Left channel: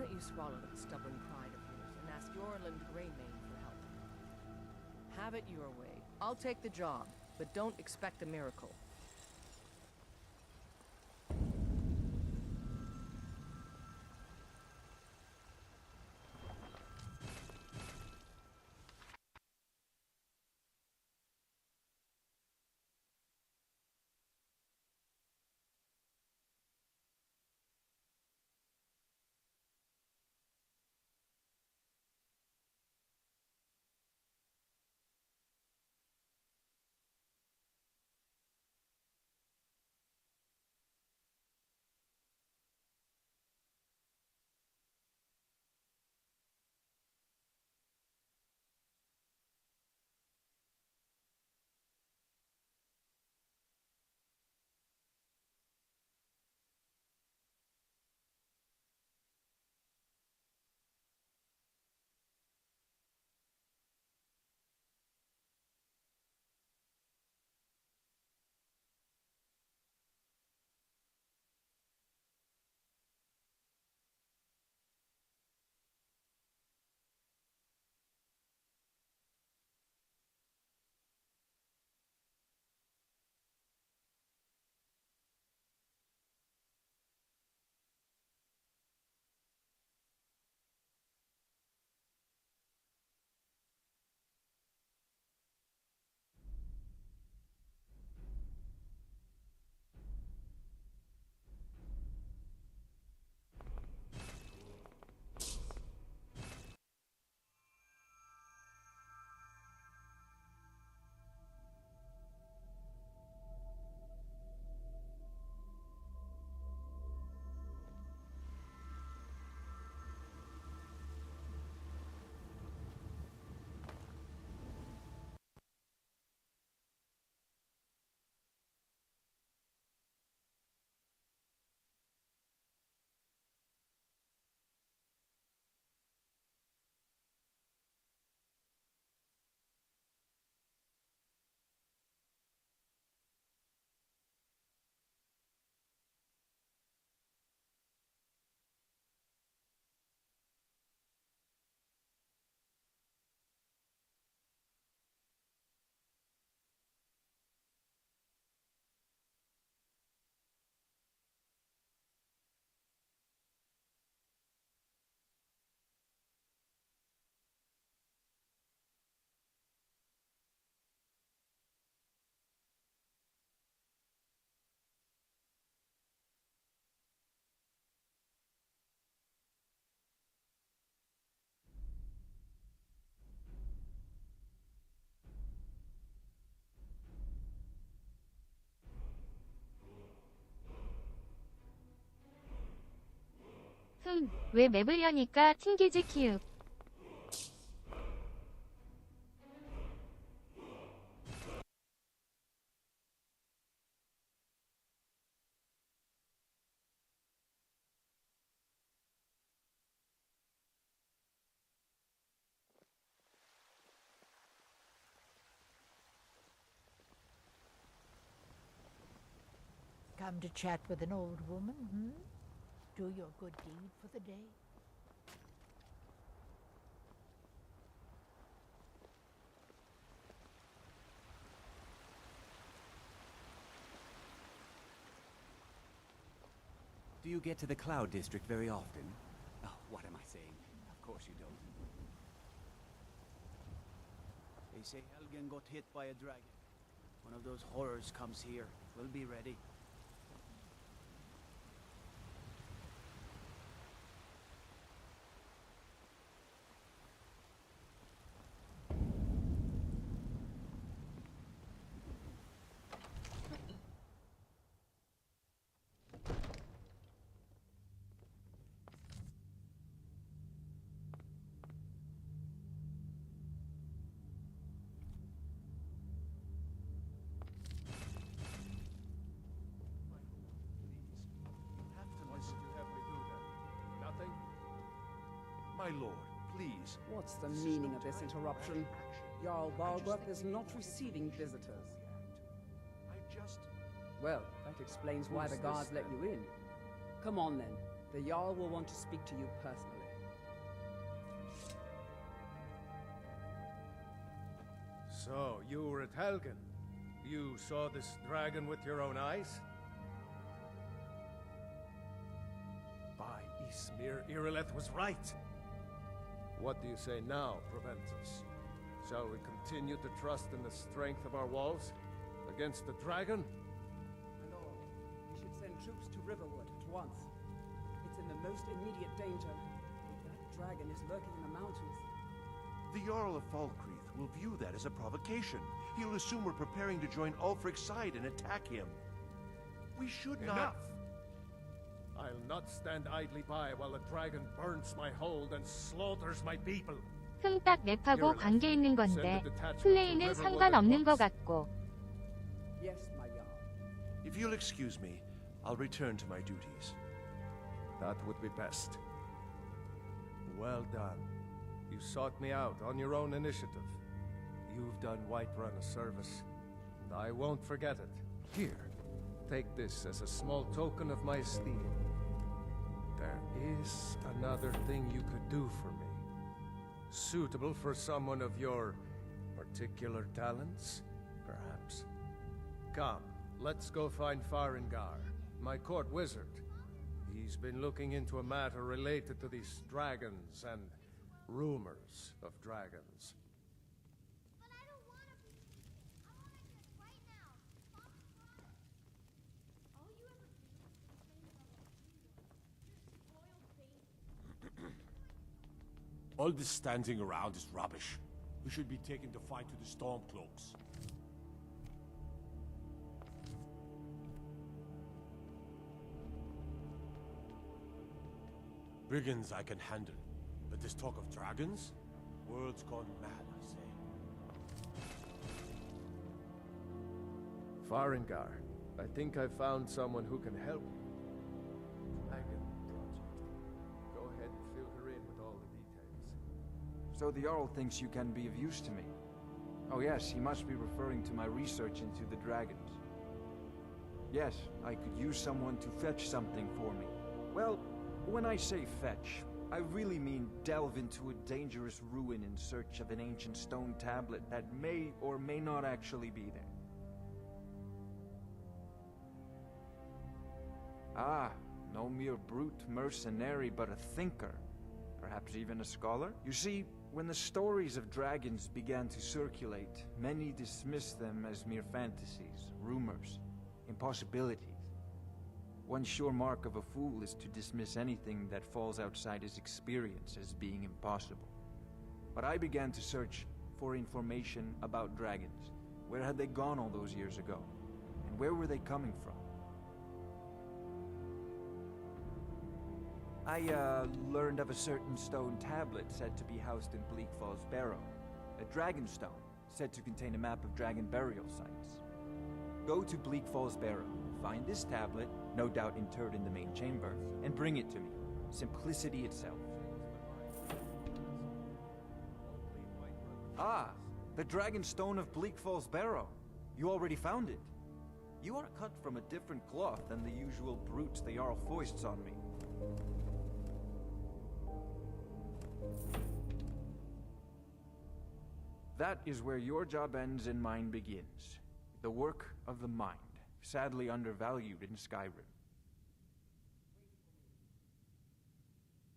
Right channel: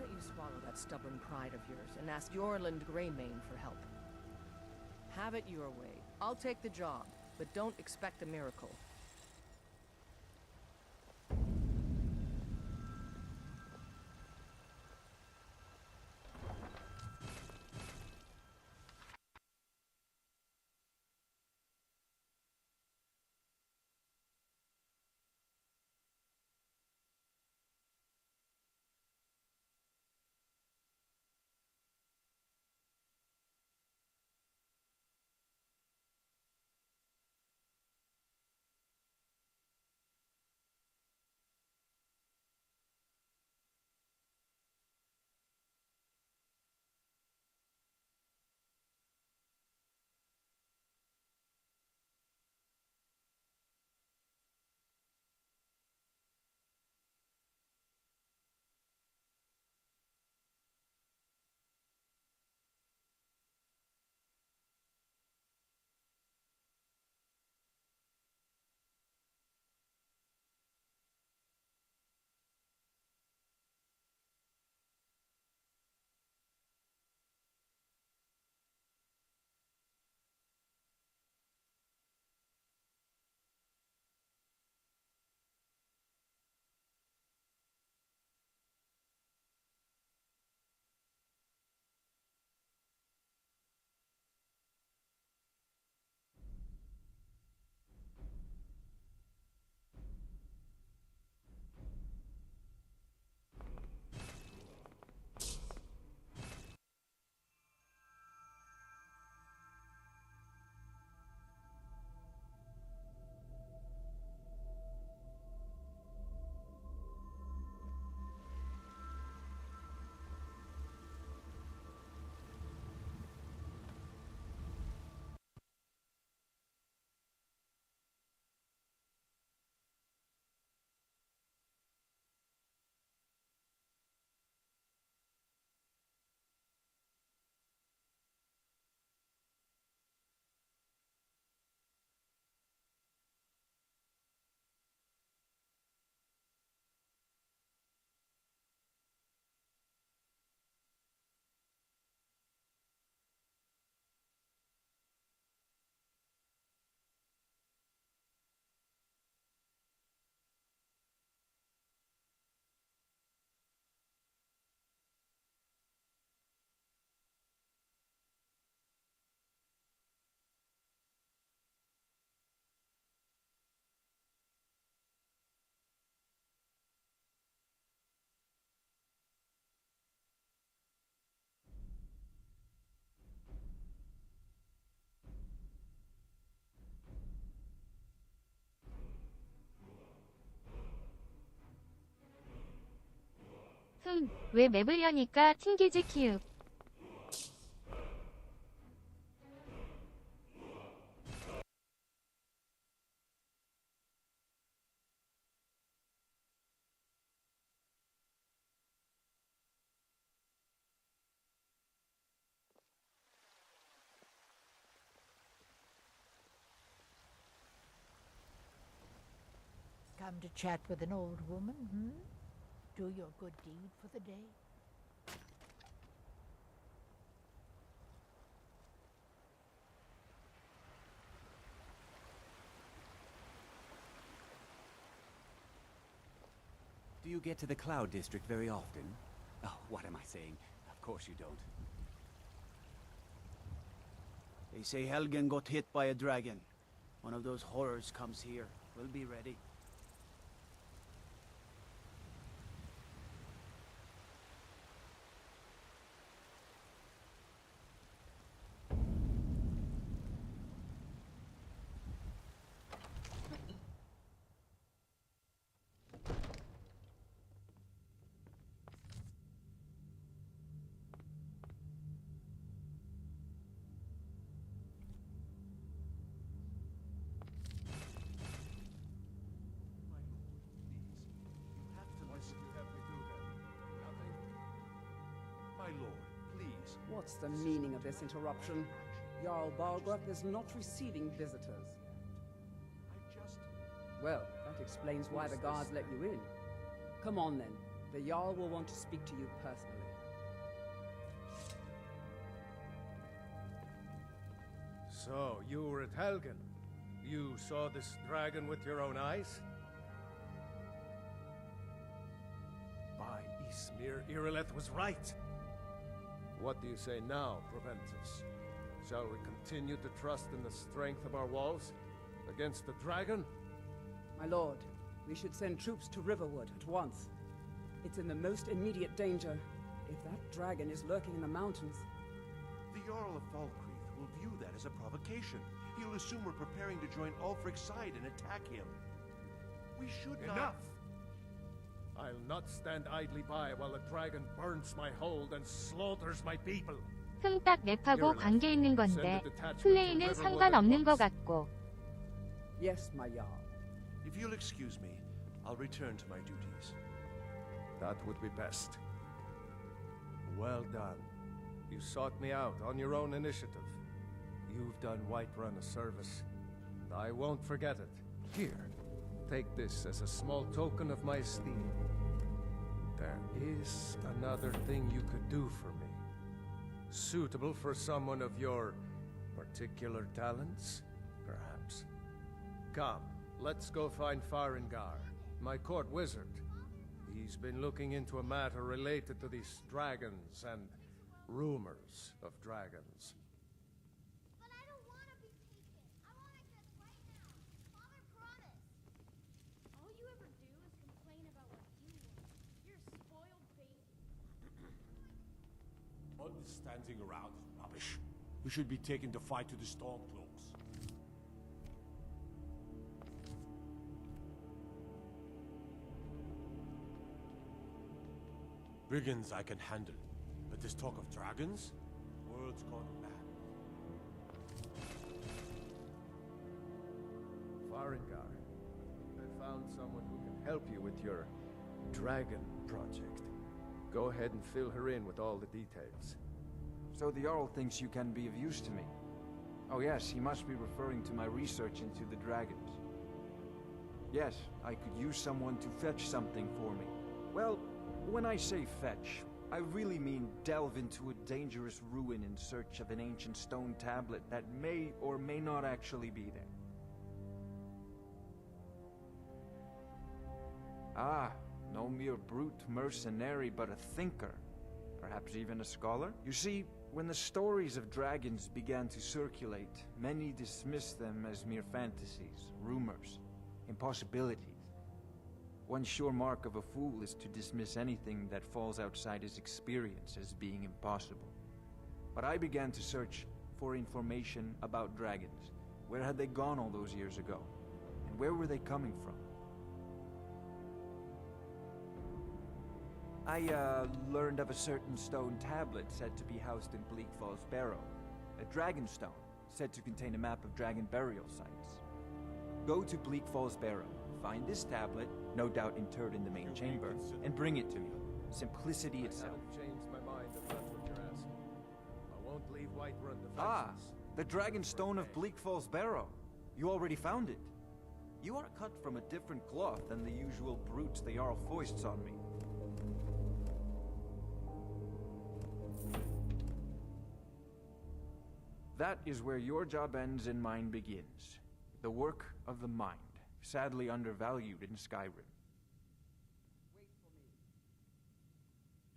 don't you swallow that stubborn pride of yours and ask Yorland Greymane for help? Have it your way. I'll take the job, but don't expect a miracle. 왜 맵을 여니까 튕기지 키읔. Come to chat with an old woman, hmm? Do your good deed for the day. Do you get to the Cloud District very often? Oh, what am I saying? Of course you don't. They say Helgen got hit by a dragon. One of those horrors comes here. We'll be ready. My lord, please. What's the meaning of this interruption? Jarl Balgruuf is not receiving visitors. Well, that explains why the guards let you in. Come on then. The Jarl will want to speak to you personally. So, you were at Helgen. You saw this dragon with your own eyes? By Ysmir, Irileth was right. What do you say now, Proventus? Shall we continue to trust in the strength of our walls? Against the dragon? My lord, we should send troops to Riverwood at once. It's in the most immediate danger. If that dragon is lurking in the mountains... The Jarl of Falkreath will view that as a provocation. He'll assume we're preparing to join Ulfric's side and attack him. We should not... Enough! I'll not stand idly by while the dragon burns my hold and slaughters my people. 흠딱 맵하고 관계 있는 건데 플레이는 상관없는 것 같고. Yes, my Jarl. If you'll excuse me, I'll return to my duties. That would be best. Well done. You sought me out on your own initiative. You've done Whiterun a service, and I won't forget it. Here, take this as a small token of my esteem. There is another thing you could do for me. Suitable for someone of your particular talents, perhaps. Come, let's go find Farengar, my court wizard. He's been looking into a matter related to these dragons and rumors of dragons. But I don't want to be patient. I want access right now. Father promised. All you ever do is complain about what you want. You're a spoiled baby. All this standing around is rubbish. We should be taking the fight to the Stormcloaks. Brigands I can handle, but this talk of dragons? World's gone mad, I say. Farengar, I think I found someone who can help you with your dragon project. Go ahead and fill her in with all the details. So the Jarl thinks you can be of use to me. Oh yes, he must be referring to my research into the dragons. Yes, I could use someone to fetch something for me. Well, when I say fetch, I really mean delve into a dangerous ruin in search of an ancient stone tablet that may or may not actually be there. Ah, no mere brute mercenary, but a thinker. Perhaps even a scholar? You see, when the stories of dragons began to circulate, many dismissed them as mere fantasies, rumors, impossibilities. One sure mark of a fool is to dismiss anything that falls outside his experience as being impossible. But I began to search for information about dragons. Where had they gone all those years ago? And where were they coming from? I learned of a certain stone tablet said to be housed in Bleak Falls Barrow. A dragon stone said to contain a map of dragon burial sites. Go to Bleak Falls Barrow, find this tablet, no doubt interred in the main chamber, and bring it to me. Simplicity itself. Ah, the dragon stone of Bleak Falls Barrow. You already found it. You are cut from a different cloth than the usual brutes the Jarl foists on me. That is where your job ends and mine begins. The work of the mind, sadly undervalued in Skyrim.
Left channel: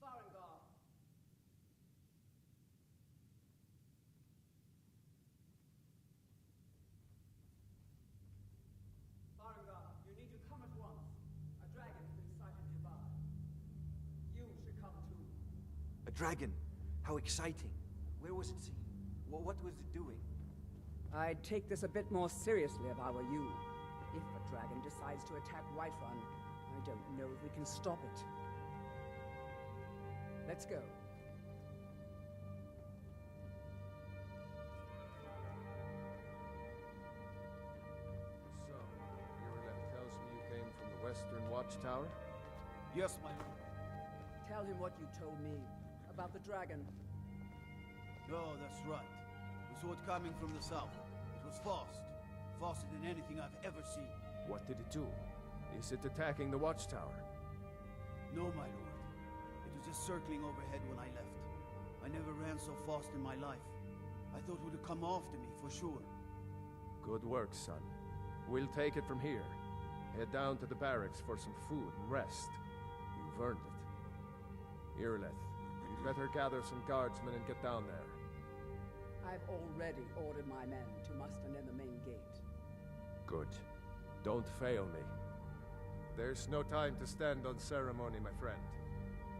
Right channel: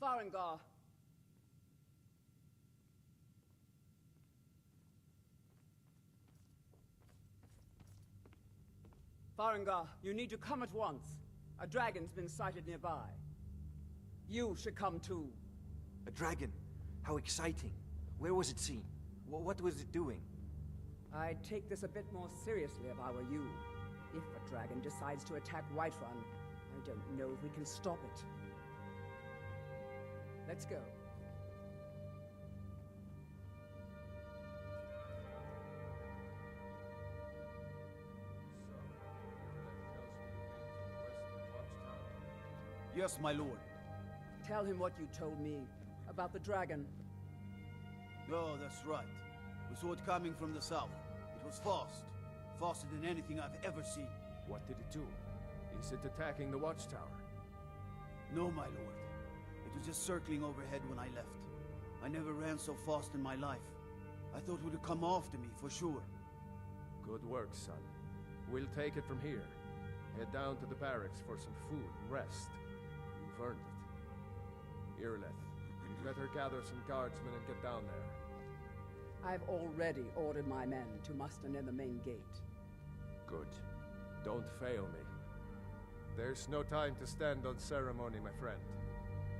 Farengar! Farengar, you need to come at once. A dragon's been sighted nearby. You should come too. A dragon? How exciting. Where was it seen? What was it doing? I'd take this a bit more seriously if I were you. If a dragon decides to attack Whiterun, I don't know if we can stop it. Let's go. So, Irileth tells me you came from the Western Watchtower? Yes, my lord. Tell him what you told me about the dragon. Oh, that's right. We saw it coming from the south. It was fast. Faster than anything I've ever seen. What did it do? Is it attacking the Watchtower? No, my lord. It was just circling overhead when I left. I never ran so fast in my life. I thought it would have come after me, for sure. Good work, son. We'll take it from here. Head down to the barracks for some food and rest. You've earned it. Irileth, you'd better gather some guardsmen and get down there. I've already ordered my men to muster near the main gate. Good. Don't fail me. There's no time to stand on ceremony, my friend.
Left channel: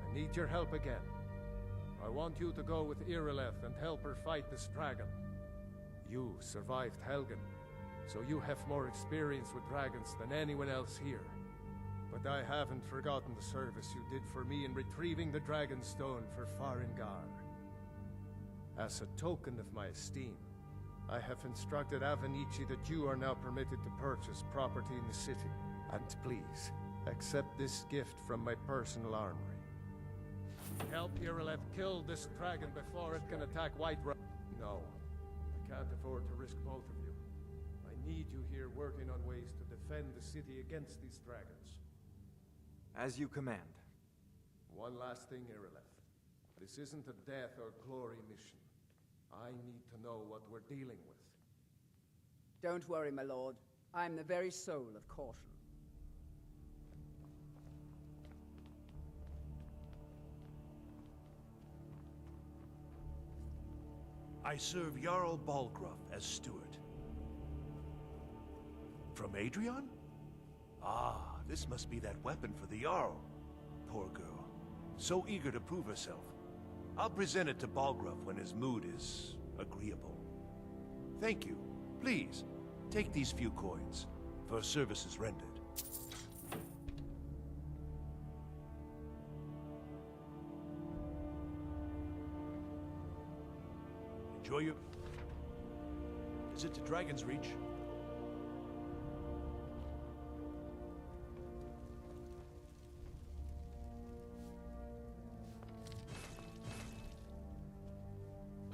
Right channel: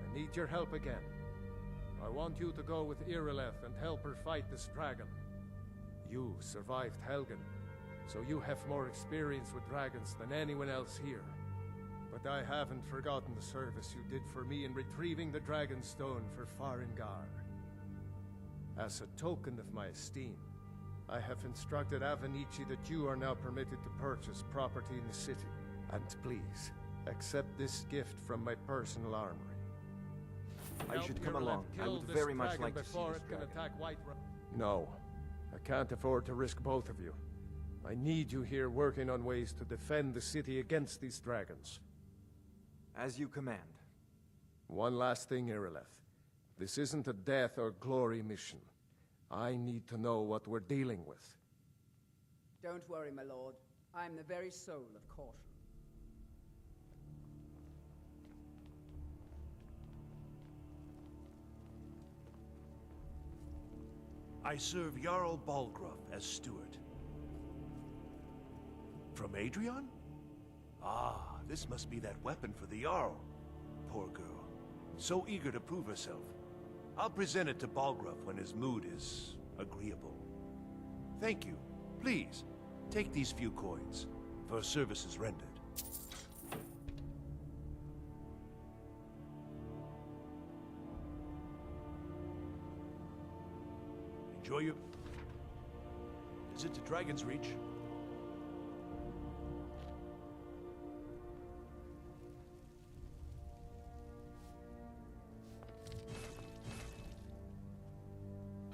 I need your help again. I want you to go with Irileth and help her fight this dragon. You survived Helgen, so you have more experience with dragons than anyone else here. But I haven't forgotten the service you did for me in retrieving the Dragon Stone for Farengar. As a token of my esteem, I have instructed Avenici that you are now permitted to purchase property in the city. And please, accept this gift from my personal armory. Help Irileth kill this dragon before it can attack Whiterun. No, I can't afford to risk both of you. I need you here working on ways to defend the city against these dragons. As you command. One last thing, Irileth. This isn't a death or glory mission. I need to know what we're dealing with. Don't worry, my lord. I'm the very soul of caution. I serve Jarl Balgruuf as steward. From Adrian? Ah, this must be that weapon for the Jarl. Poor girl. So eager to prove herself. I'll present it to Balgruuf when his mood is agreeable. Thank you. Please, take these few coins for services rendered. Enjoy your... Is it to Dragon's Reach?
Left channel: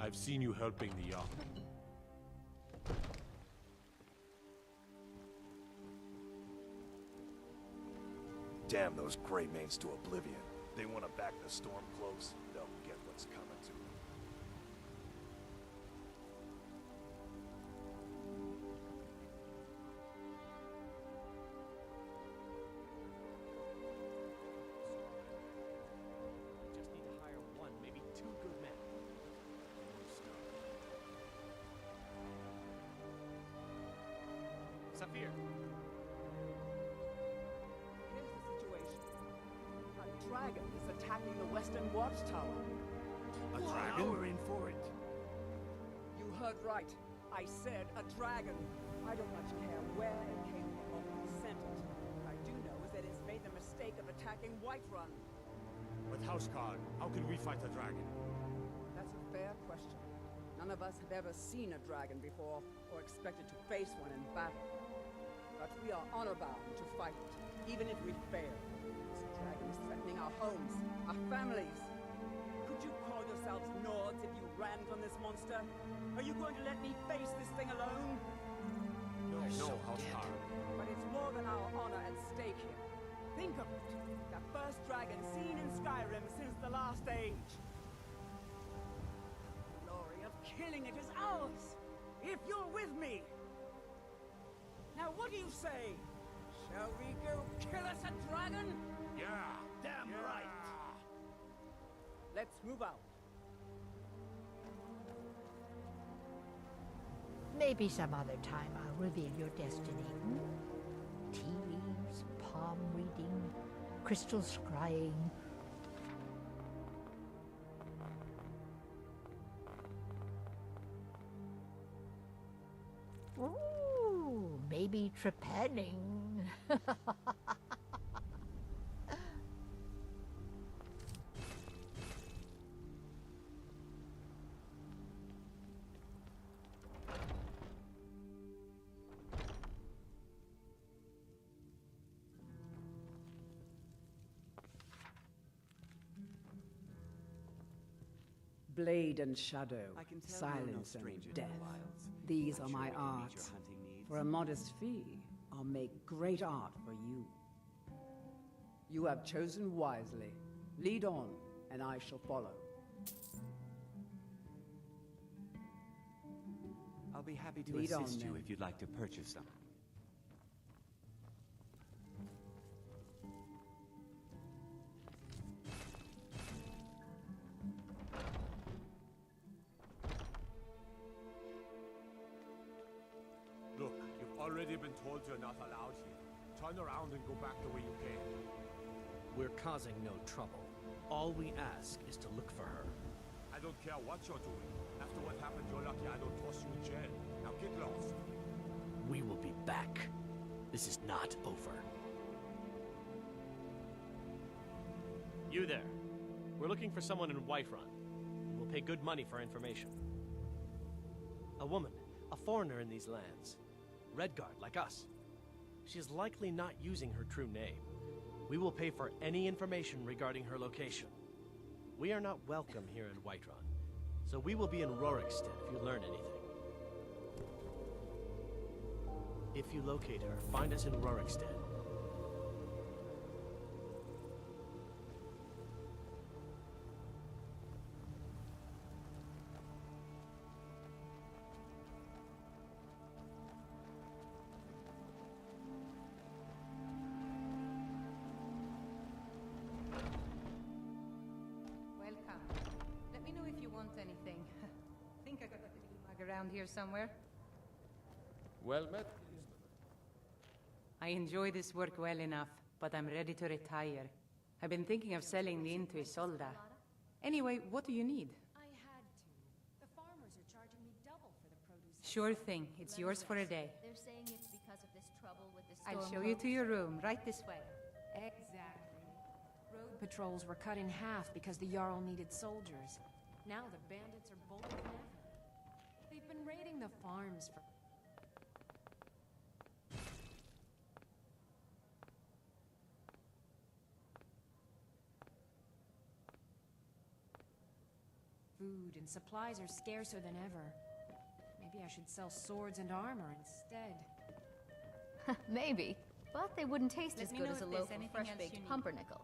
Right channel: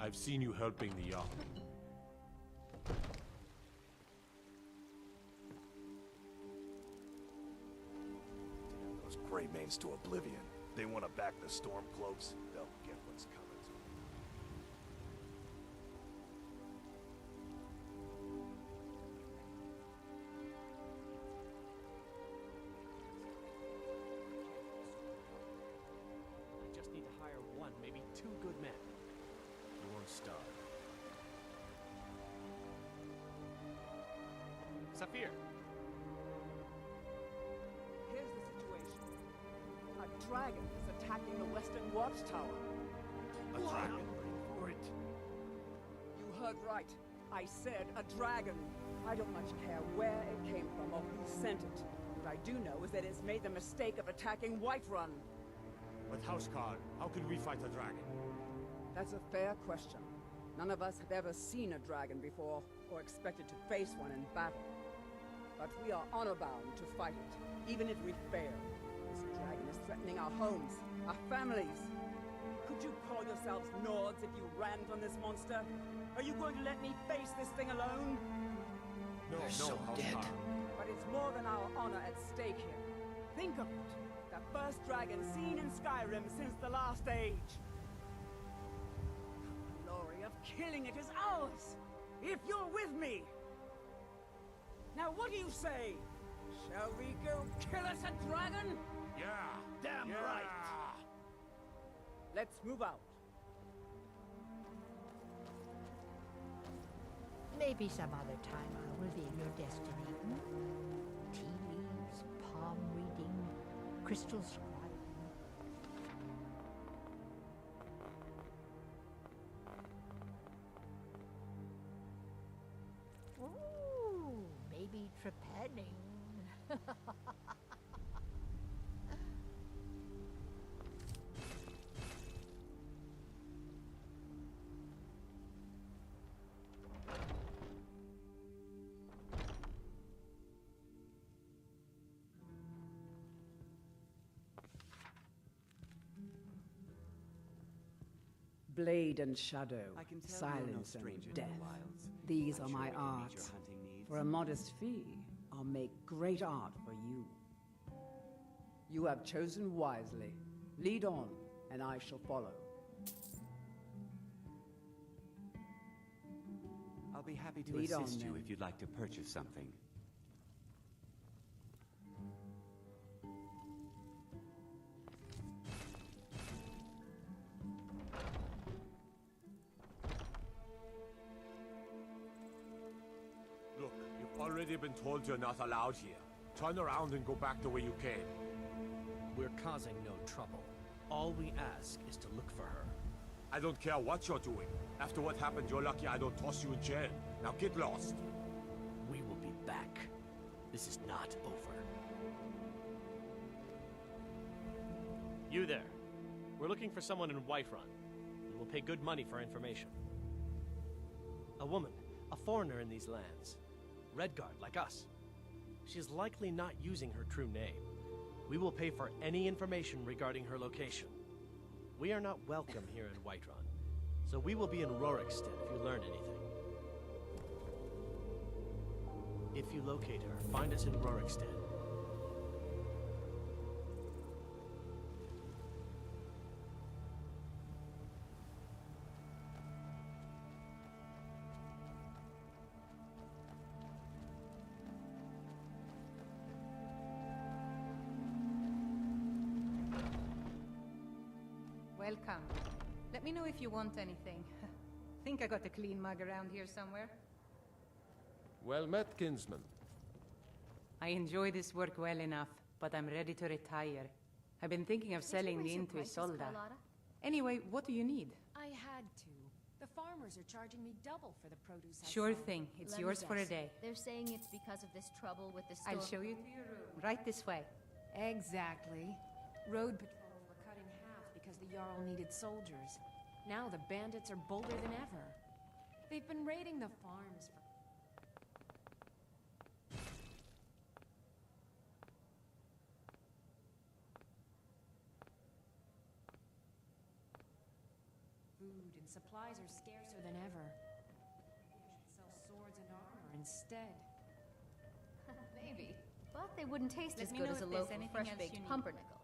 I've seen you helping the young. Damn those Greymanes to oblivion. They want to back the Stormcloaks, they'll get what's coming to them. I just need to hire one, maybe two good men. Your star. Saphir! Here's the situation. A dragon is attacking the Western Watchtower. A dragon? We're in for it. You heard right. I said a dragon. I don't much care where it came from or who sent it. What I do know is that it's made the mistake of attacking Whiterun. With Houseguard, how could we fight a dragon? That's a fair question. None of us have ever seen a dragon before, or expected to face one in battle. But we are honor-bound to fight it, even if we fail. This dragon is threatening our homes, our families. Could you call yourselves Nords if you ran from this monster? Are you going to let me face this thing alone? No, Houseguard. But it's more than our honor at stake here. Think of it. The first dragon seen in Skyrim since the last age. The glory of killing it is ours, if you're with me. Now what do you say? Shall we go kill us a dragon? Yeah! Damn right! Let's move out. Maybe some other time I'll reveal your destiny. Hmm? Tea leaves, palm reading, crystal scrying. Ooh, maybe trepanning. Blade and shadow, I can tell you're no silence stranger and to the death. wilds. These I'm are sure my we can meet your arts. hunting needs. For a modest fee, I'll make great art for you. You have chosen wisely. Lead on, and I shall follow. I'll be happy to Lead on, assist you then. if you'd like to purchase something. Look, you've already been told you're not allowed here. Turn around and go back the way you came. We're causing no trouble. All we ask is to look for her. I don't care what you're doing. After what happened, you're lucky I don't toss you in jail. Now get lost. We will be back. This is not over. You there. We're looking for someone in Whiterun. We will pay good money for information. A woman, a foreigner in these lands. Redguard, like us. She is likely not using her true name. We will pay for any information regarding her location. We are not welcome here in Whiterun, so we will be in Rorikstead if you learn anything. If you locate her, find us in Rorikstead. Welcome. Let me know if you want anything. Think I got a clean mug around here somewhere? Well met, kinsman. I enjoy this work well enough, but I'm ready to retire. I've been thinking of selling the Into Isolda. Anyway, what do you need? I had to. The farmers are charging me double for the produce. Sure thing. It's yours for a day. They're saying it's because of this trouble with the storm. I'll show you to your room, right this way. Exactly. Road patrols were cut in half because the Jarl needed soldiers. Now the bandits are bolder than ever. They've been raiding the farms for... Food and supplies are scarcer than ever. Maybe I should sell swords and armor instead. Maybe. But they wouldn't taste Let as me good know as a if there's loaf of anything else fresh-baked you need. pumpernickel.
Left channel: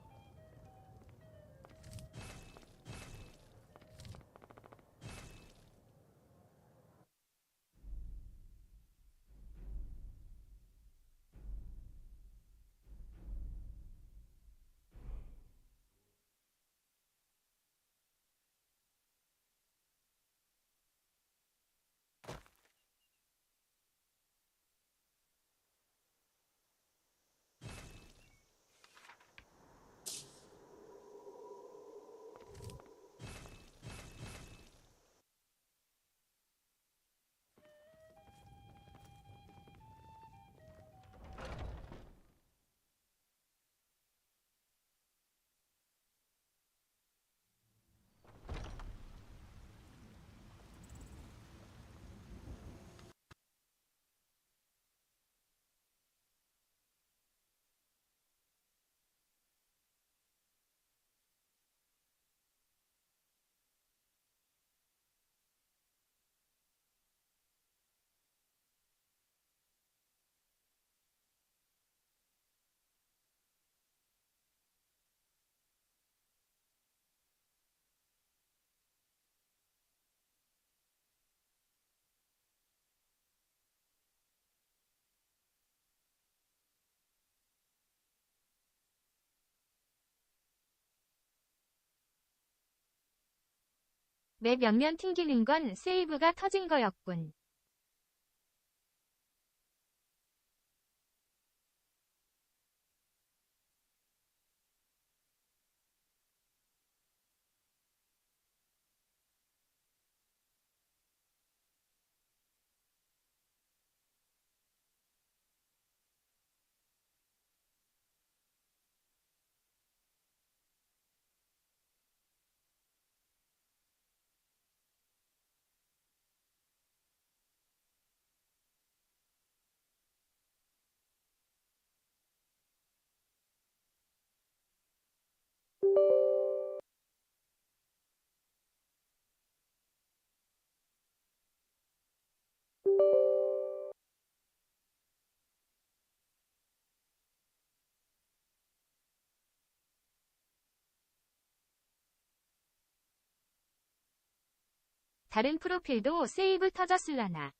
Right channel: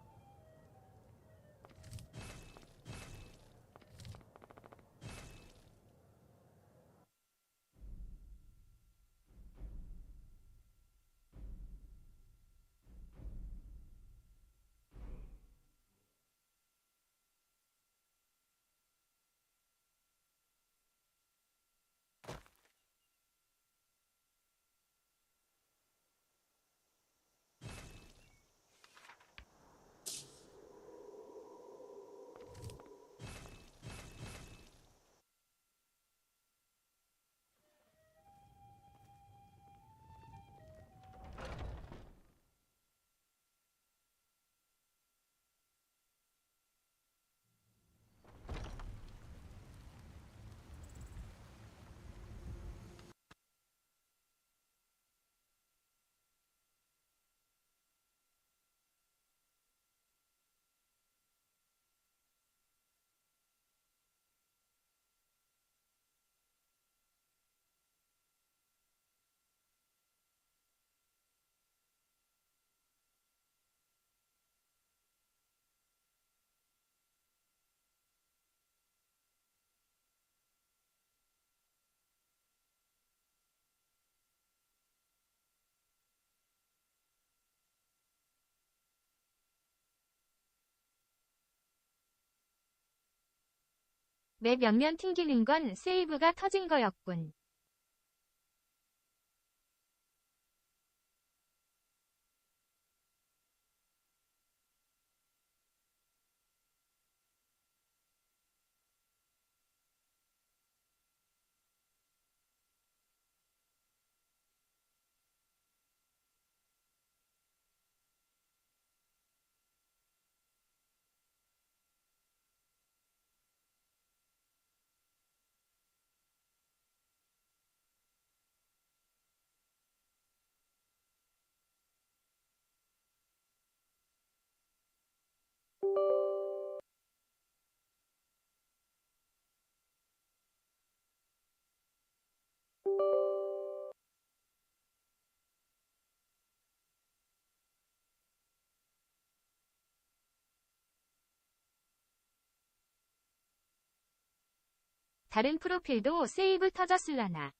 맵 옆면 튕기는 건 세이브가 터진 거였군. 다른 프로필도 세이브 터졌을라나.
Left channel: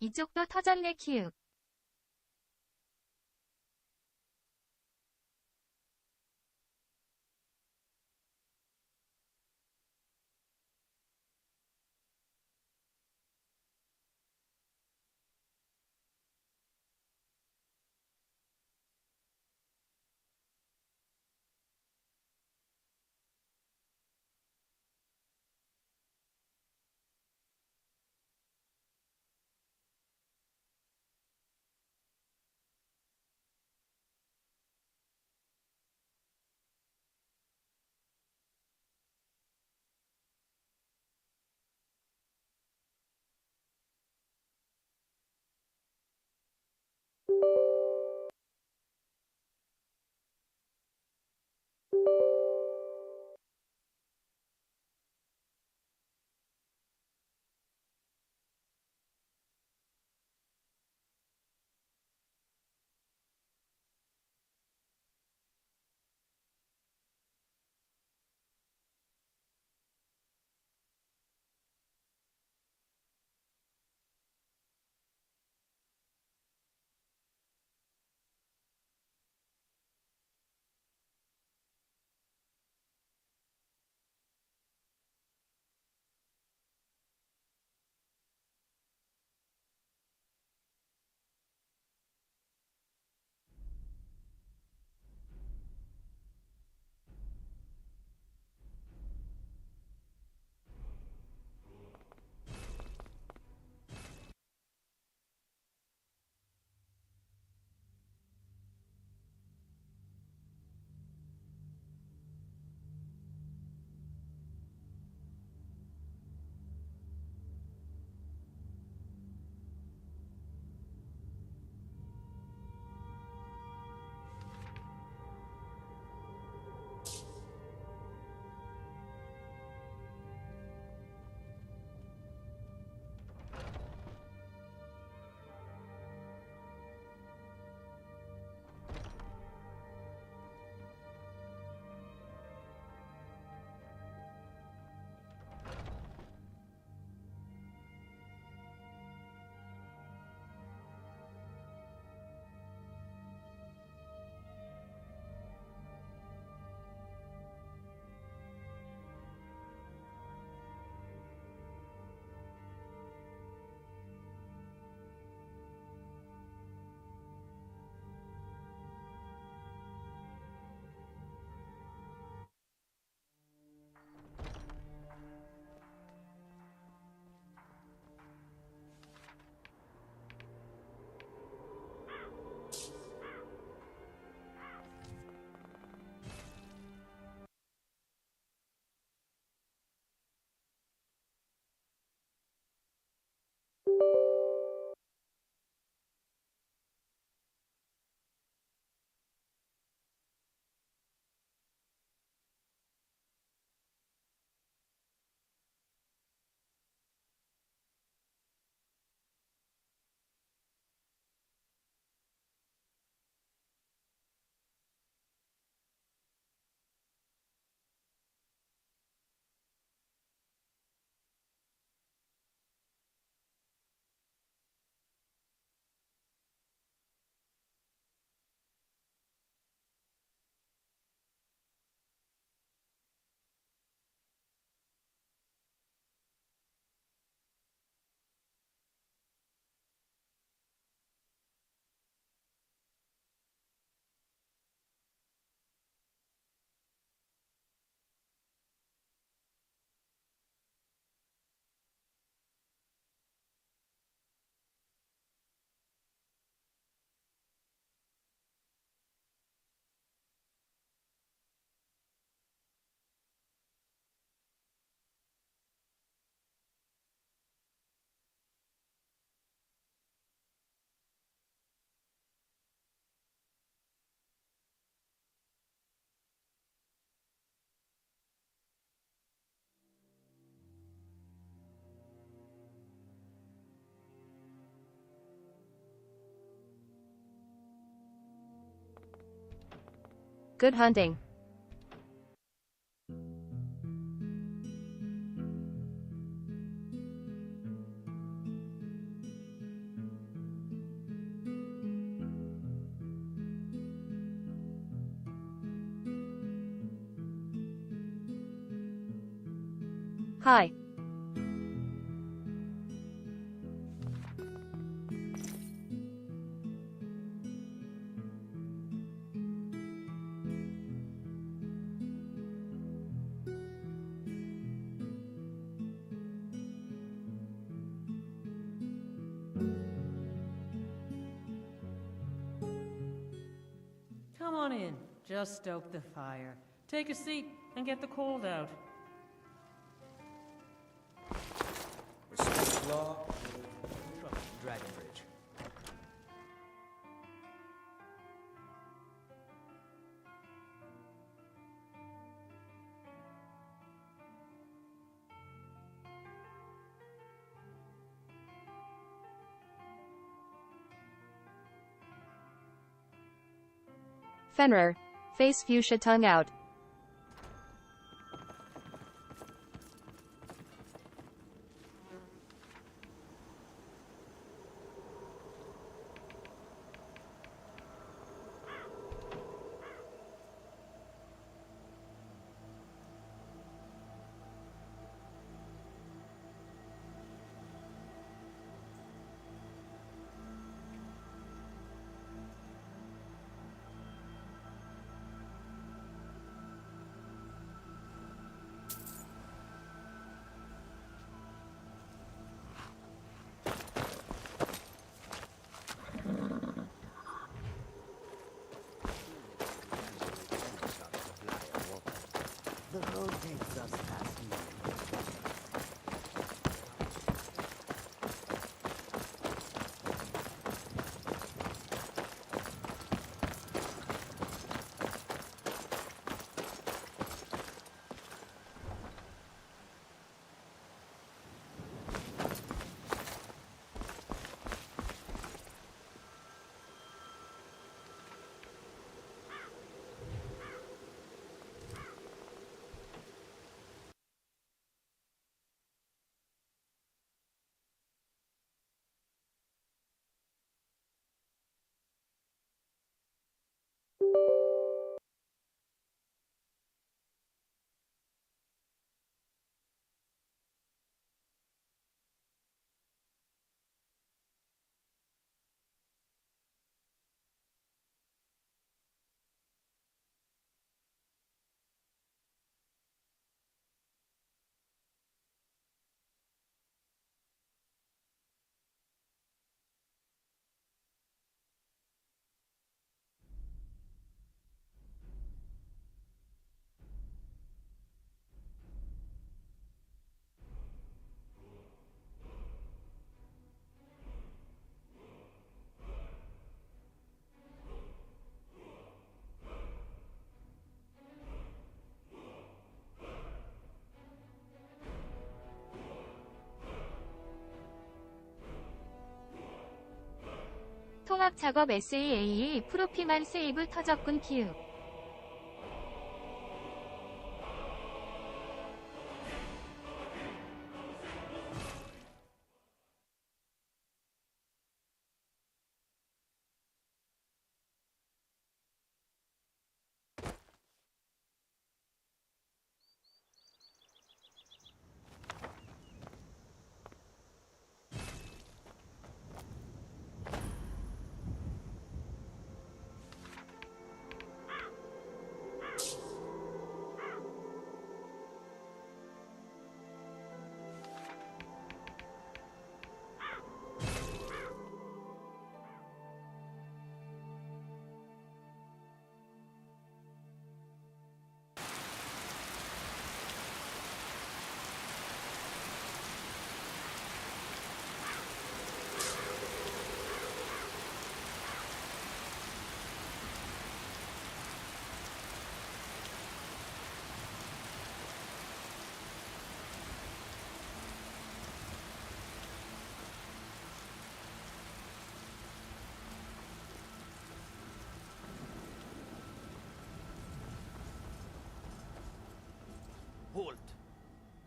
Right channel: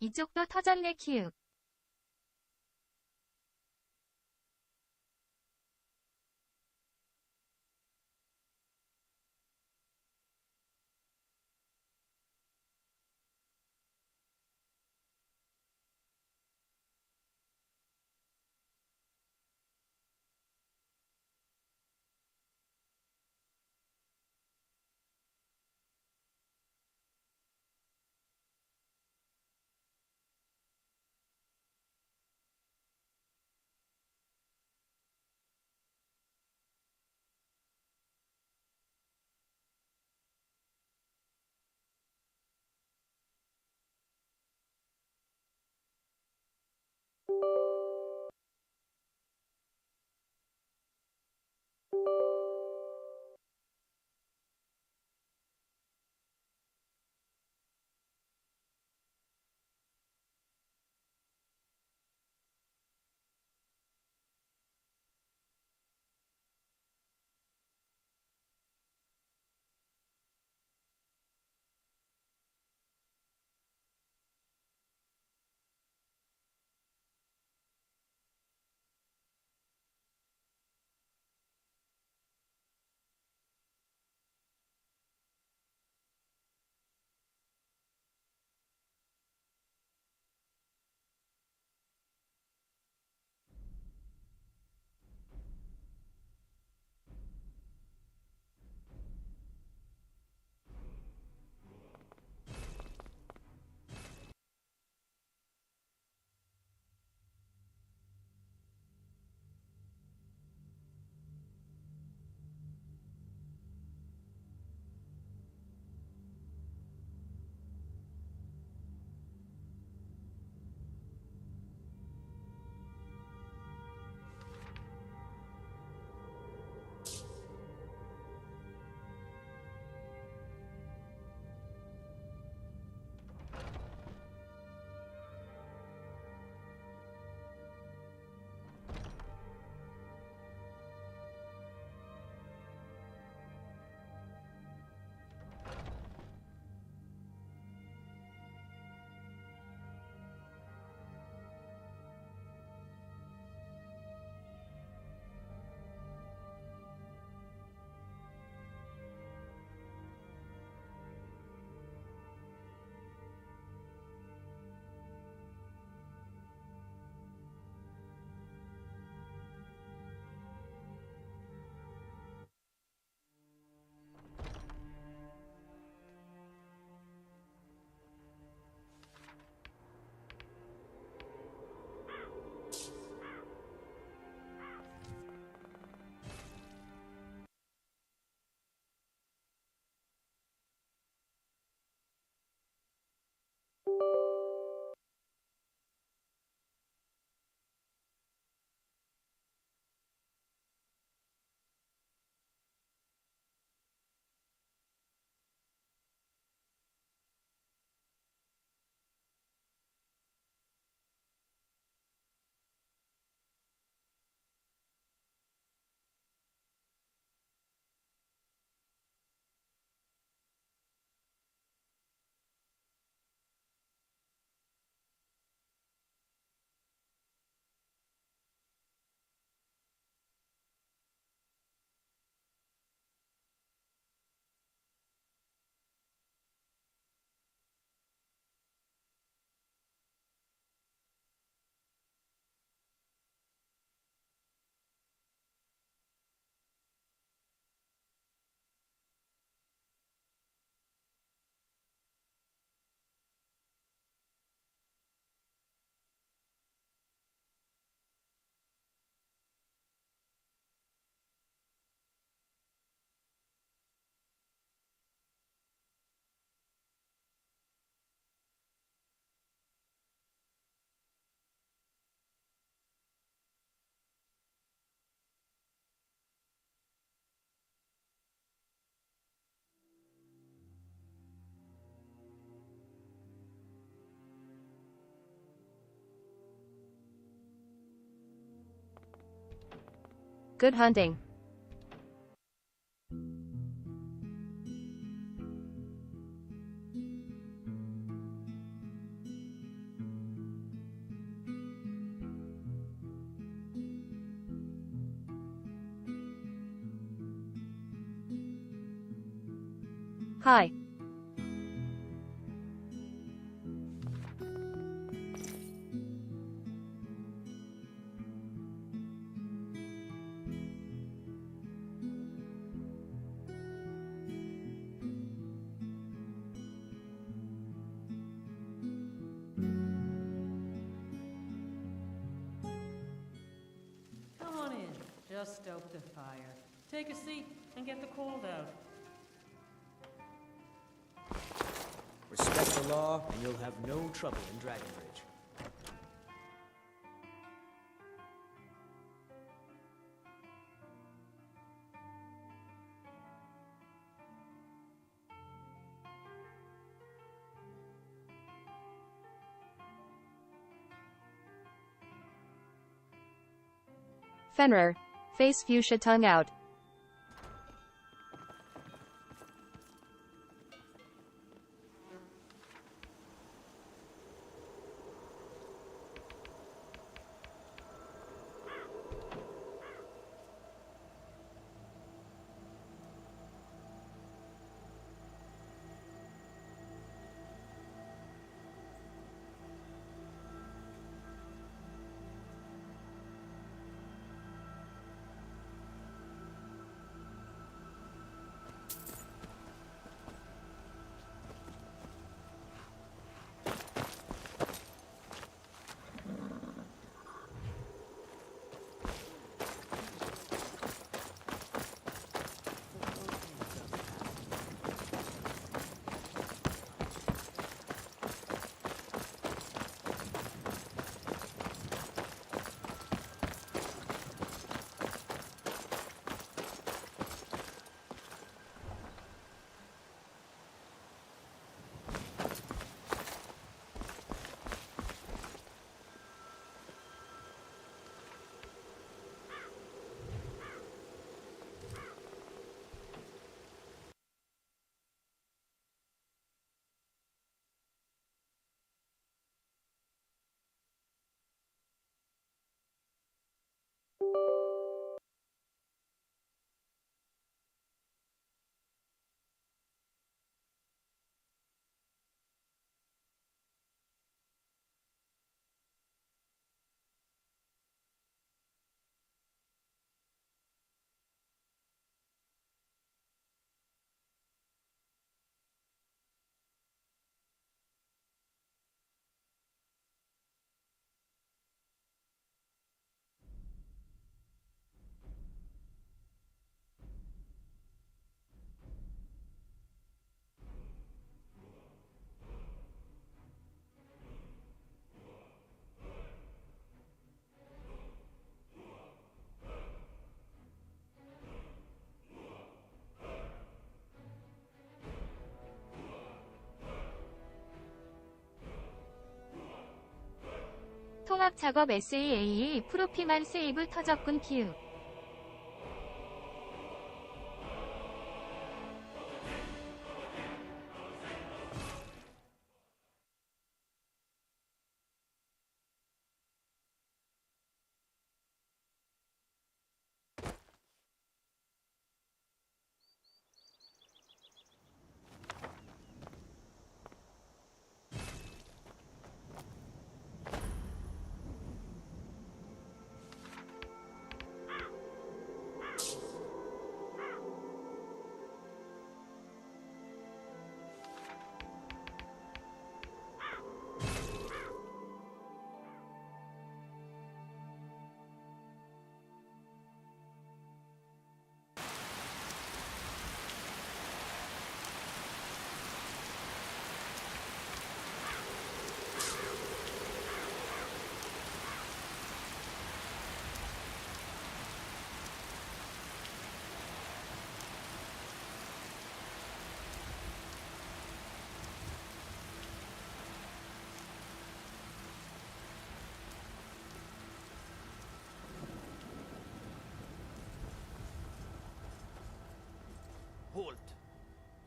이쪽도 터졌네 키읔. Good hunting. Hi. Come on in. Just stoke the fire. Take a seat and get the cold out. Respect the law, and you'll have no trouble in Dragonbridge. Fenrir. Face fuchsia tongue out. 통합 작업 SAA 프로피만 세이브 터졌군 키읔.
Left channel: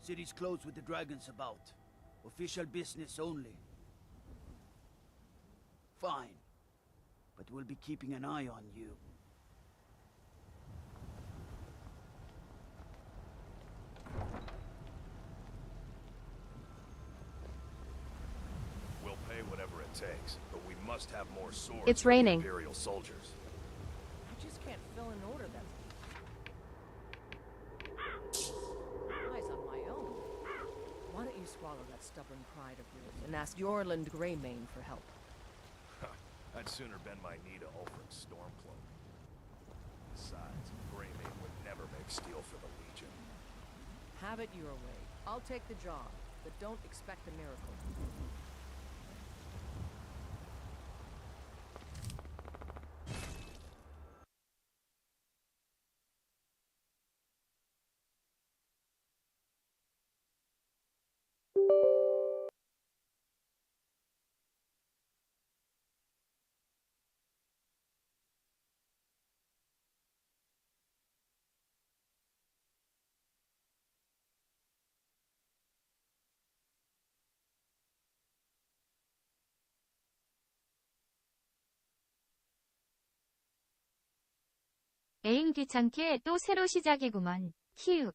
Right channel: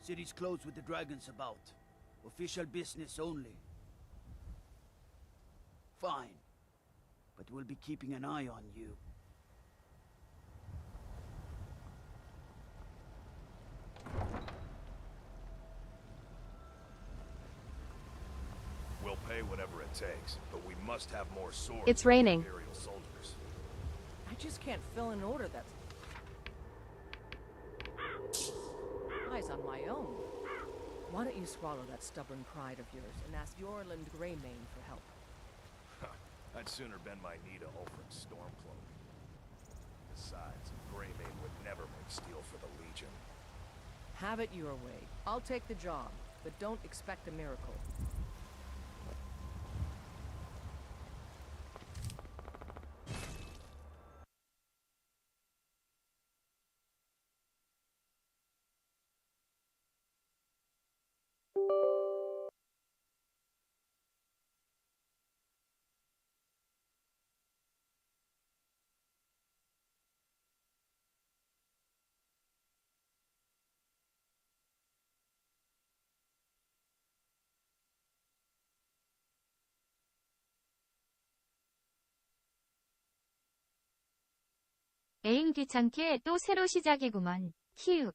City's closed with the dragons about. Official business only. Fine. But we'll be keeping an eye on you. We'll pay whatever it takes, but we must have more swords. It's for the raining. Imperial soldiers. I just can't fill an order that's... Eyes on my own. Why don't you swallow that stubborn pride of yours and ask Yorland Greymane for help? I'd sooner bend my knee to Ulfric's Stormcloak. Besides, Greymane would never make steel for the Legion. Have it your way. I'll take the job, but don't expect a miracle. 에잉 귀찮게 또 새로 시작이구먼. 키읔.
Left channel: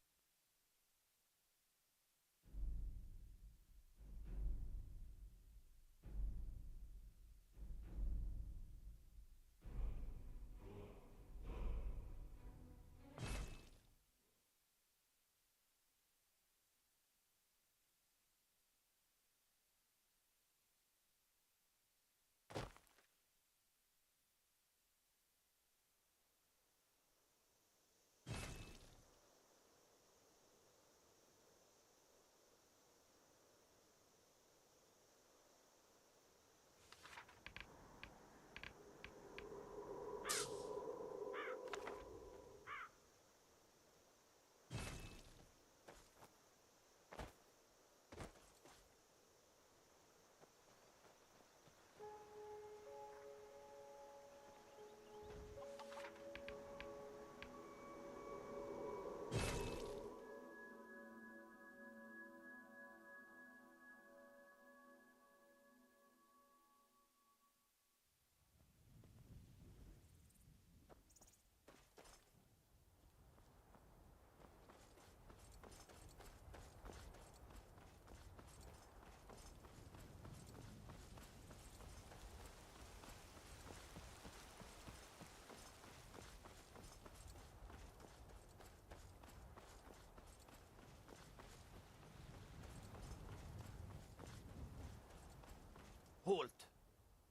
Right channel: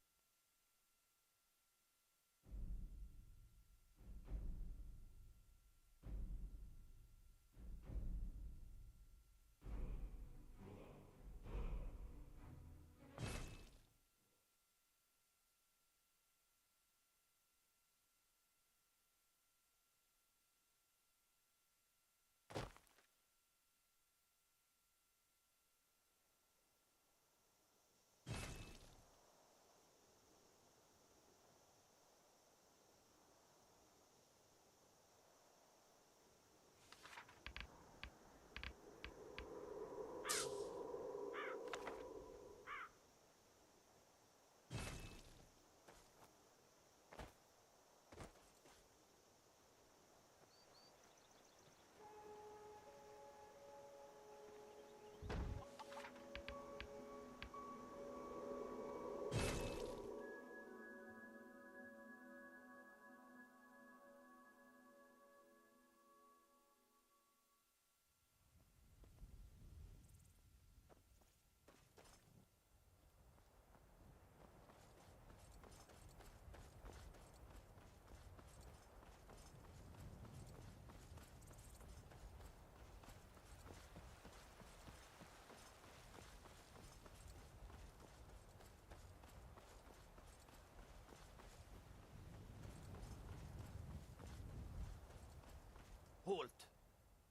Halt!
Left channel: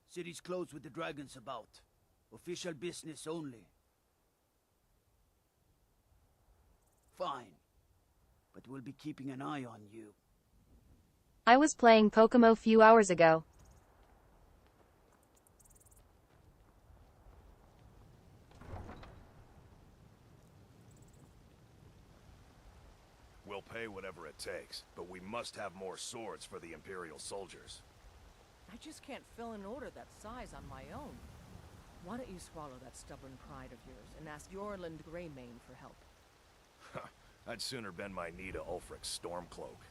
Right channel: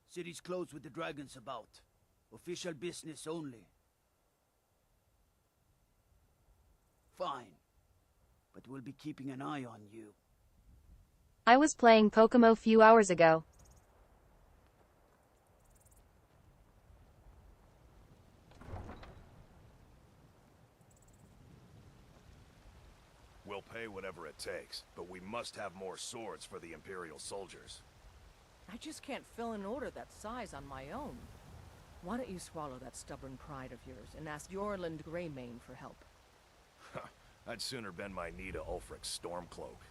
City's closed with the dragons about. Official business only. Fine. But we'll be keeping an eye on you. I was playing Pokemon few hours ago. We'll pay whatever it takes, but we must have more swords for the Imperial soldiers. I just can't fill an order that size on my own. Why don't you swallow that stubborn pride of yours and ask Yorland Greymane for help? I'd sooner bend my knee to Ulfric's Stormcloak.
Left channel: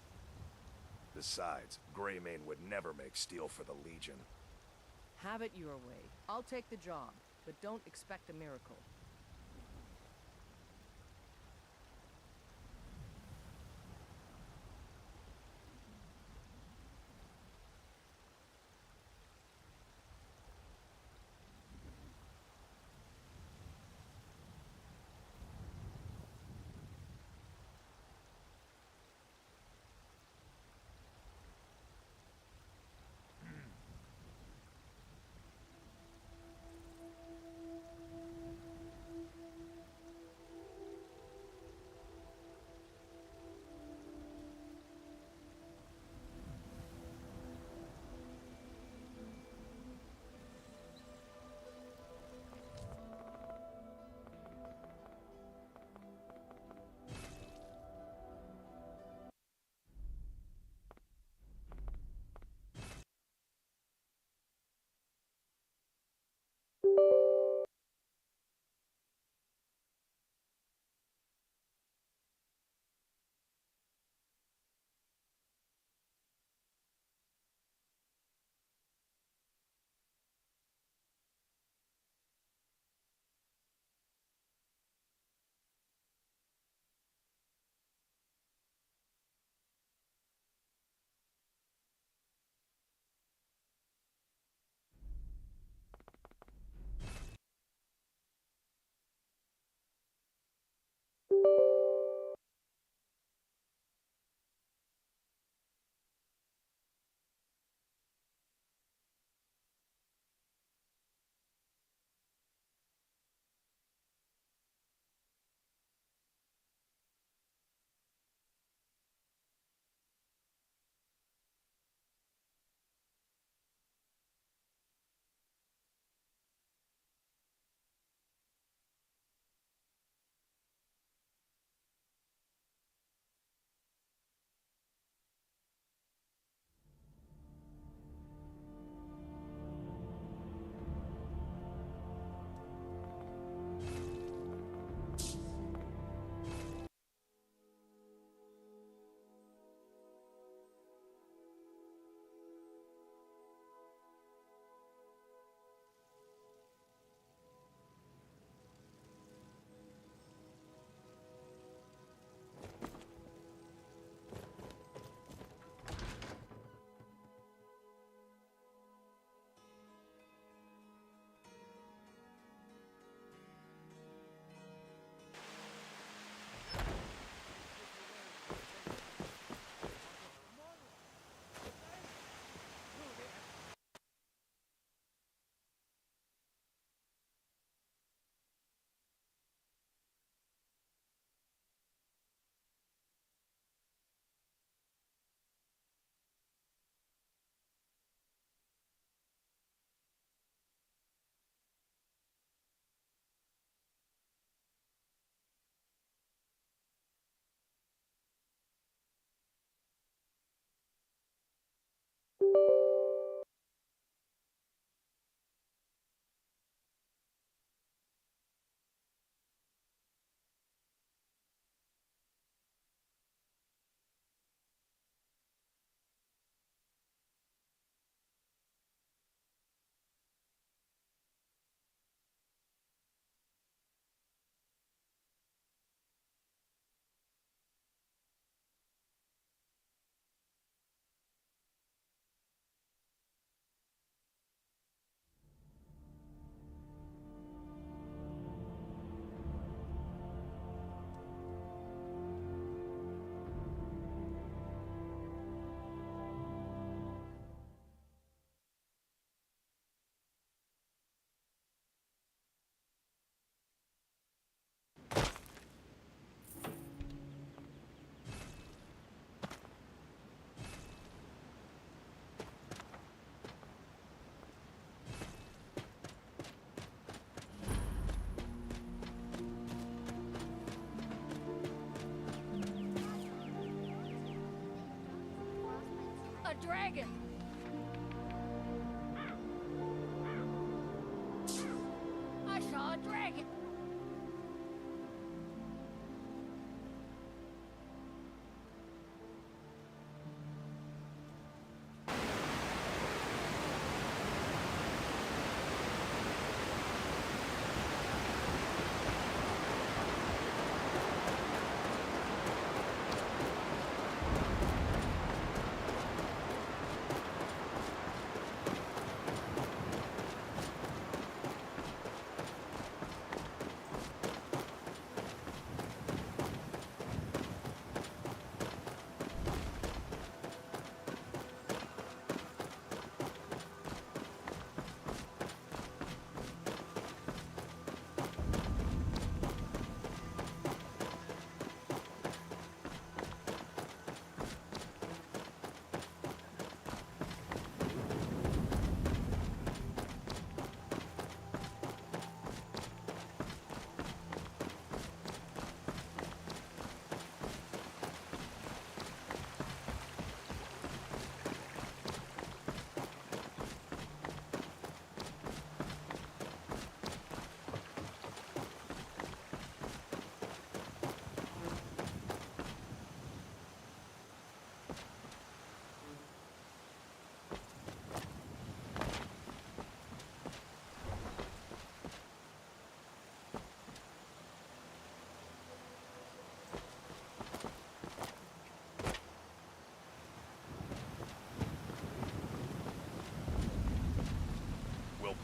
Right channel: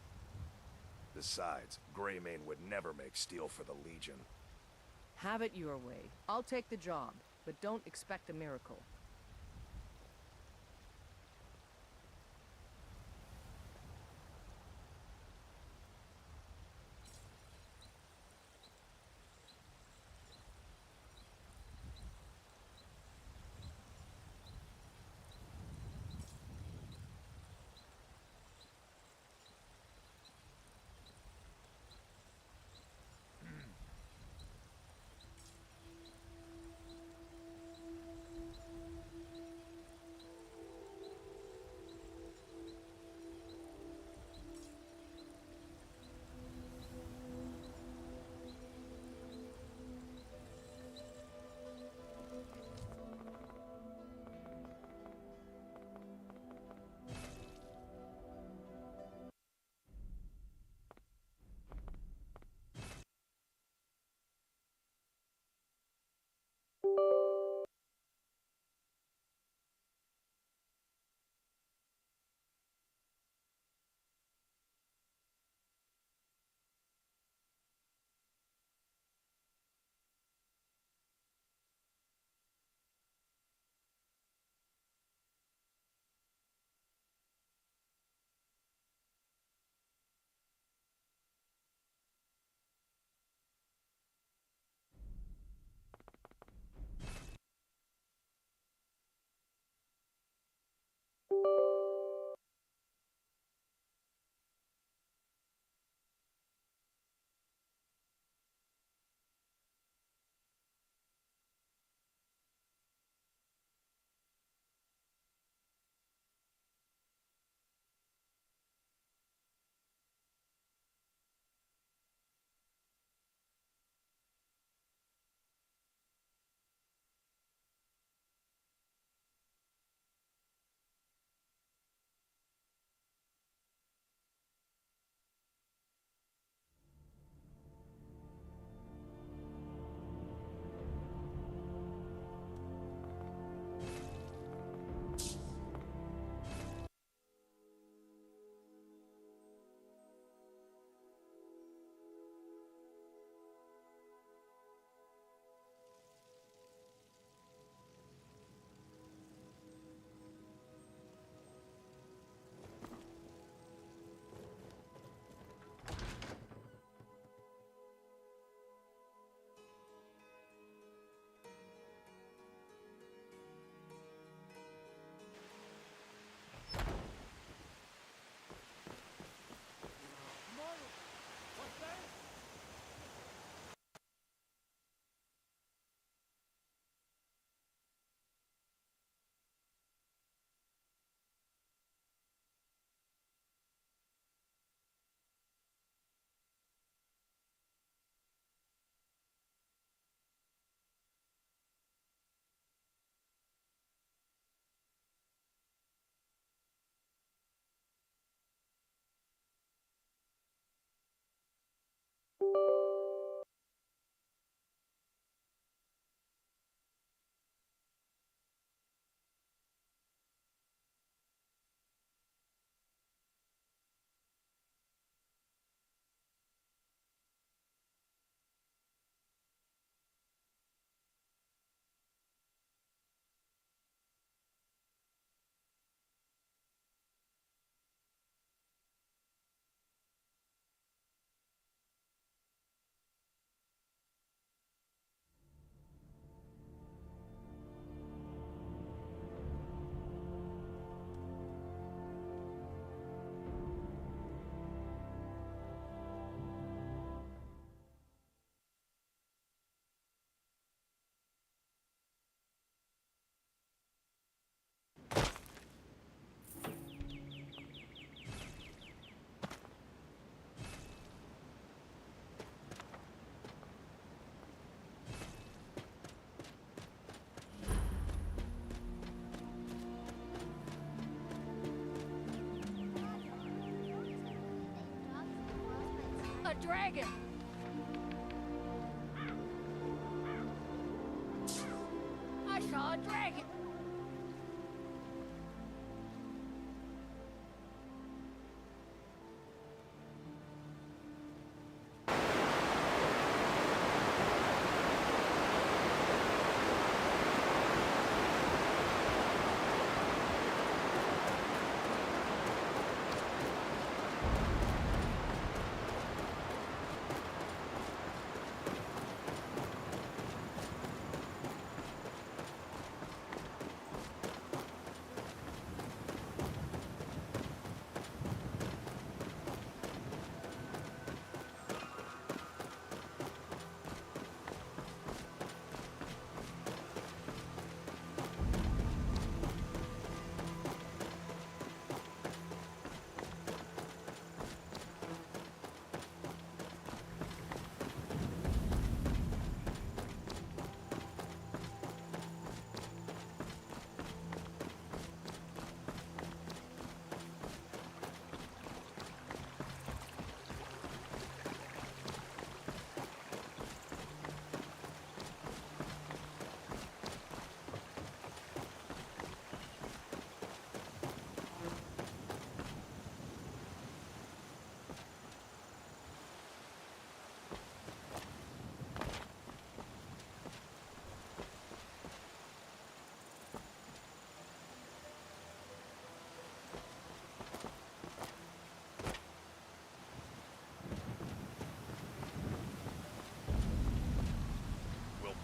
Besides, Greymane would never make steel for the Legion. Have it your way. I'll take the job, but don't expect a miracle. A dragon! I saw a dragon!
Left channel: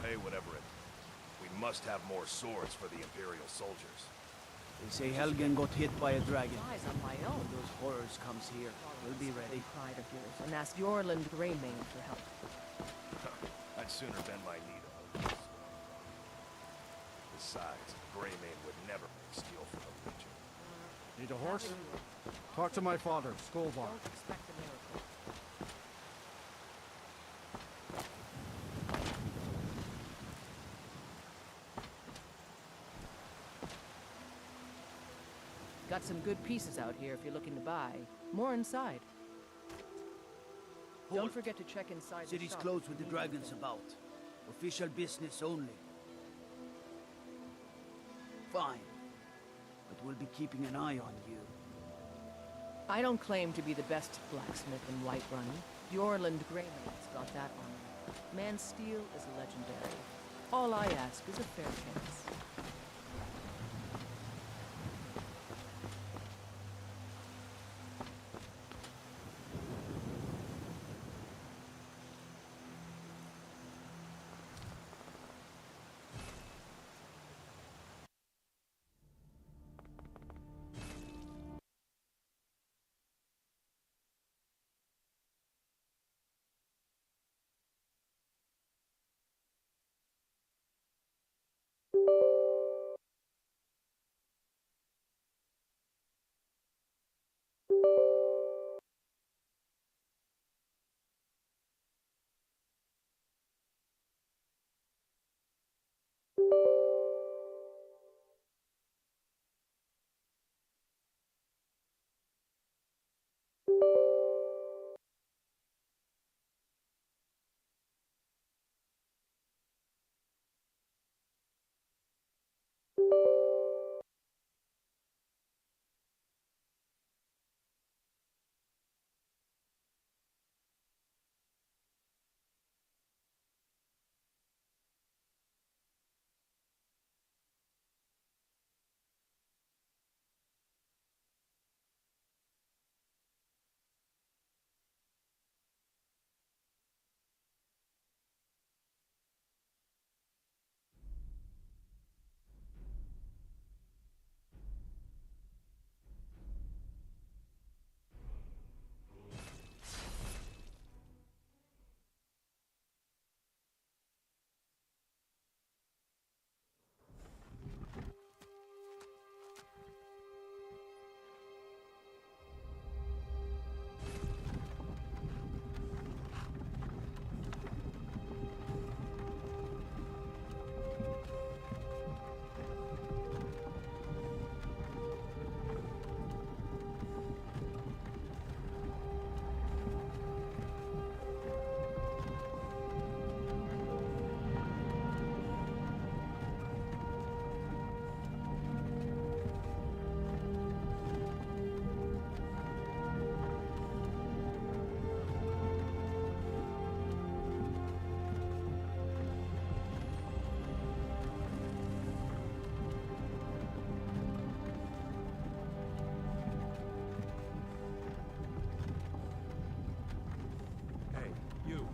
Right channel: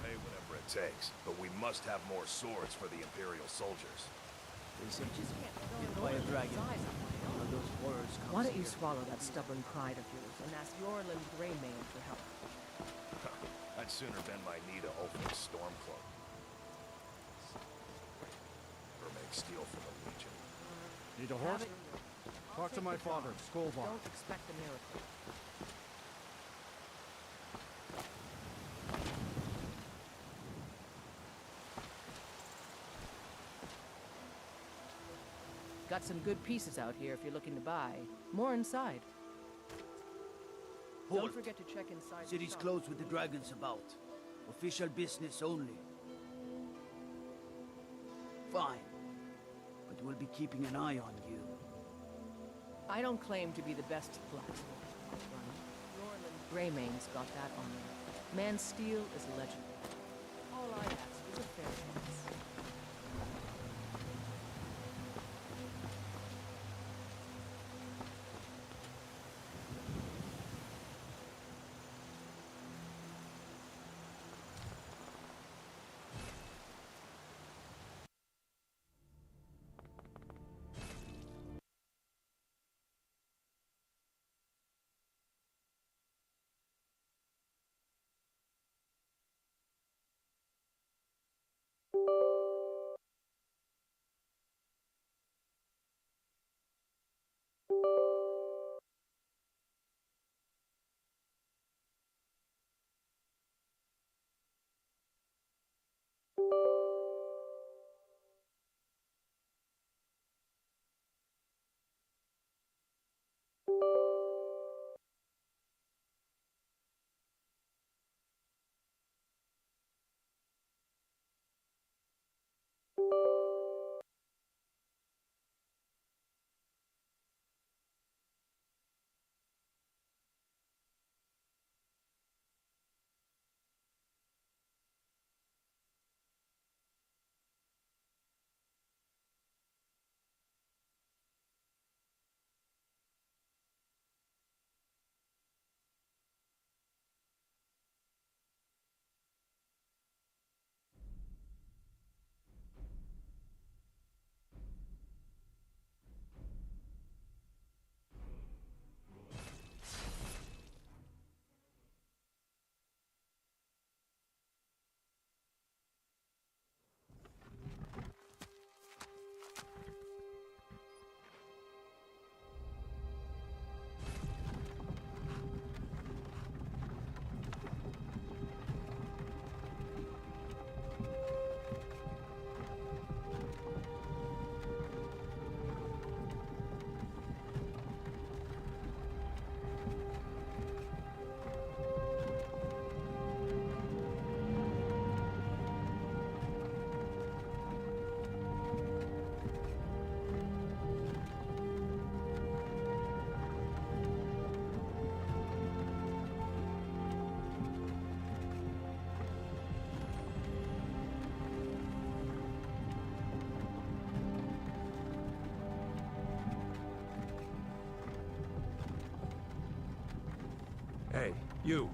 Pay whatever it takes, but we must have more swords for the Imperial soldiers. They say Helgen got hit by a dragon. Size on my own. One of those horrors Why comes don't you here. swallow We'll that be stubborn ready. pride of yours and ask Yorland Greymane for help? I'd sooner bend my knee to Ulf's Stormcloak. Besides, Greymane would never make steel for the Legion. Need a horse? Talk to my father, Skolvar. Don't expect a miracle. Got some good pieces out here if you're looking to buy. More inside. Don't Halt. forget to check inside the City's shop. closed with the dragons about. Official business only. Fine. But we'll be keeping an eye on you. I don't claim to be the best blacksmith in Whiterun. Yorland Greymane's got that honor. Man's steel is legendary. All I ask is a fair chance. you You're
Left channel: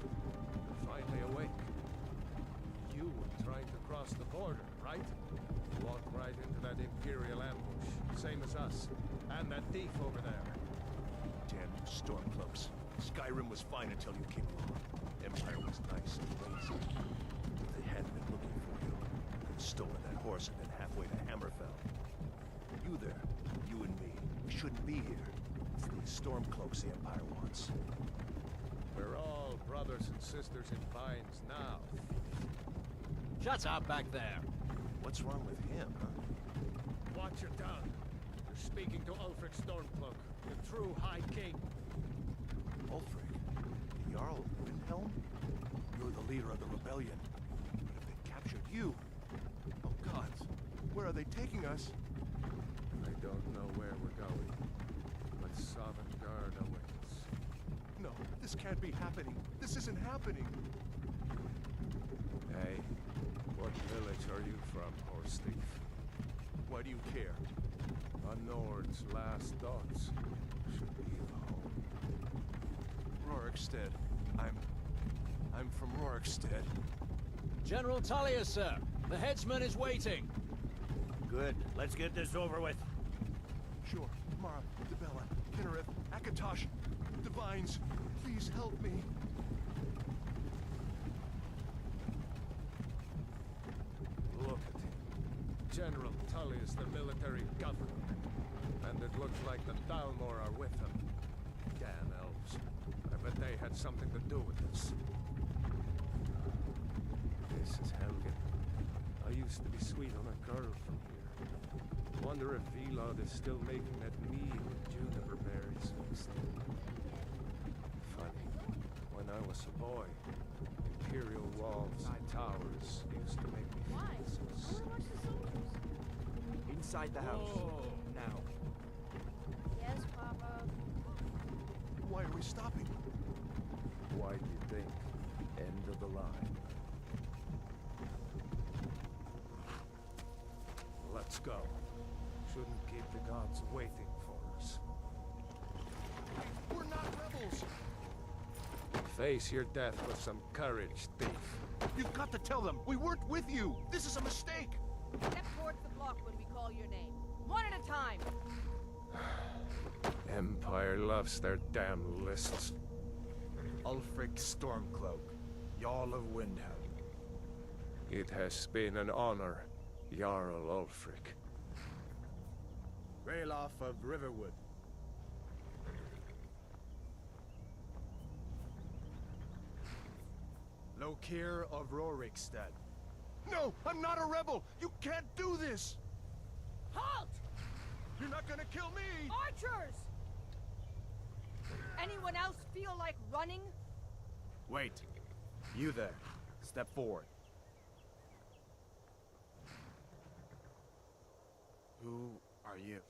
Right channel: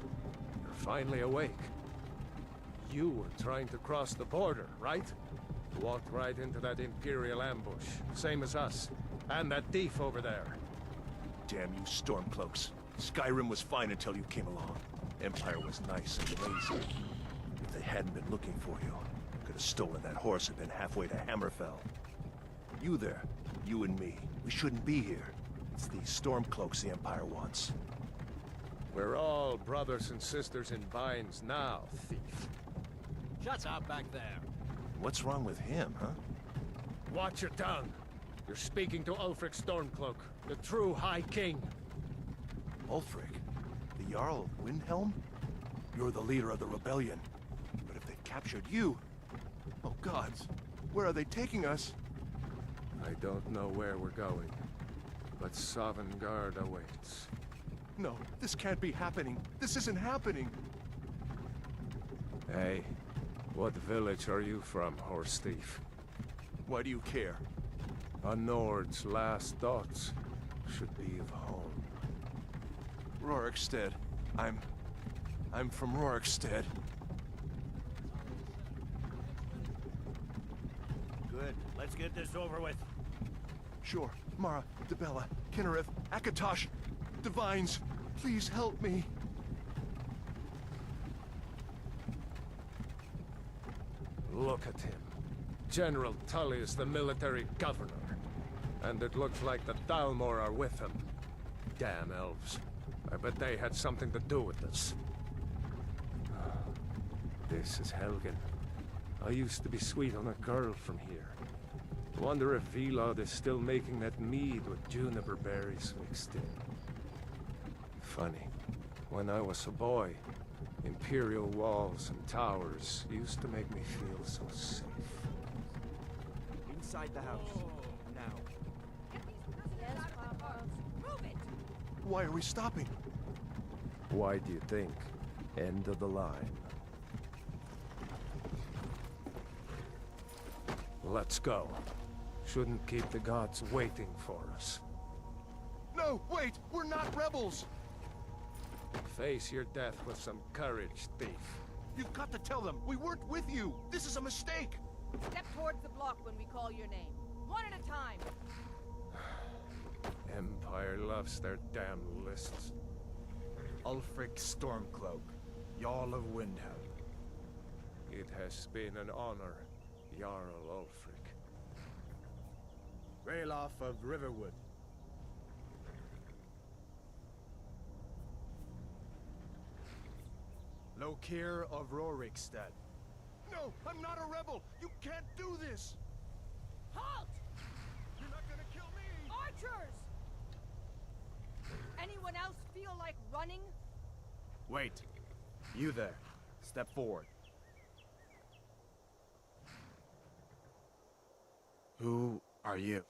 finally awake. You were trying to cross the border, right? Walked right into that Imperial ambush, same as us. And that thief over there. Damn you Stormcloaks. Skyrim was fine until you came along. Empire was nice and lazy. If they hadn't been looking for you, could have stolen that horse and been halfway to Hammerfell. You there, you and me, we shouldn't be here. It's these Stormcloaks the Empire wants. We're all brothers and sisters in binds now, thief. Shut up back there. What's wrong with him, huh? Watch your tongue. You're speaking to Ulfric Stormcloak, the true High King. Ulfric? The Jarl of Windhelm? You're the leader of the rebellion. But if they've captured you... Oh gods, where are they taking us? I don't know where we're going, but Sovngarde awaits. No, this can't be happening. This isn't happening. Hey, what village are you from, horse thief? Why do you care? A Nord's last thoughts should be of home. Rorikstead. I'm from Rorikstead. General Talia, sir. The headsman is waiting. Good. Let's get this over with. Sure. Mara, Dibella, Kinnereth, Akatosh, Divines, please help me. Look at him. General Tully is the military governor. And it looks like the Dalmor are with him. Damn elves. I bet they had something to do with this. This is Helgen. I used to be sweet on a girl from here. Wonder if Vilod is still making that mead with juniper berries mixed in. Funny. When I was a boy, Imperial walls and towers used to make me feel so safe. Inside the house. Now. Yes, Papa. Prove it. Why are we stopping? Why do you think? End of the line. Let's go. Shouldn't keep the gods waiting for us. No, wait! We're not rebels! Face your death with some courage, thief. You've got to tell them! We weren't with you! This is a mistake! Step towards the block when we call your name. One at a time! Empire loves their damn lists. Ulfric Stormcloak, Jarl of Windhelm. It has been an honor, Jarl Ulfric. Ralof of Riverwood. Lokir of Rorikstead. No! I'm not a rebel! You can't do this! Halt! You're not gonna kill me! Archers! Anyone else feel like running? Wait. You there. Step forward. Who are you?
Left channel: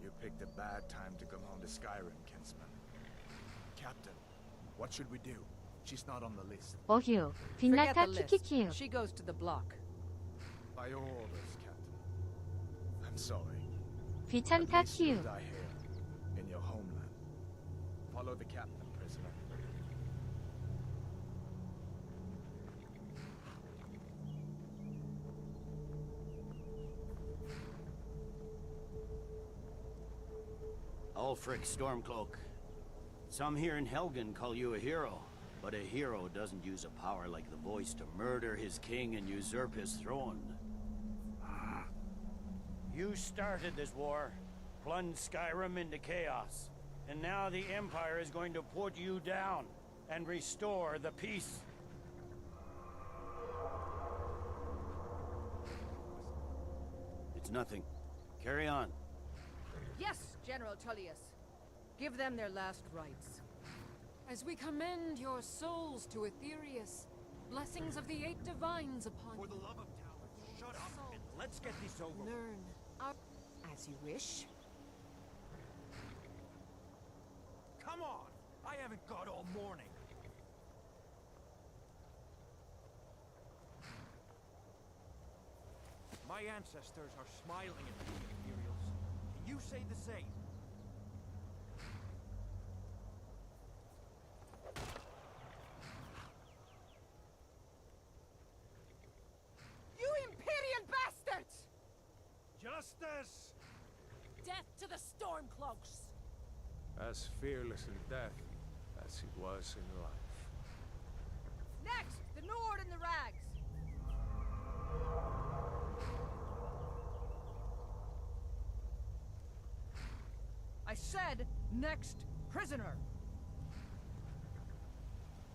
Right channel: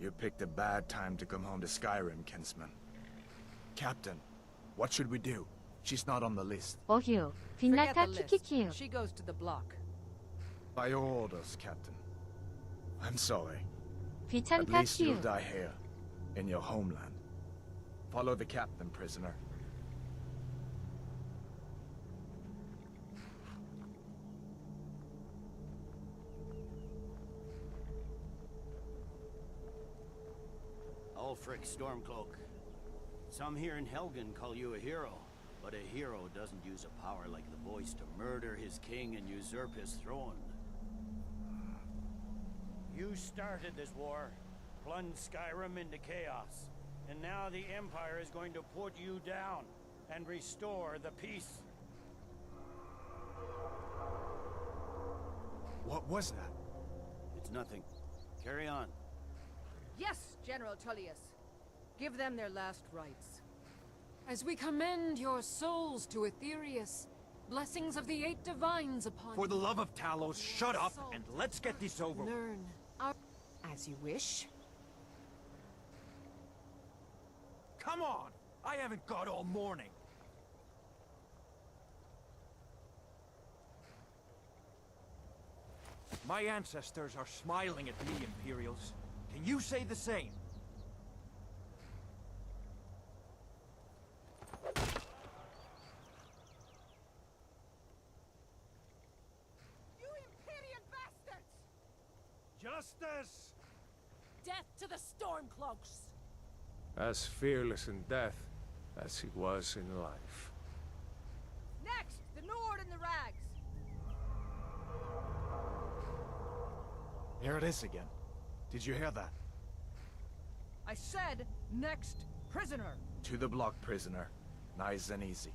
You picked a bad time to come home to Skyrim, kinsman. Captain, what should we do? She's not on the list. 어휴, Forget 빛나타 the list. 키키키우. She goes to the block. By your orders, Captain. I'm sorry. At 귀찮다 least you'll 키우. die here, in your homeland. Follow the captain, prisoner. Ulfric Stormcloak. Some here in Helgen call you a hero, but a hero doesn't use a power like the voice to murder his king and usurp his throne. You started this war, plunged Skyrim into chaos, and now the Empire is going to put you down and restore the peace. What was that? It's nothing. Carry on. Yes, General Tullius. Give them their last rites. As we commend your souls to Aetherius, blessings of the 8 divines upon For the you. love of Talos, shut up and let's get this over with. Learn our... As you wish. Come on! I haven't got all morning. My ancestors are smiling at me, Imperials. Can you say the same? You Imperial bastards! Justice! Death to the Stormcloaks! As fearless in death as he was in life. Next, the Nord and the Rags. Here it is again. Did you hear that? I said, next prisoner. To the block, prisoner. Nice and easy.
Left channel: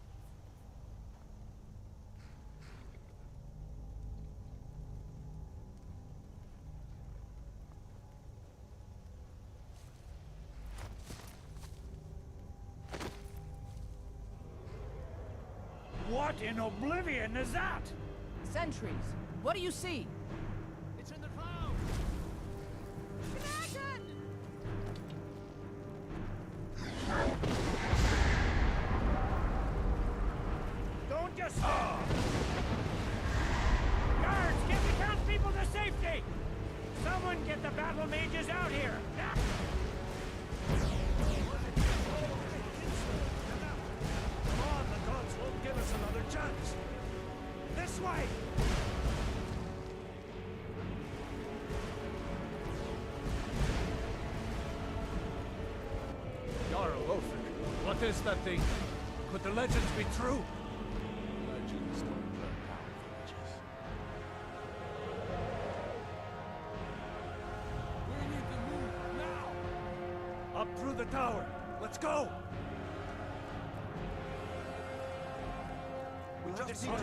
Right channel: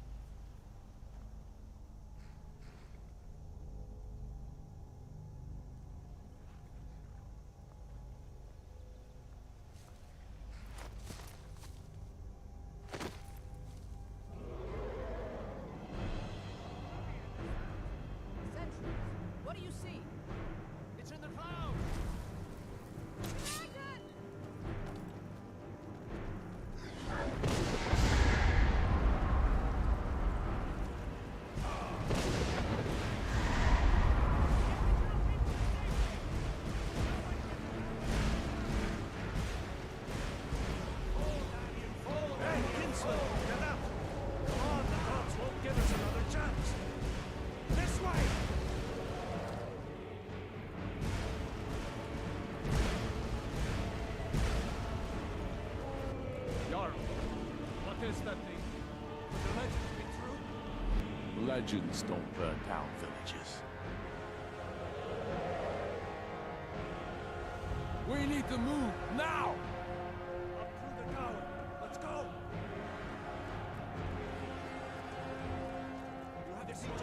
What in oblivion is that? Sentries. What do you see? It's in the clouds! Dragon! Don't just... Guards, get the townspeople to safety! Someone get the battle mages out here! Hey, Kinsler, get out! Come on, the gods won't give us another chance! This way! Jarl, what is that thing? Could the legends be true? Legends don't burn down villages. We need to move, now! Up through the tower. Let's go! We'll have to see to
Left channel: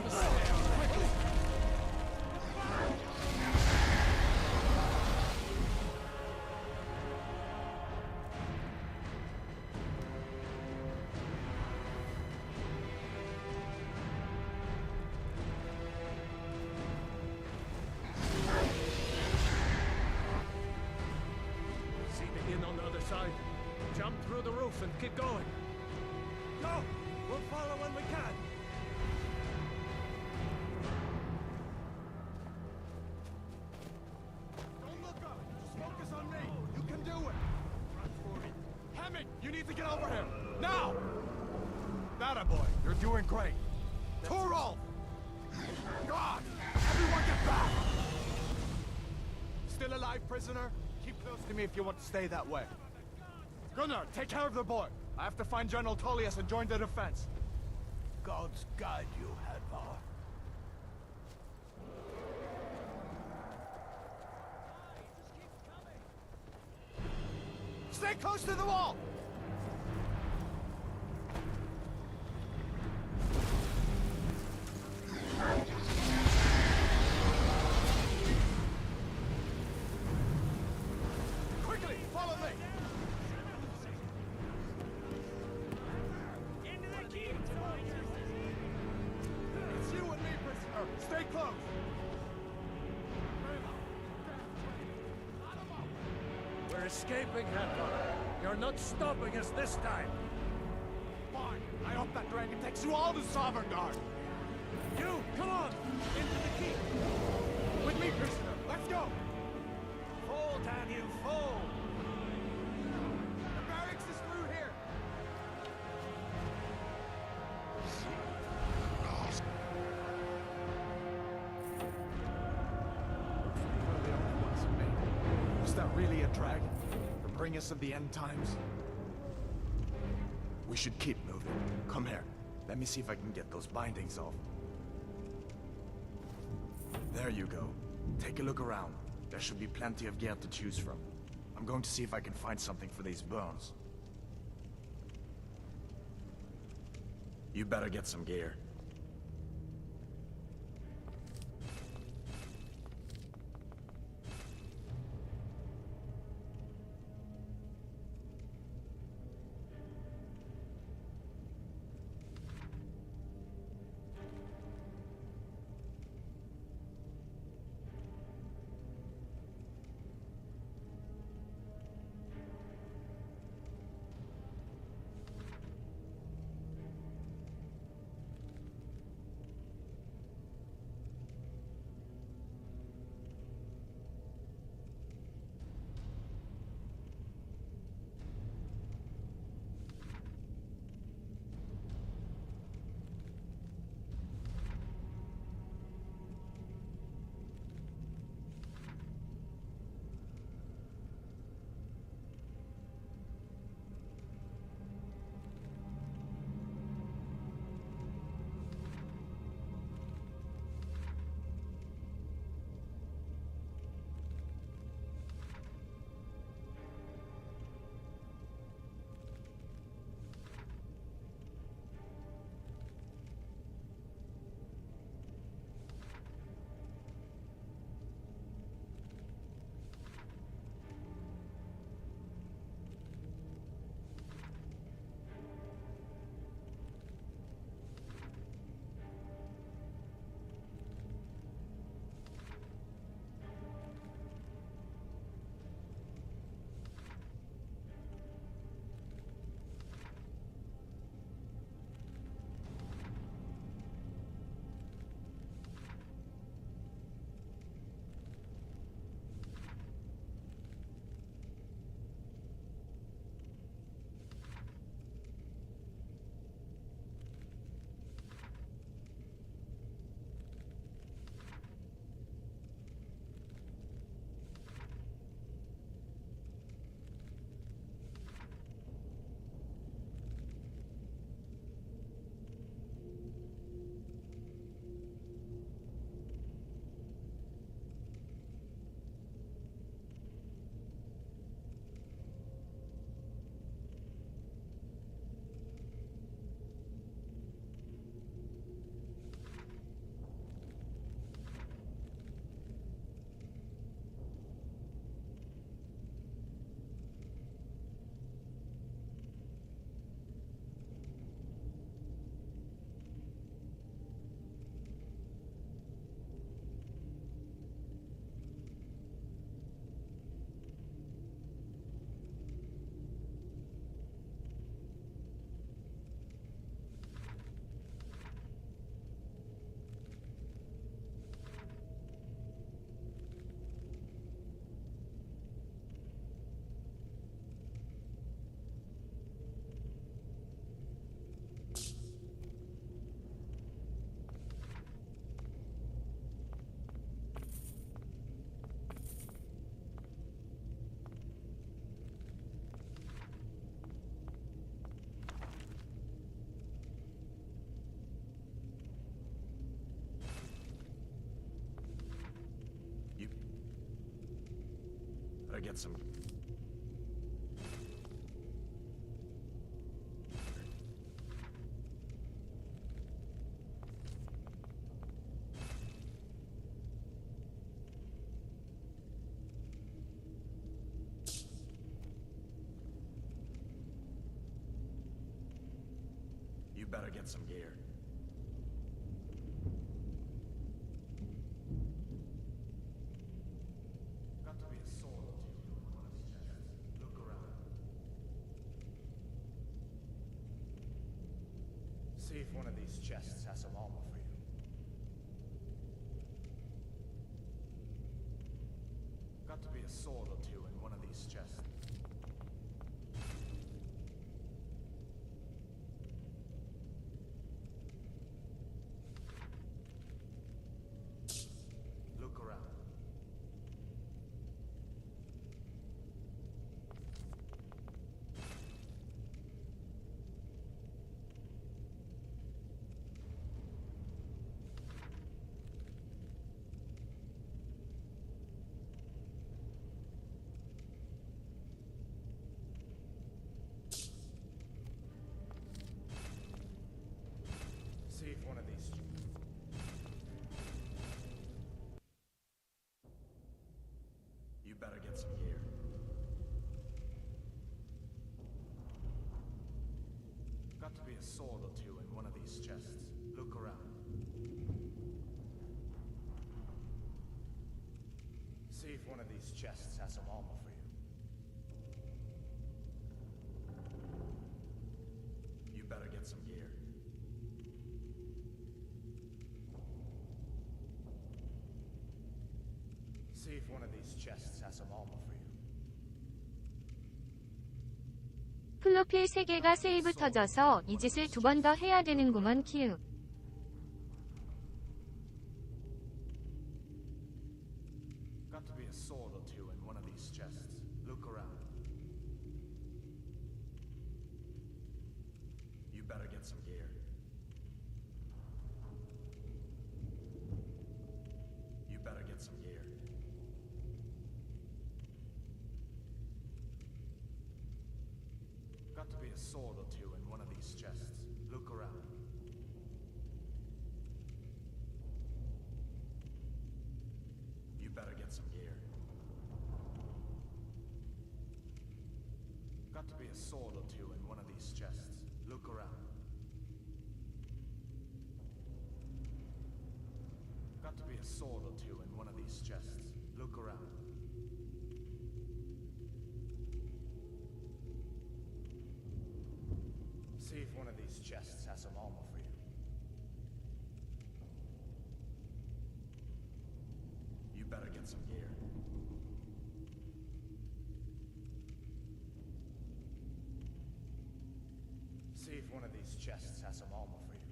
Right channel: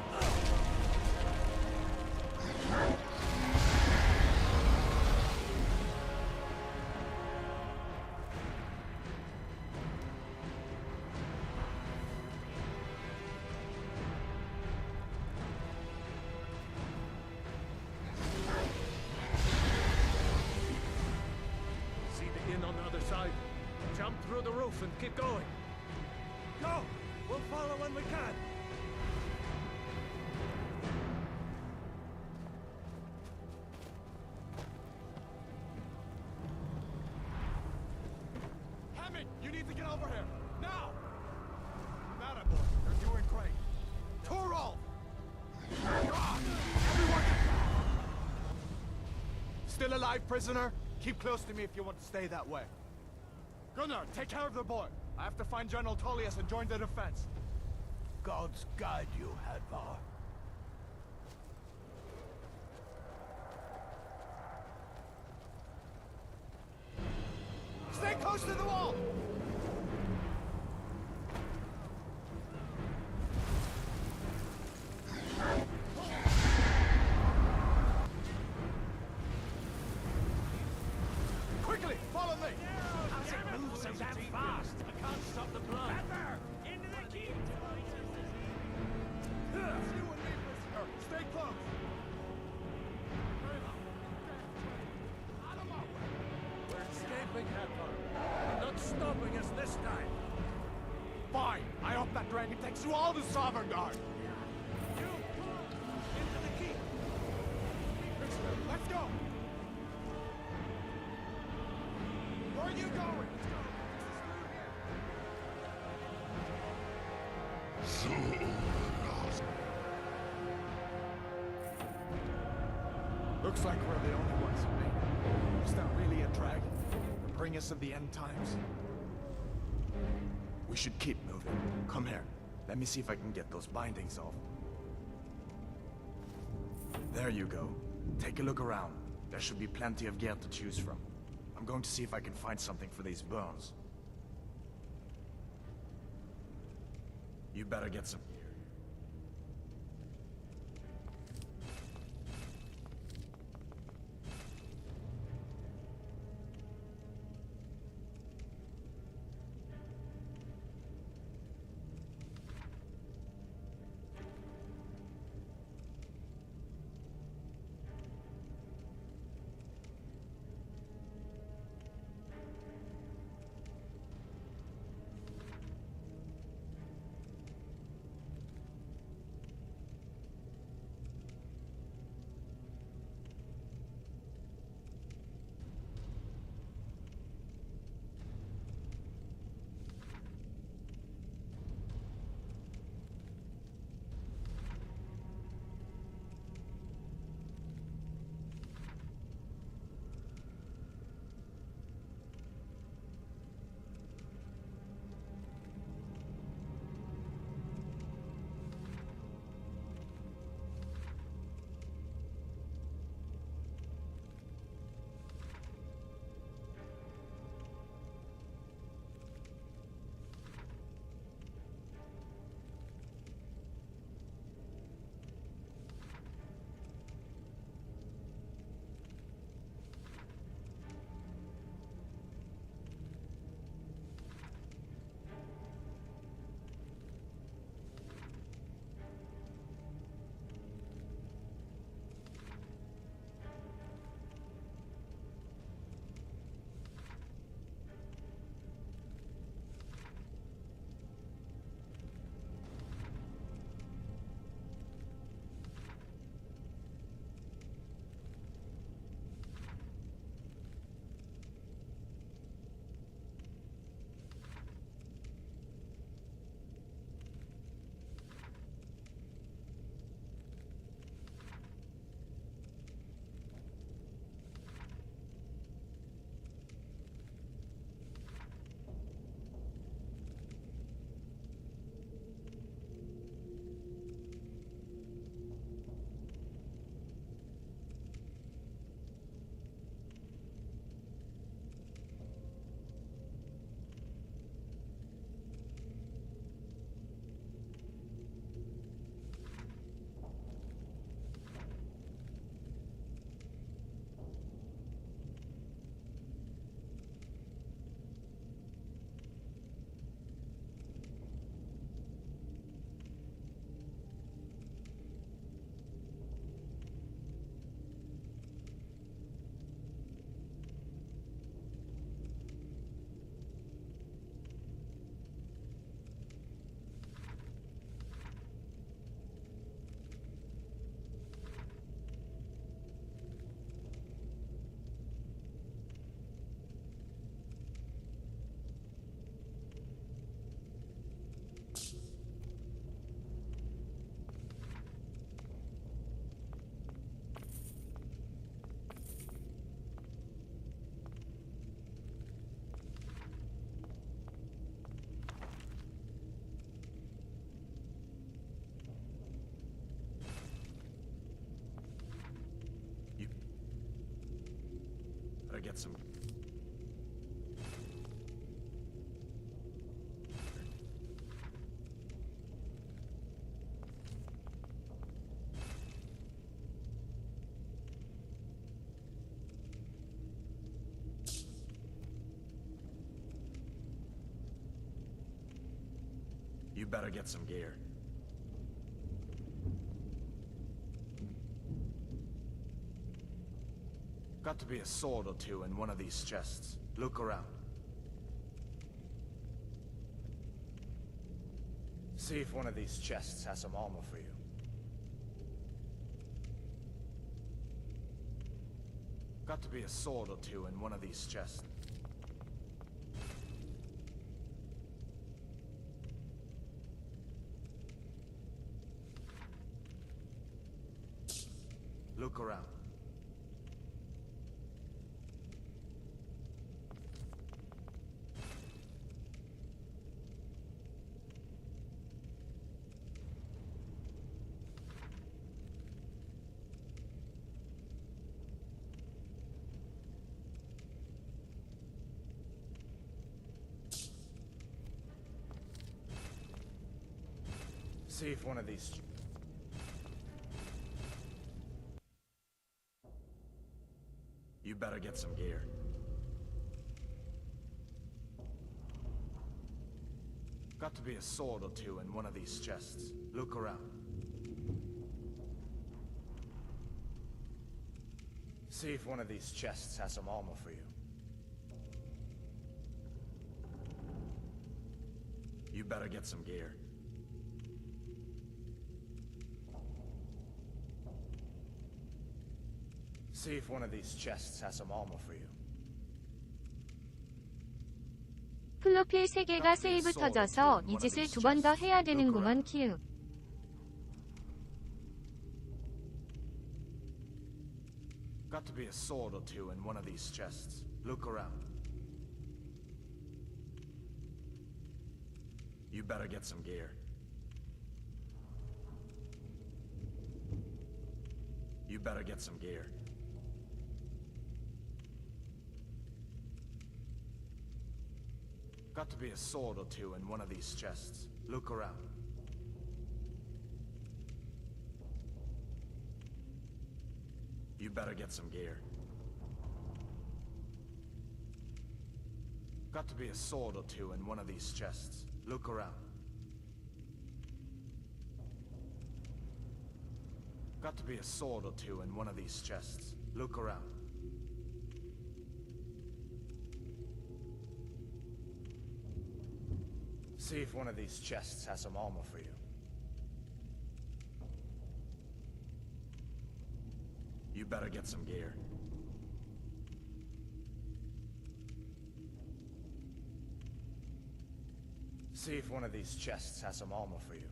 See the inn on the other side. Jump through the roof and keep going. Go! We'll follow when we can! You need to get over here! Now! That boy, you're doing great. Torolf! God! Everyone get back! Still alive, prisoner? Keep close to me if you want to stay that way. Gunnar, take care of the boy. I have to find General Tullius and join the defense. Gods guide you, Hadvar. Stay close to the wall! Quickly, follow me! It's you and me, prisoner. Stay close. We're escaping, Hadvar. You're not stopping us this time. Fine. I hope that dragon takes you all to Sovereign Guard. You, come on! Into the keep! With me, prisoner. Let's go! Fall, damn you, fall! Where are you going? The barracks is through here. Looks like we're the only ones who made it. Was that really a dragon? The harbingers of the end times? We should keep moving. Come here. Let me see if I can get those bindings off. There you go. Take a look around. There should be plenty of gear to choose from. I'm going to see if I can find something for these burns. You better get some gear. Better get some... You better get some gear. Got to be a sword or two in one of these chests. Look around. See if one of these chests has some armor for you. Got to be a sword or two in one of these chests. Look around. See if one of these... You better get some gear. Got to be a sword or two in one of these chests. Look around. See if one of these chests has some armor for you. You better get some gear. See if one of these chests has some armor for you. 플로필 3개가 세이브 터져서 이 짓을 2번 더 해야 되는구먼 키읔. Got to be a sword or two in one of these chests. Look around. You better get some gear. You better get some gear. Got to be a sword or two in one of these chests. Look around. You better get some gear. Got to be a sword or two in one of these chests. Look around. Got to be a sword or two in one of these chests. Look around. See if one of these chests has some armor for you. You better get some gear. See if one of these chests has some armor for you.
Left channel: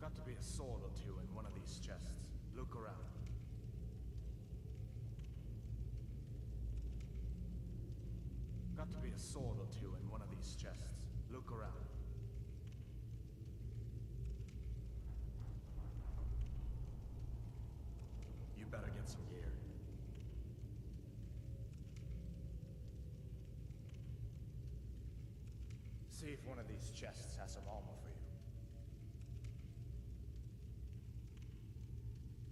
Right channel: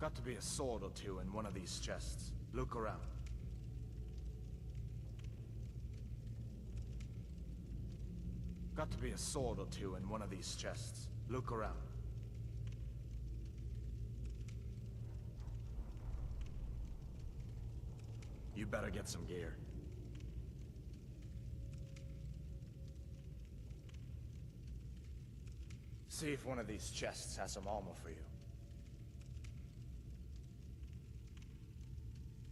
Got to be a sword or two in one of these chests. Look around. Got to be a sword or two in one of these chests. Look around. You better get some gear. See if one of these chests has some armor for you.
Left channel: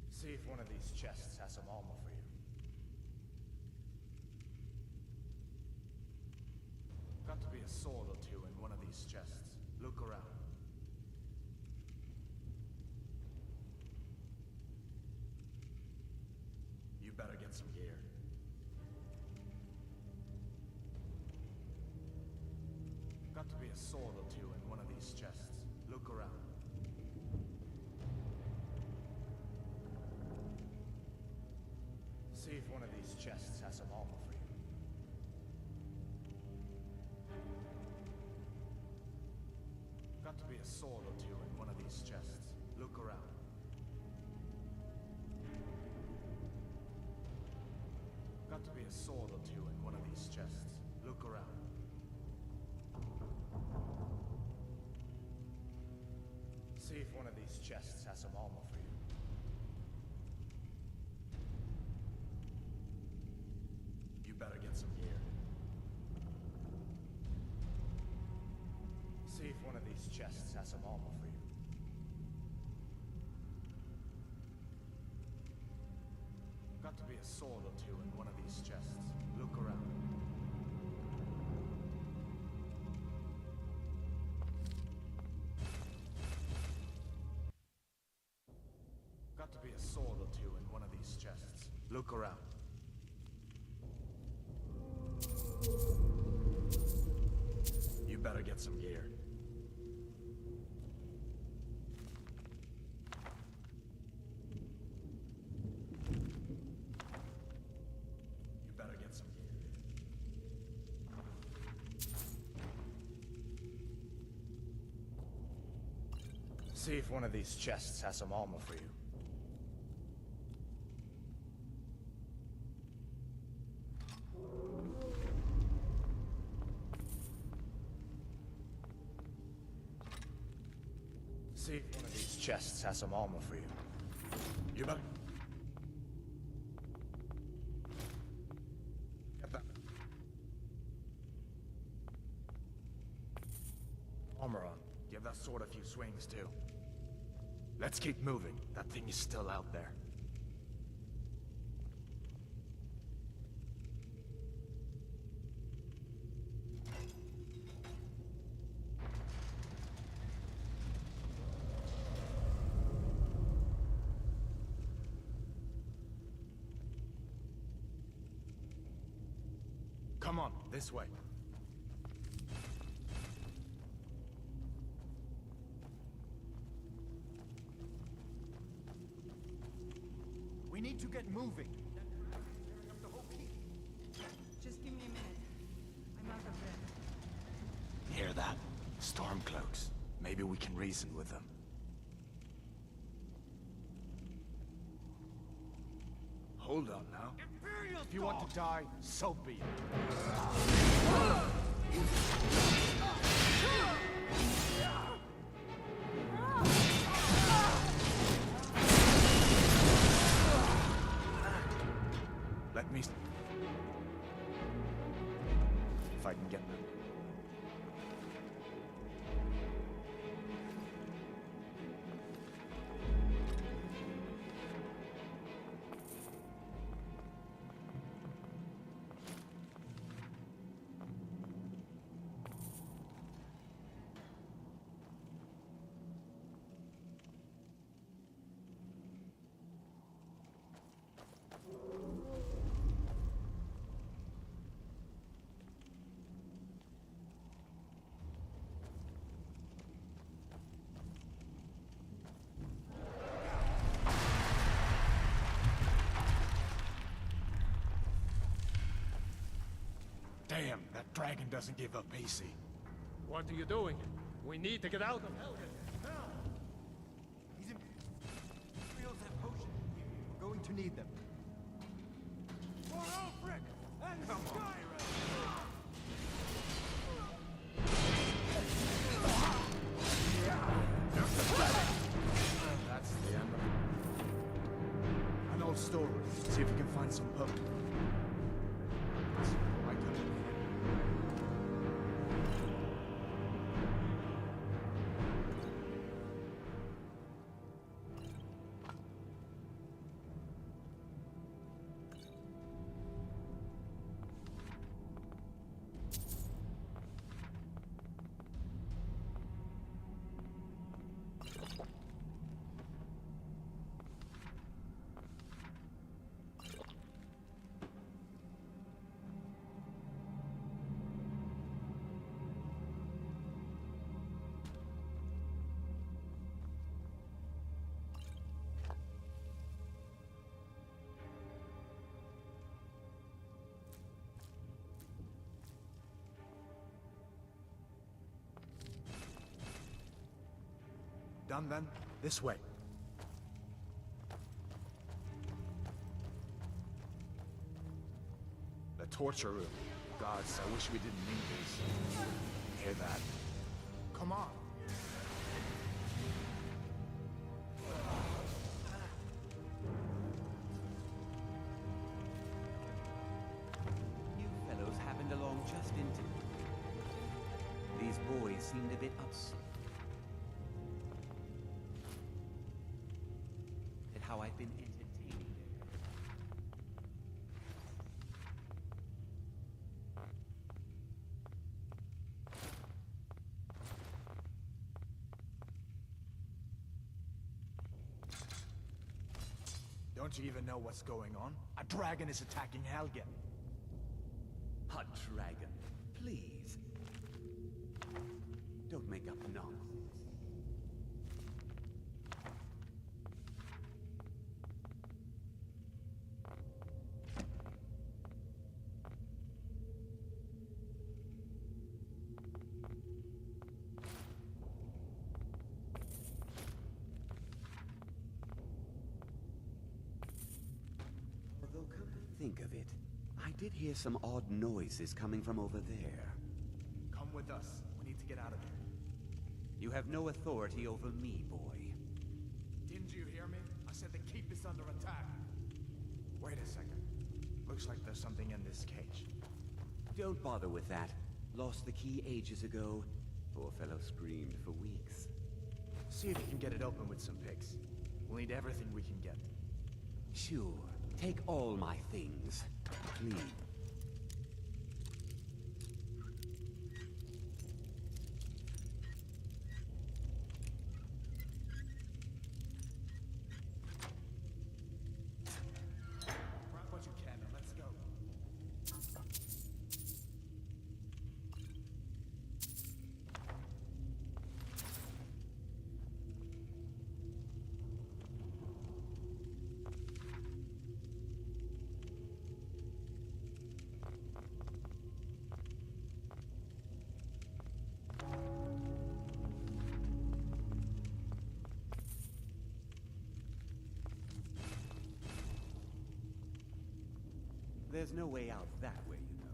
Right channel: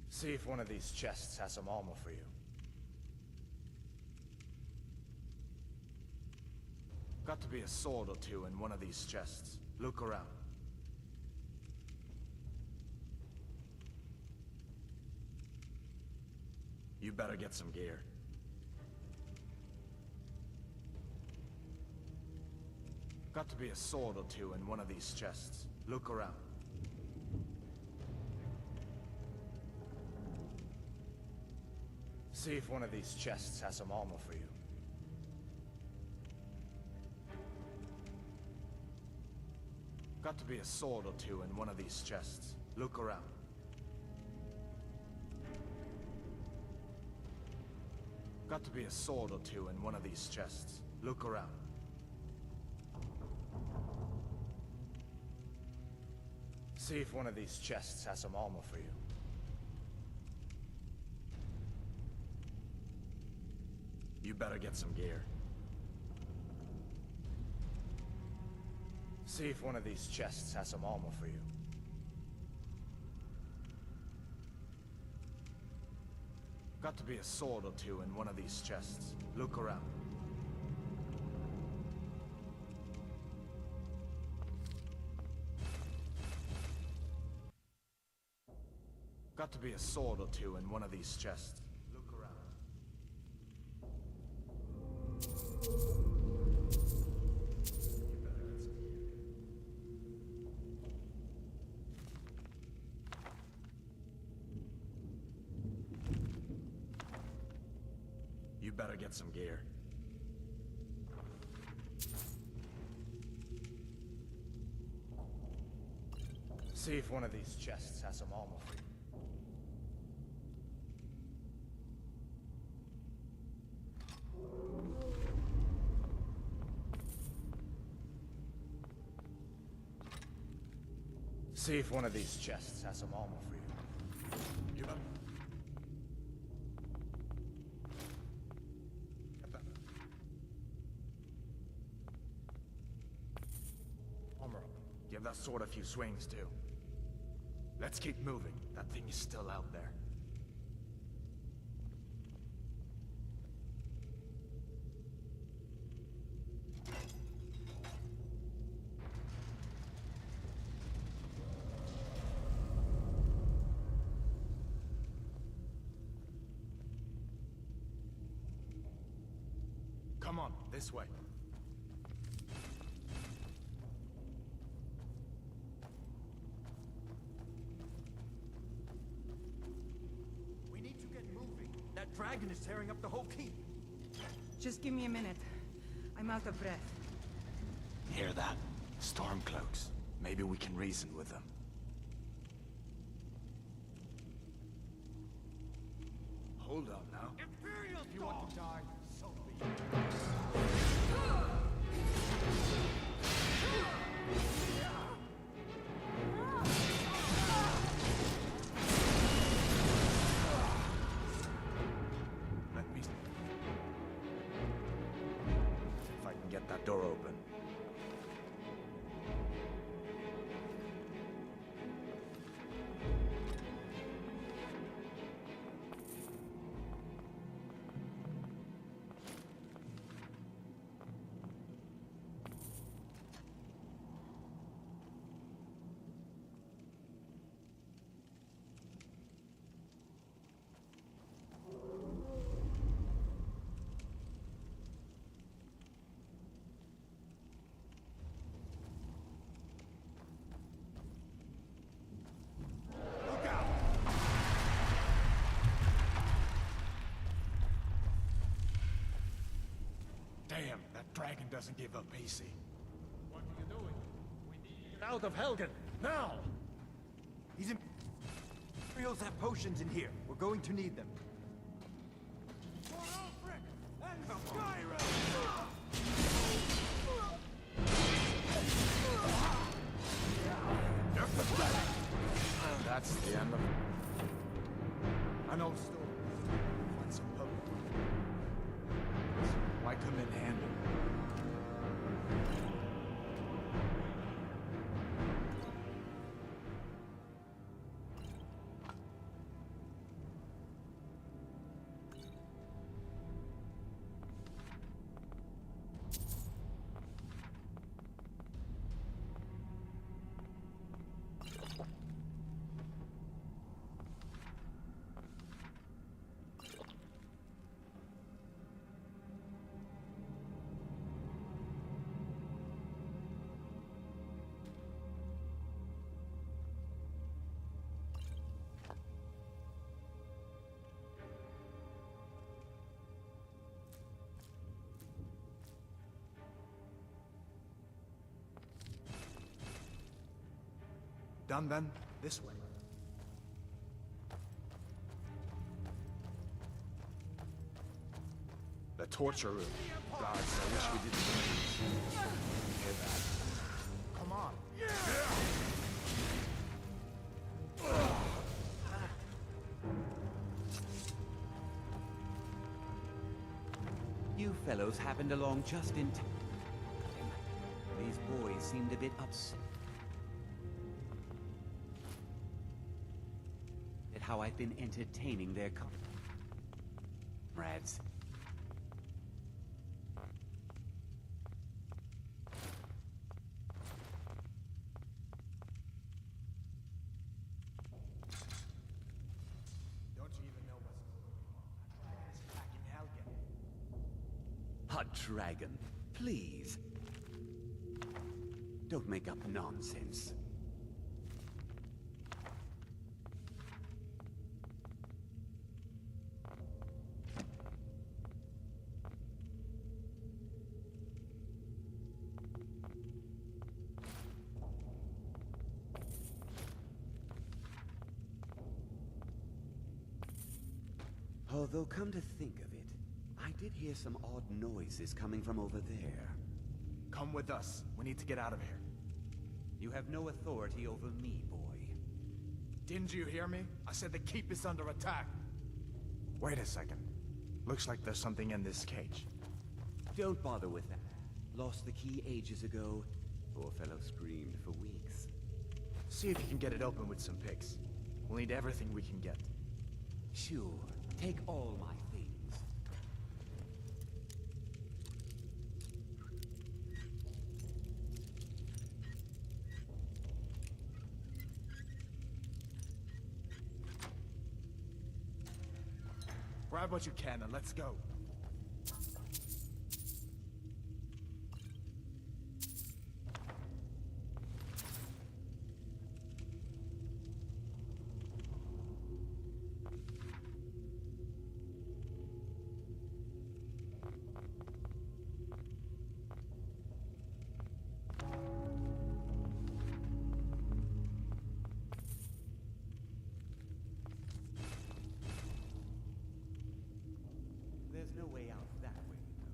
See if one of these chests has some armor for you. Got to be a sword or two in one of these chests. Look around. You better get some gear. Got to be a sword or two in one of these chests. Look around. See if one of these chests has some armor for you. Got to be a sword or two in one of these chests. Look around. Got to be a sword or two in one of these chests. Look around. See if one of these chests has some armor for you. You better get some gear. See if one of these chests has some armor for you. Got to be a sword or two in one of these chests. Look around. Got to be a sword or two in one of these chests. Look around. You better get some gear. You better get some gear. See if one of these chests has some armor for you. See if one of these chests has some armor for you. You better... Get that. gotta sort a few swings, too. Let's keep moving. That thing is still out there. Come on, this way. We need to get moving. That dragon is tearing up the whole keep. Just give me a minute. I'm out of breath. Hear that? Stormcloaks. Maybe we can reason with them. Hold on now. If you want to die, so be it. Let me... If I can get that door open. Damn, that dragon doesn't give up easy. What are you doing? We need to get out of Helgen, now! These Imperials have potions in here. We're going to need them. For Ulfric and Skyrim! You're pathetic! That's the end of an old story. See if you can find some potions. Might come in handy. Done then? This way. The torture room. Gods, I wish we didn't need these. Hear that? Come on. You fellows happened along just in time. These boys seemed a bit upset at how I've been entertaining their comrades. Don't you even know what's going on? A dragon is attacking Helgen. A dragon, please. Don't make up nonsense. Although, come to think of it, I did hear some odd noises coming from over there. Come with us. We need to get out of here. You have no authority over me, boy. Didn't you hear me? I said the keep is under attack. Wait a second. Looks like there's something in this cage. Don't bother with that. Lost the key ages ago. Poor fellow screamed for weeks. See if you can get it open with some picks. We'll need everything we can get. Sure. Take all my things, please. Grab what you can and let's go. There's no way out that way, you know.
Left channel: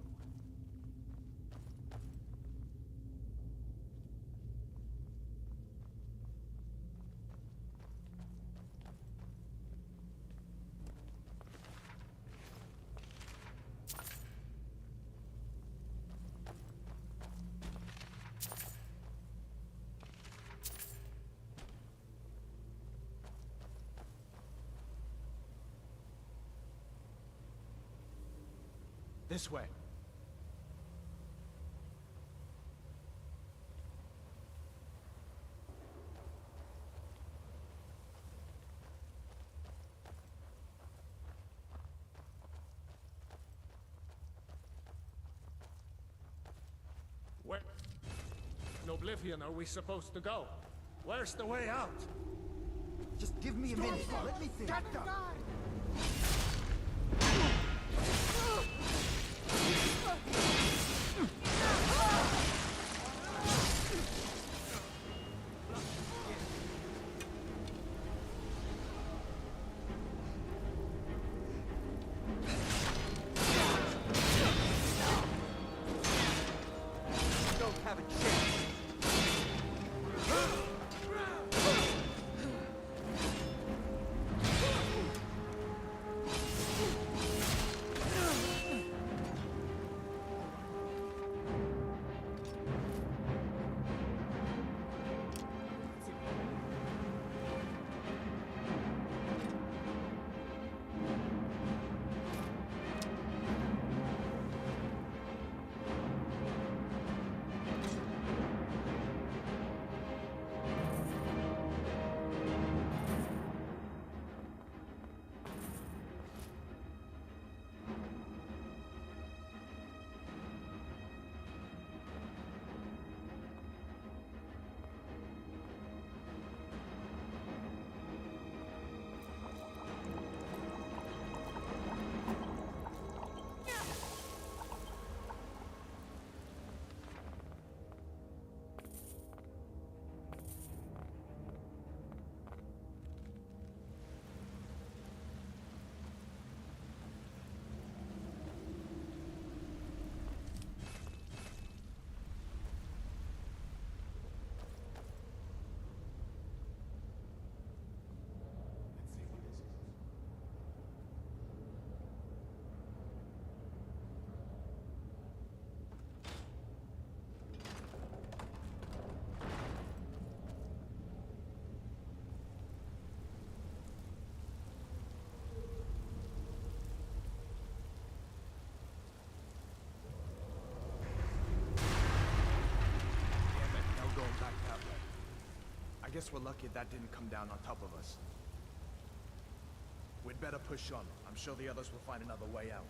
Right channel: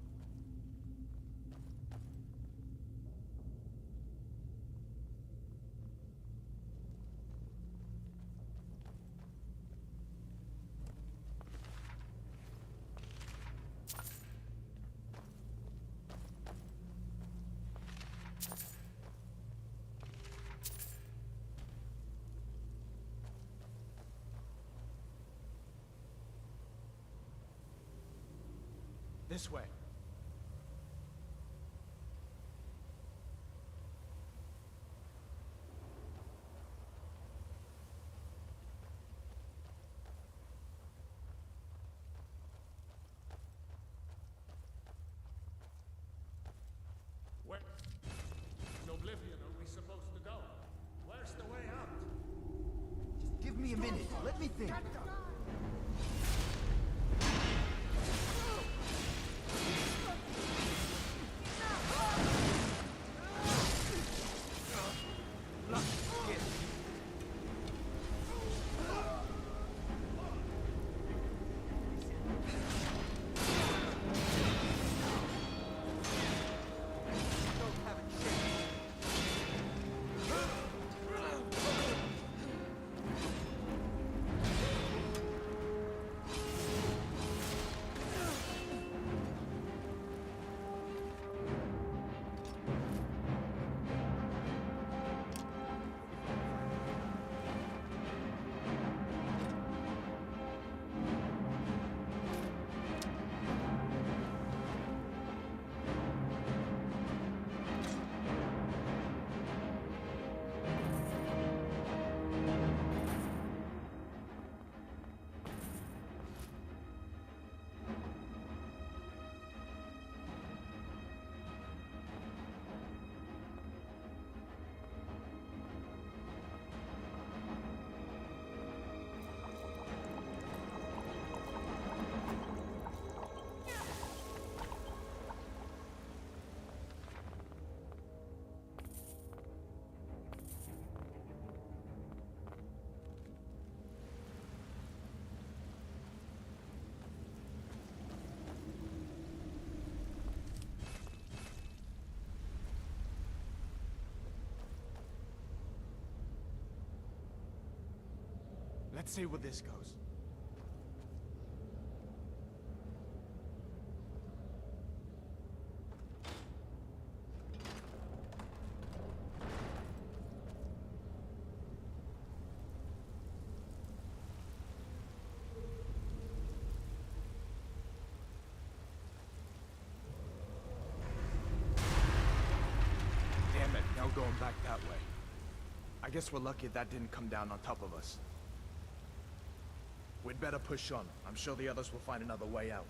This way. Where in Oblivion are we supposed to go? Where's the way out? Just give me a minute. Let me think. Let's see where this goes. Damn it, no going back that way. I guess we're lucky that didn't come down on top of us. We'd better push on. I'm sure the others will find another way out.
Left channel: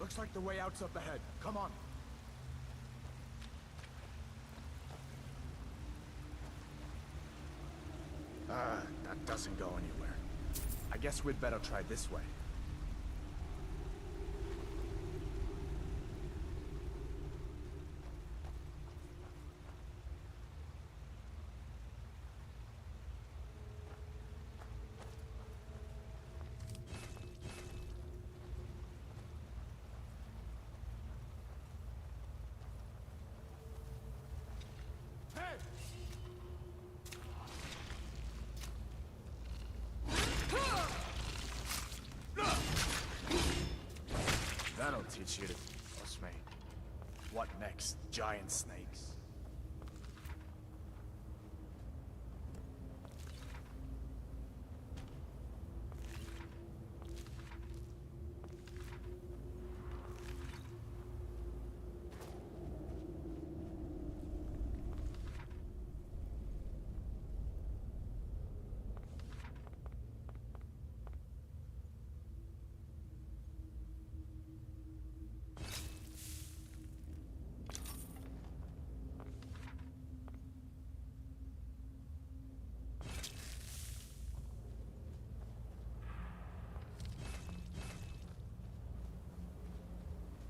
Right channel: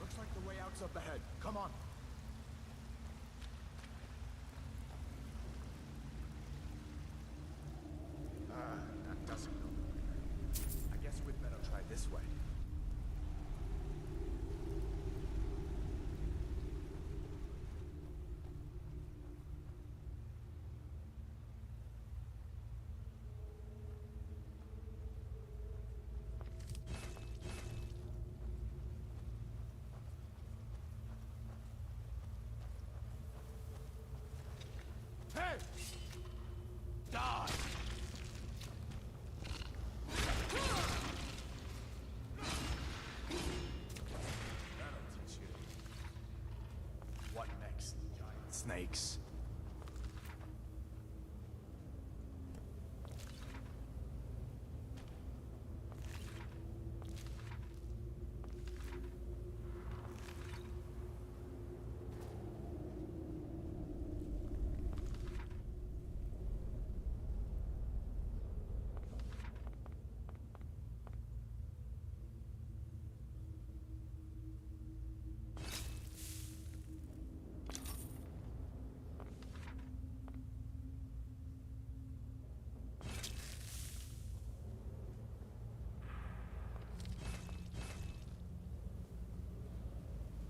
Looks like the way out's up ahead. Come on. That doesn't go anywhere. I guess we'd better try this way. teach you to trust me. What next? Giant snakes?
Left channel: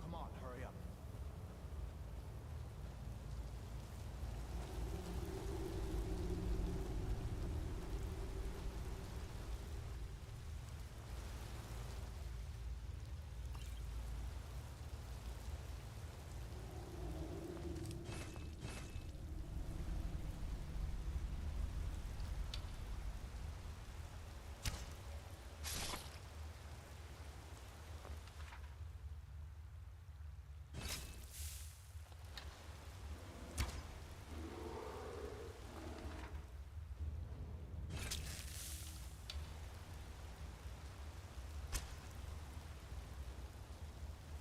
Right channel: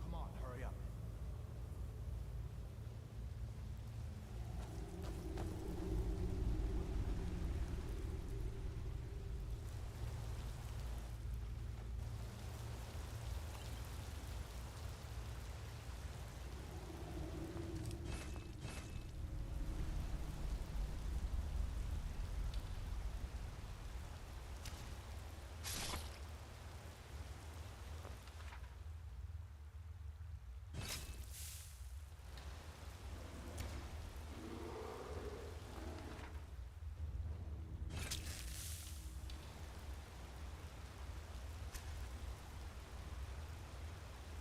Come on, hurry up.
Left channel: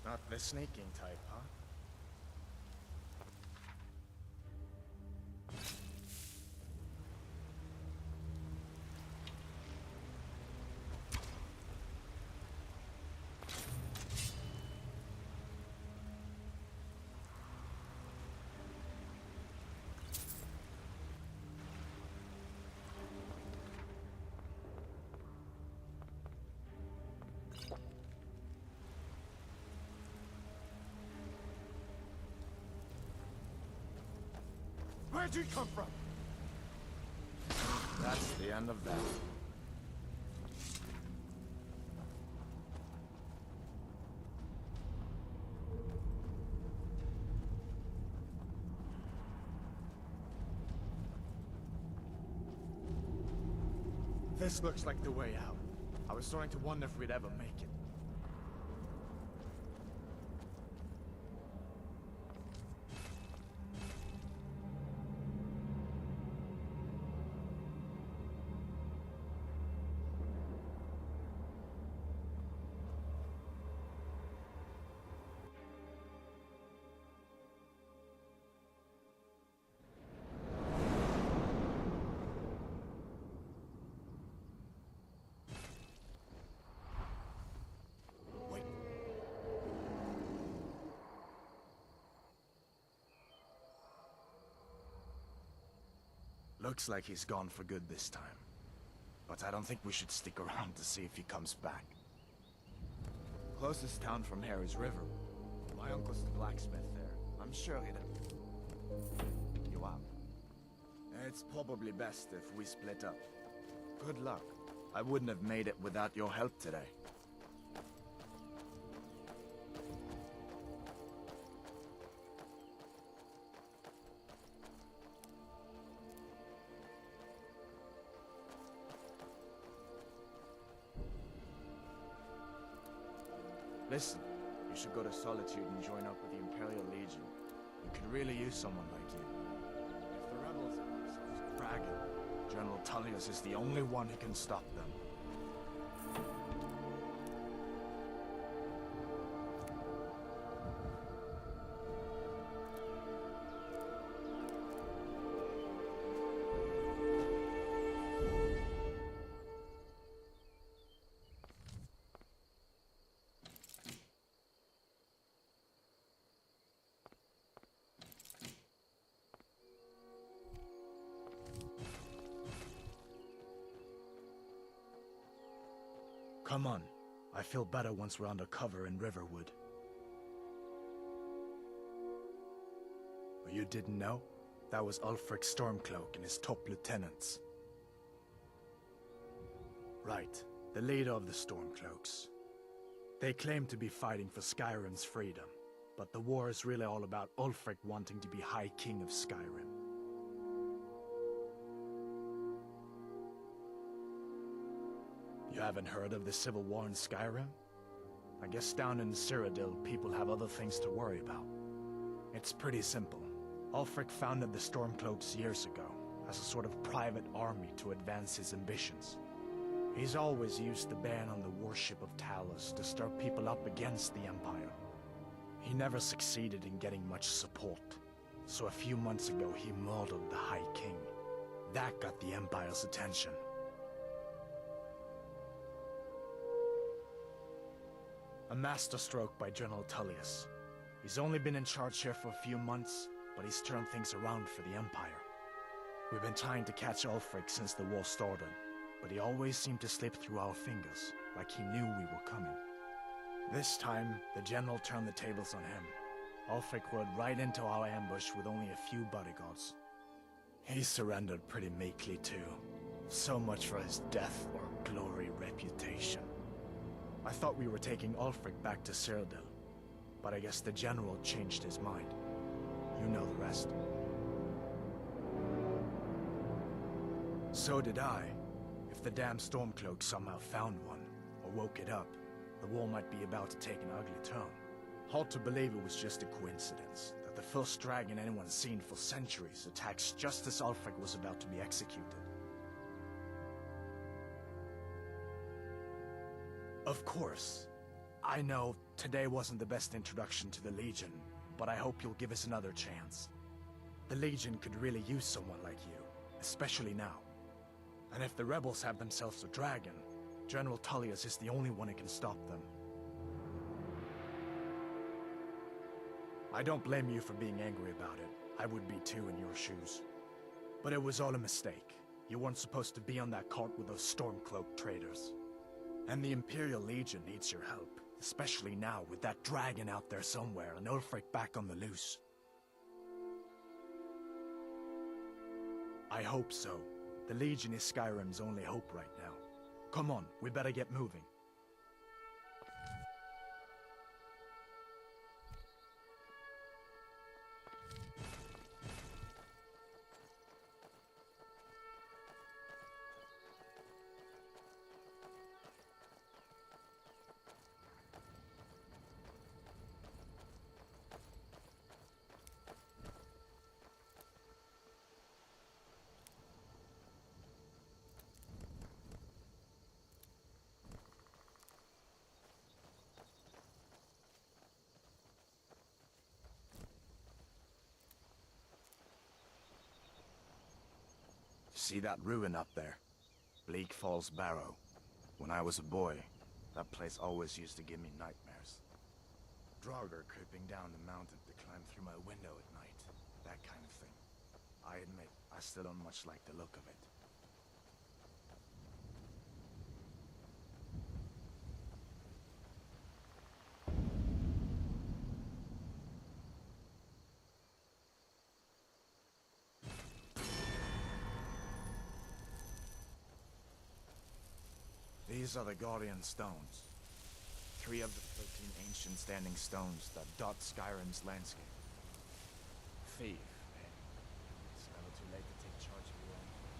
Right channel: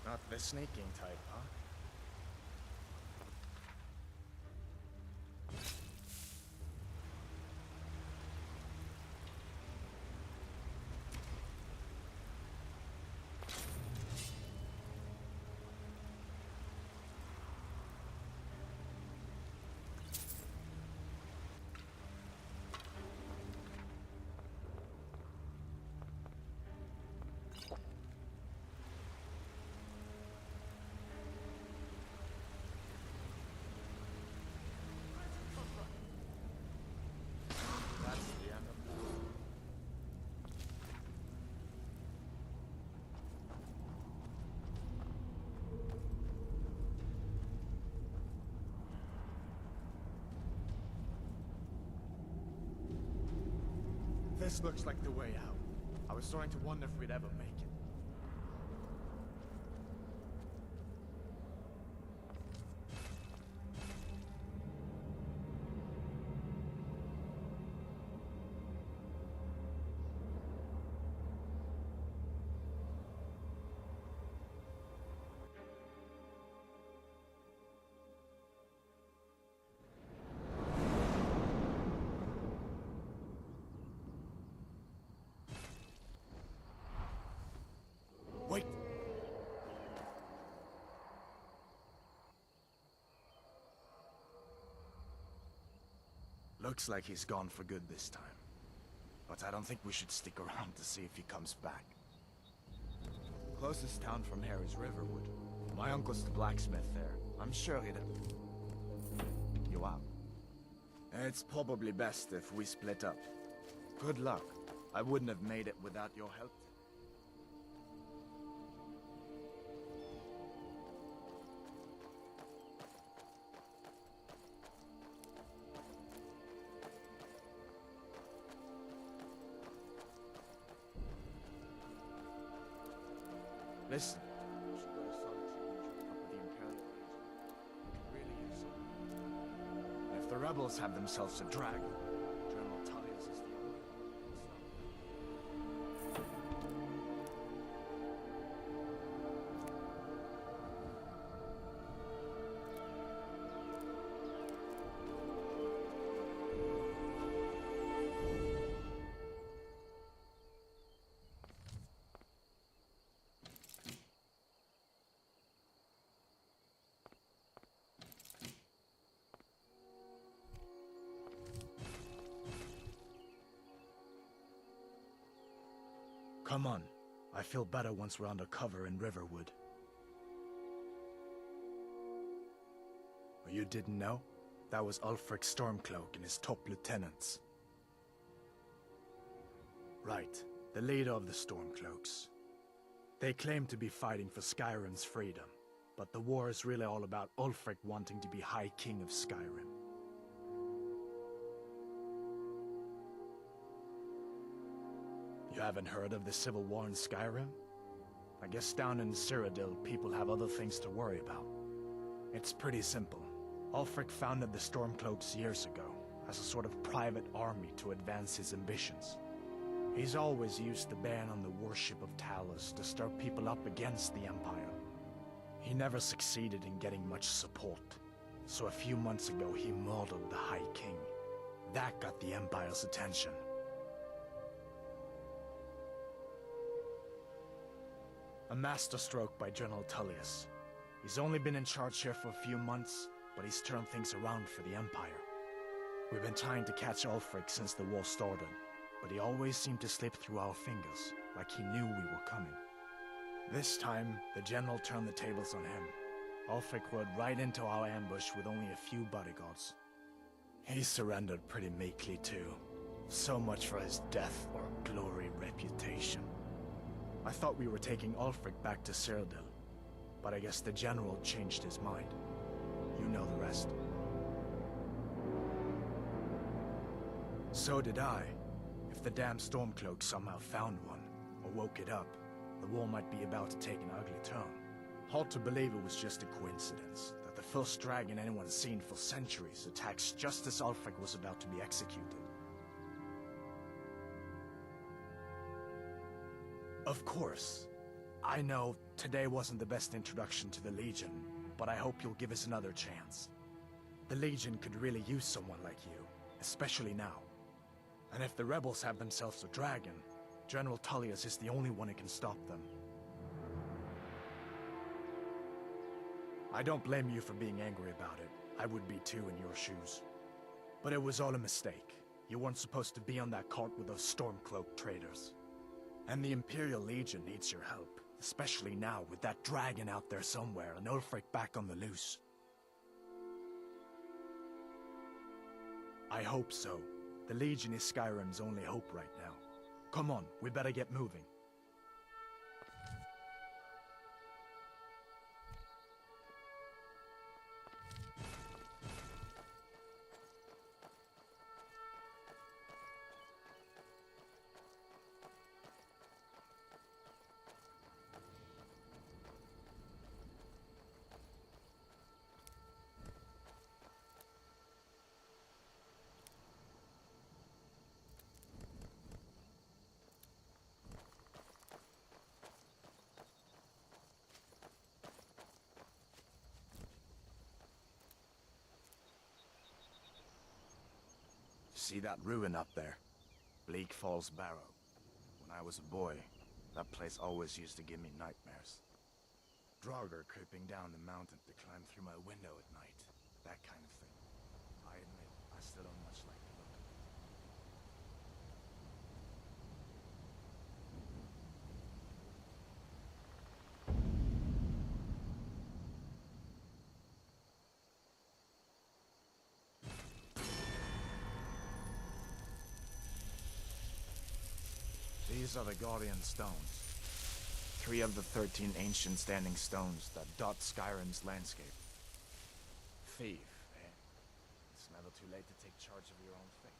Not the sneaking type, huh? Where'd you come from? That's the end of that. This looks like the way out. I was starting to wonder if we'd ever make it. Wait. Looks like he's gone for good this time. But I don't think we should stick around to see if he comes back. Closest town from here is Riverwood. My uncle's the blacksmith there. I'm sure he'd... You out? It's probably best if we split up. Good luck. I wouldn't have made it without your help today. Listen, you should go to Solitude and join up with the Imperial Legion. We could really use someone like you. If the rebels have themselves a dragon, General Tullius is the only one who can stop them. Come on. I feel better once we're under cover in Riverwood. You didn't know? That was Ulfric Stormcloak and his top lieutenants. Right, the leader of the Stormcloaks. They claim to be fighting for Skyrim's freedom, but the war is really all about Ulfric wanting to be High King of Skyrim. You haven't heard of the civil war in Skyrim? I guess down in Cyrodiil, people have other things to worry about. It's pretty simple. Ulfric founded the Stormcloaks years ago, as a sort of private army to advance his ambitions. He's always used the ban on the worship of Talos to stir people up against the Empire. He never succeeded in getting much support, so a few months ago he murdered the High King. That got the Empire's attention. A masterstroke by General Tullius. He's only been in charge here for a few months, but he's turned things around for the Empire. We've been trying to catch Ulfric since the war started, but he always seemed to slip through our fingers, like he knew we were coming. This time, the General turned the tables on him. Ulfric rode right into our ambush with only a few bodyguards. He surrendered pretty meekly too. So much for his death or glory reputation. I thought we were taking Ulfric back to Cyrodiil, but I guess the General changed his mind. You know the rest. So did I. If the damn Stormcloak somehow found one, or woke it up, the war might be about to take an ugly turn. Hard to believe it was just a coincidence, that the first dragon anyone's seen for centuries attacks just as Ulfric was about to be executed. Of course. I know today wasn't the best introduction to the Legion, but I hope you'll give us another chance. The Legion could really use someone like you, especially now. And if the rebels have themselves a dragon, General Tullius is the only one who can stop them. I don't blame you for being angry about it. I would be too in your shoes. But it was all a mistake. You weren't supposed to be on that cart with those Stormcloak traitors. And the Imperial Legion needs your help, especially now with that dragon out there somewhere and Ulfric back on the loose. I hope so. The Legion is Skyrim's only hope right now. Come on, we better get moving. See that ruin up there? Bleak Falls Barrow. When I was a boy, that place always used to give me nightmares. Draugr creeping down the mountain to climb through my window at night. That kind of thing. I admit, I still don't much like the look of it. These are the Guardian Stones. 3 of the 13 ancient standing stones that dot Skyrim's landscape. Thief, eh? It's never too late to take charge of your own fate.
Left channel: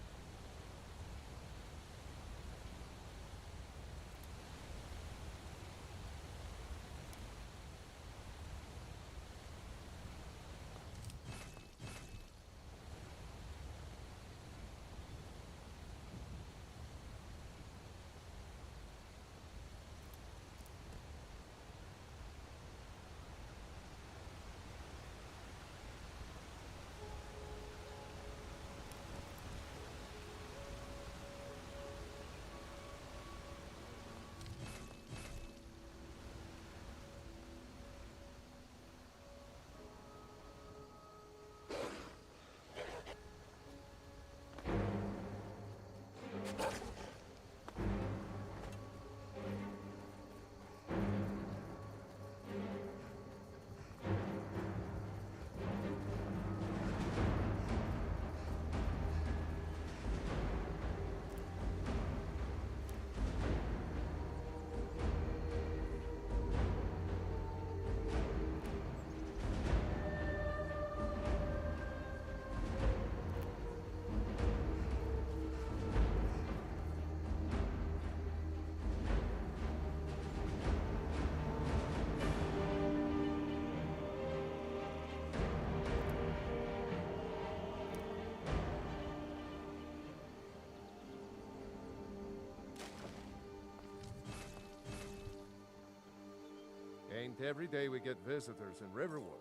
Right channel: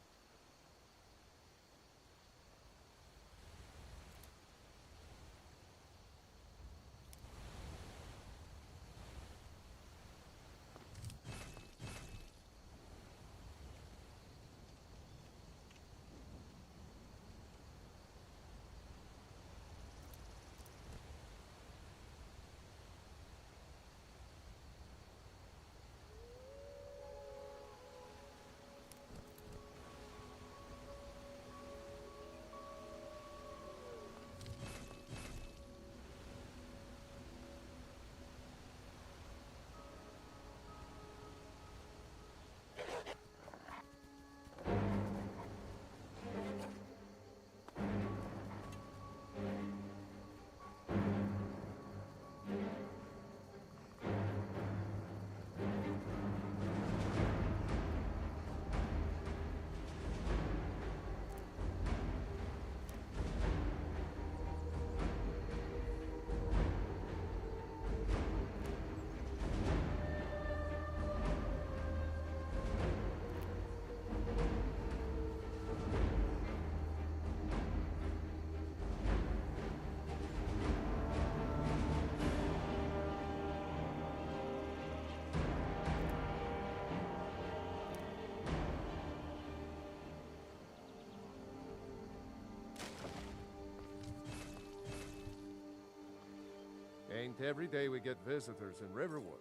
Ain't every day we get visitors in Riverwood.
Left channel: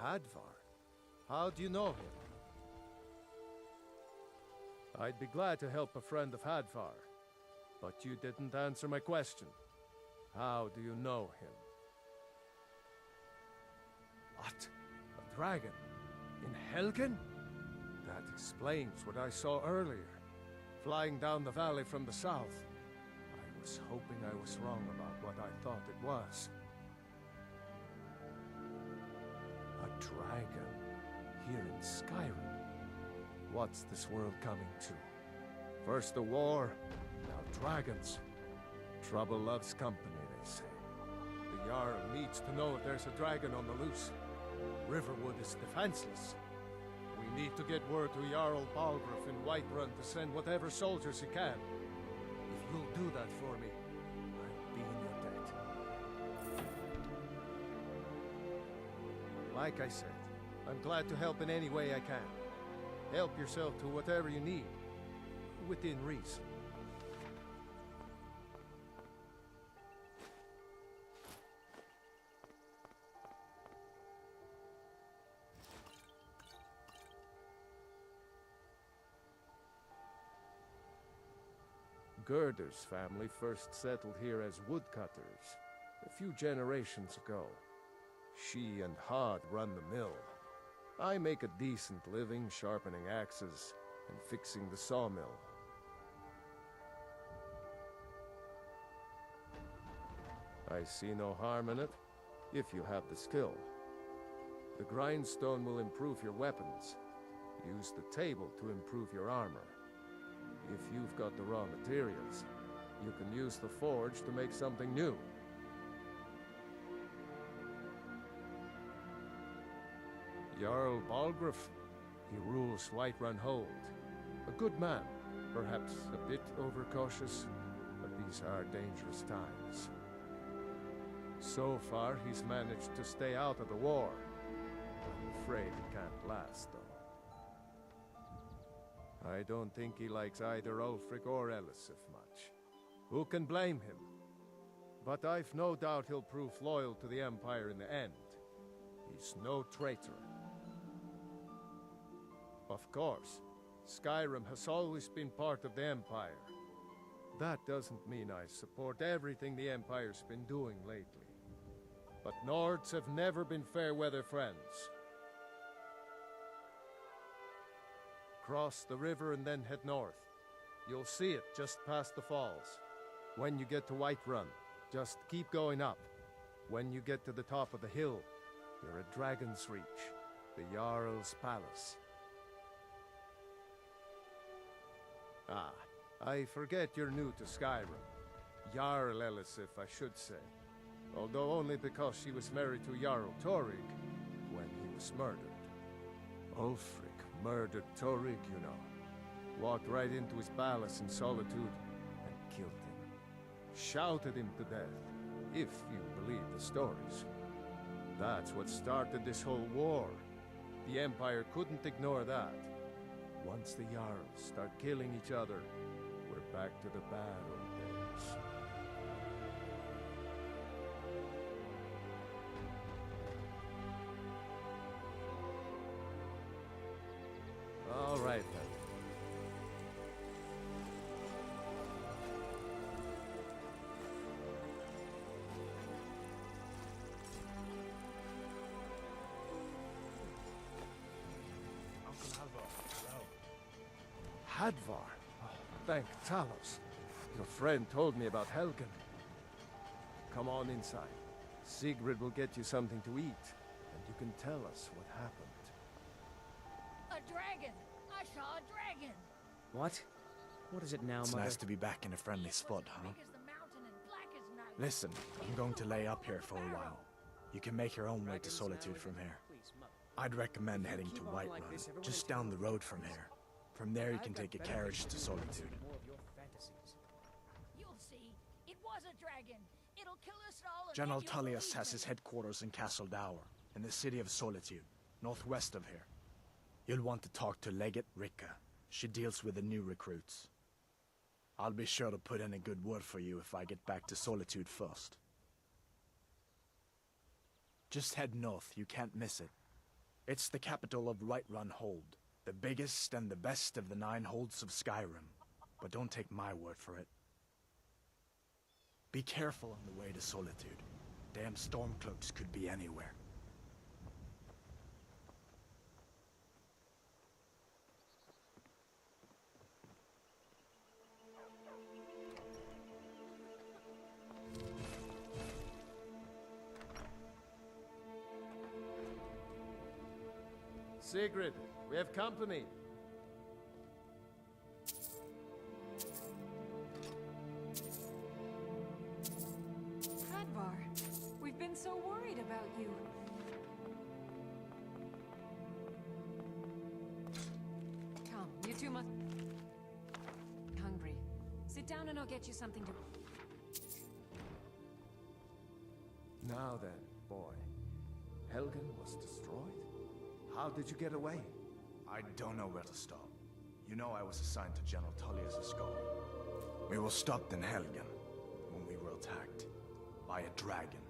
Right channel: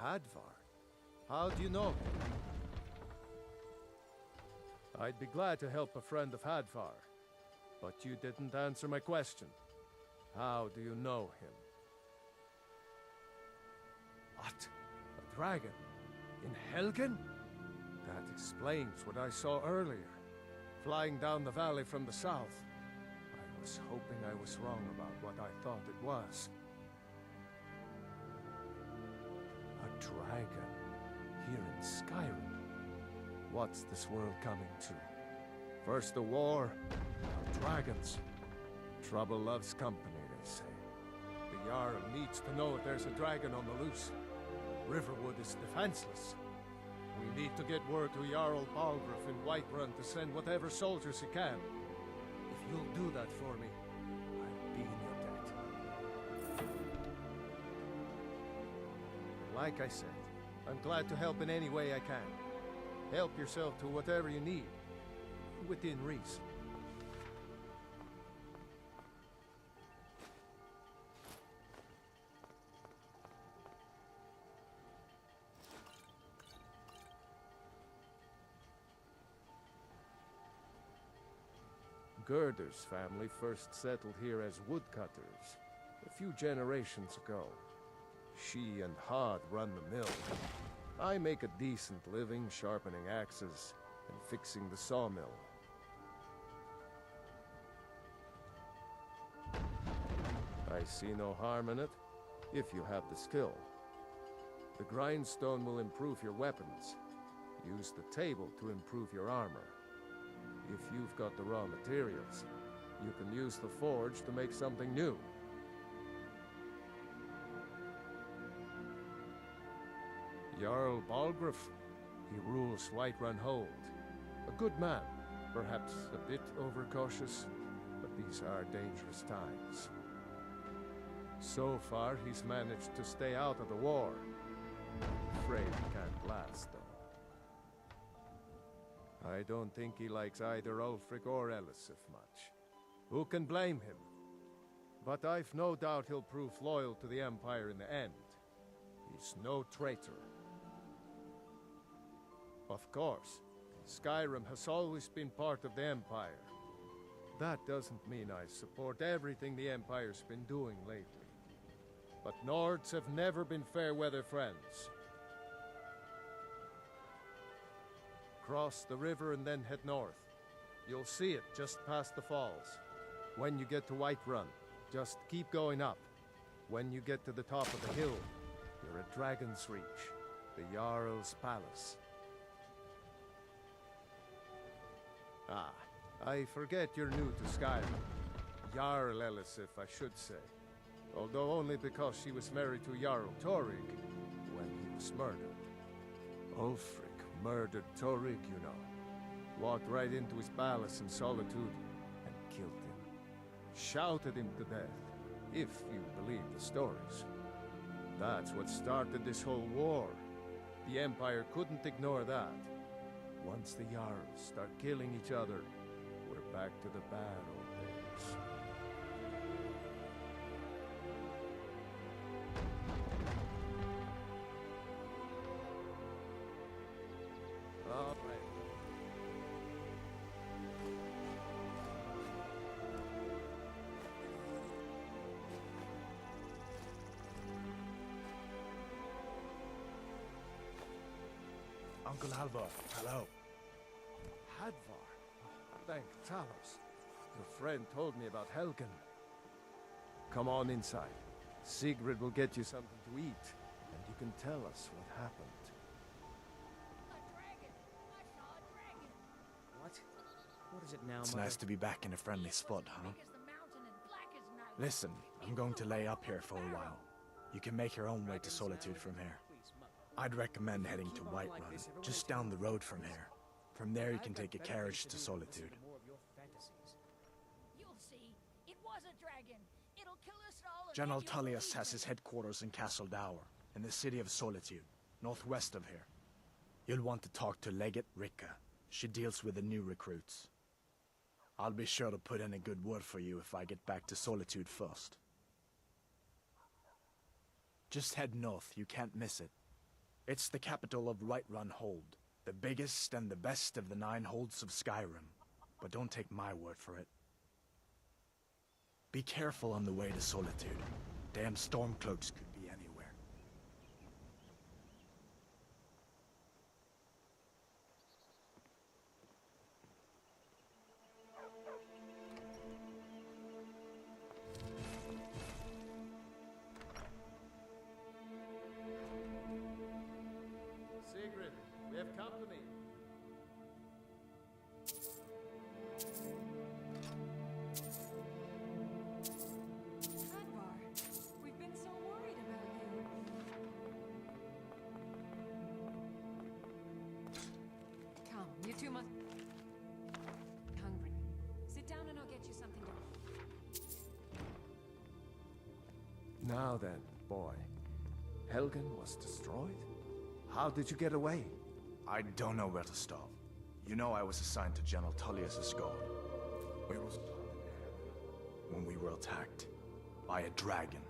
Hadvar? How do you know him? I'd be glad to help a friend of Hadvar, but you didn't answer my question. How do you know him? What? A dragon? In Helgen? That explains what I saw earlier, flying down the valley from the south. I was hoping I was wrong about what I thought it was. A dragon? Here in Skyrim? What's this world coming to? First a war, now dragons. Trouble loves company, they say. The Jarl needs to know if there's a dragon on the loose. Riverwood is defenseless. We need to get word to Jarl Balgruuf in Whiterun to send whatever soldiers he can. If you'll do that for me, I'll be in your debt. Like I said, I'm glad to help in any way I can. Help yourself to whatever you need, within reason. Gerder's family first settled here as woodcutters a few generations ago. She and Hod run the mill. I make a decent living sharpening axes and fixing the sawmill. I see no harm in it, if you have the skill. The grindstone will improve your weapons. Use the table to improve your armor. If you've got the raw materials, you can use the forge to make something new. Jarl Balgruuf, he rules Whiterun Hold. A good man, perhaps a bit overcautious, but these are dangerous times. So far, he's managed to stay out of the war. I'm afraid it can't last, though. I don't think he likes either Ulfric or Elisif much. Who can blame him? But I've no doubt he'll prove loyal to the Empire in the end. He's no traitor. Of course, Skyrim has always been part of the Empire. That doesn't mean I support everything the Empire's been doing lately. But Nords have never been fair-weather friends. Cross the river and then head north. You'll see it just past the falls. When you get to Whiterun, just keep going up. When you get to the top of the hill, you're at Dragon's Reach, the Jarl's Palace. Ah, I forget you're new to Skyrim. Jarl Elisif, I should say. Although only because she was married to Jarl Torygg when he was murdered. Ulfric murdered Torygg, you know. Walked right into his palace in Solitude and killed him. Shouted him to death, if you believe the stories. That's what started this whole war. The Empire couldn't ignore that. Once the Jarls start killing each other, we're back to the bad old days. All right, then. Uncle Halvor, hello. Hadvar? Oh, thank Talos. Your friend told me about Helgen. Come on inside. Sigrid will get you something to eat, and you can tell us what happened. A dragon! I saw a dragon! What? What is it now, It's Mother? nice to be back in a friendly spot, huh? Listen, I'm going to lay up here for a while. You can make your own way to Solitude from here. I'd recommend heading to Whiterun, just down the road from here. From there you can take a carriage to Solitude. You'll see. It was a dragon. It'll kill us all. and General then you'll Tullius believe has me. his headquarters in Castle Dower, in the city of Solitude, northwest of here. You'll want to talk to Legate Ricka. She deals with the new recruits. I'll be sure to put in a good word for you if I get back to Solitude first. Just head north, you can't miss it. It's the capital of Whiterun Hold, the biggest and the best of the 9 holds of Skyrim. But don't take my word for it. Be careful on the way to Solitude. Damn Stormcloaks could be anywhere. Sigrid, we have company. Hadvar, we've been so worried about you. Come, you two must... Hungry. Sit down and I'll get you something to... Now then, boy. Helgen was destroyed? How did you get away? I don't know where to start. You know I was assigned to General Tullius' guard. We were stopped in Helgen when we were attacked by a dragon.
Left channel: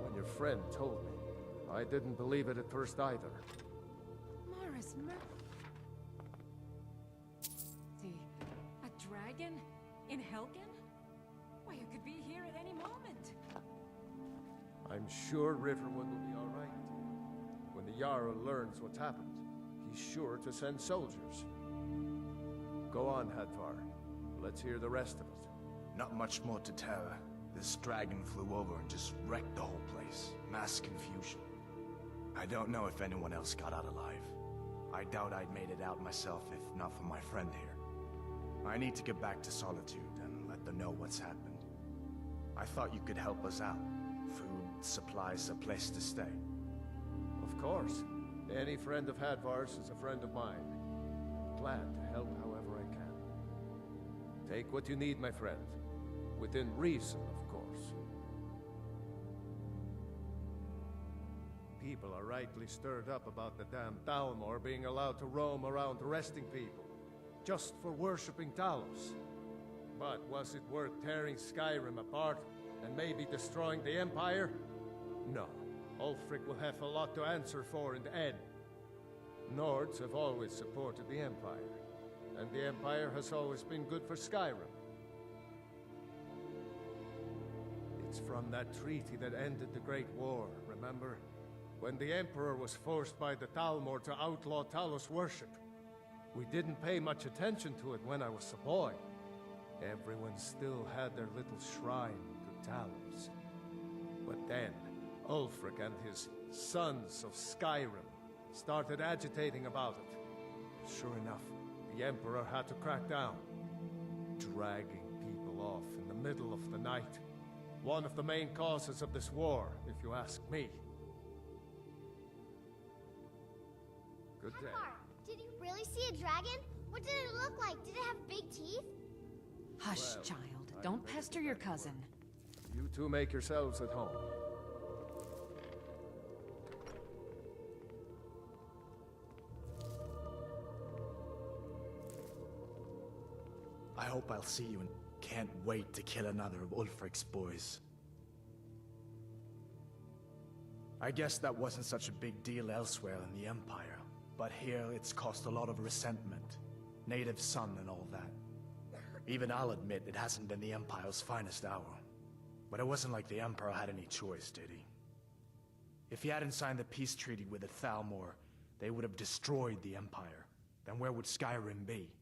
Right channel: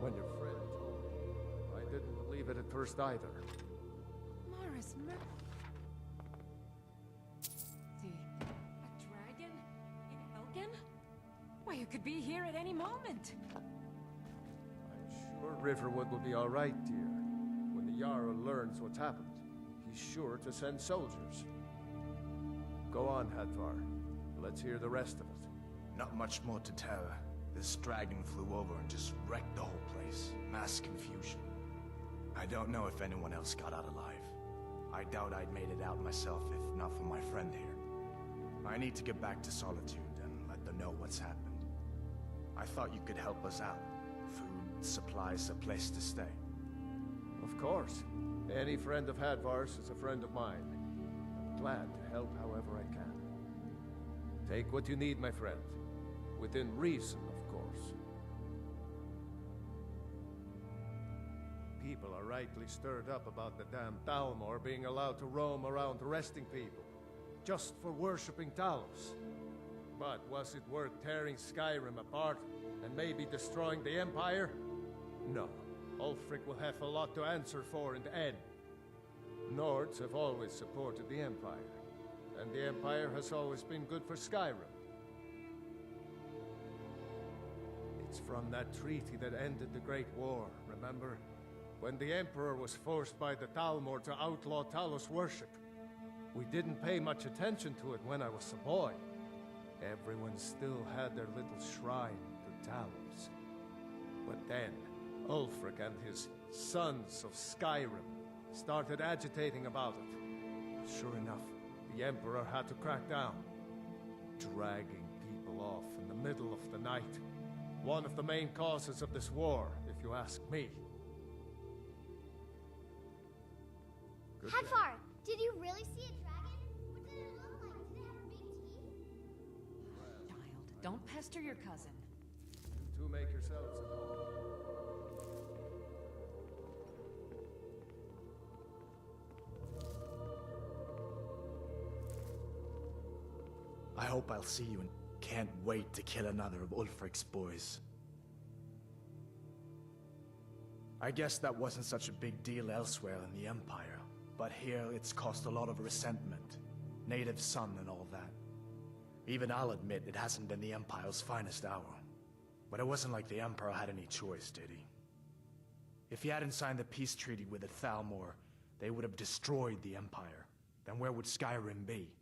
When your friend told me, I didn't believe it at first either. Morris, See, a dragon? In Helgen? Why, you could be here at any moment. I'm sure Riverwood will be all right, dear. When the Jarl learns what's happened, he's sure to send soldiers. Go on, Hadvar. Let's hear the rest of it. Not much more to tell. This dragon flew over and just wrecked the whole place. Mass confusion. I don't know if anyone else got out alive. I doubt I'd made it out myself if not for my friend here. I need to get back to Solitude and let them know what's happened. I thought you could help us out. Food, supplies, a place to stay. Of course. Any friend of Hadvar's is a friend of mine. I'm glad to help however I can. Take what you need, my friend. Within reason, of course. People are rightly stirred up about the damn Thalmor being allowed to roam around arresting people, just for worshipping Talos. But was it worth tearing Skyrim apart and maybe destroying the Empire? No. Ulfric will have a lot to answer for in the end. Nords have always supported the Empire, and the Empire has always been good for Skyrim. It's from that treaty that ended the Great War, remember? When the Emperor was forced by the Thalmor to outlaw Talos worship. We didn't pay much attention to it when I was a boy. Everyone still had their little shrine to Talos. But then, Ulfric and his Sons of Skyrim started agitating about it. Sure enough, the Emperor had to crack down, dragging people off in the middle of the night. One of the main causes of this war, if you ask me. Good day. Hadvar, did you really see a dragon? What did it look like? Did it have big teeth? Hush, Well, child. Don't pester your cousin. You two make yourselves at home. I hope I'll see you and can't wait to kill another of Ulfric's boys. I guess that wasn't such a big deal elsewhere in the Empire, but here it's caused a lot of resentment. Native son and all that. Even I'll admit it hasn't been the Empire's finest hour. But it wasn't like the Emperor had any choice, did he? If he hadn't signed the peace treaty with the Thalmor, they would have destroyed the Empire. Then where would Skyrim be?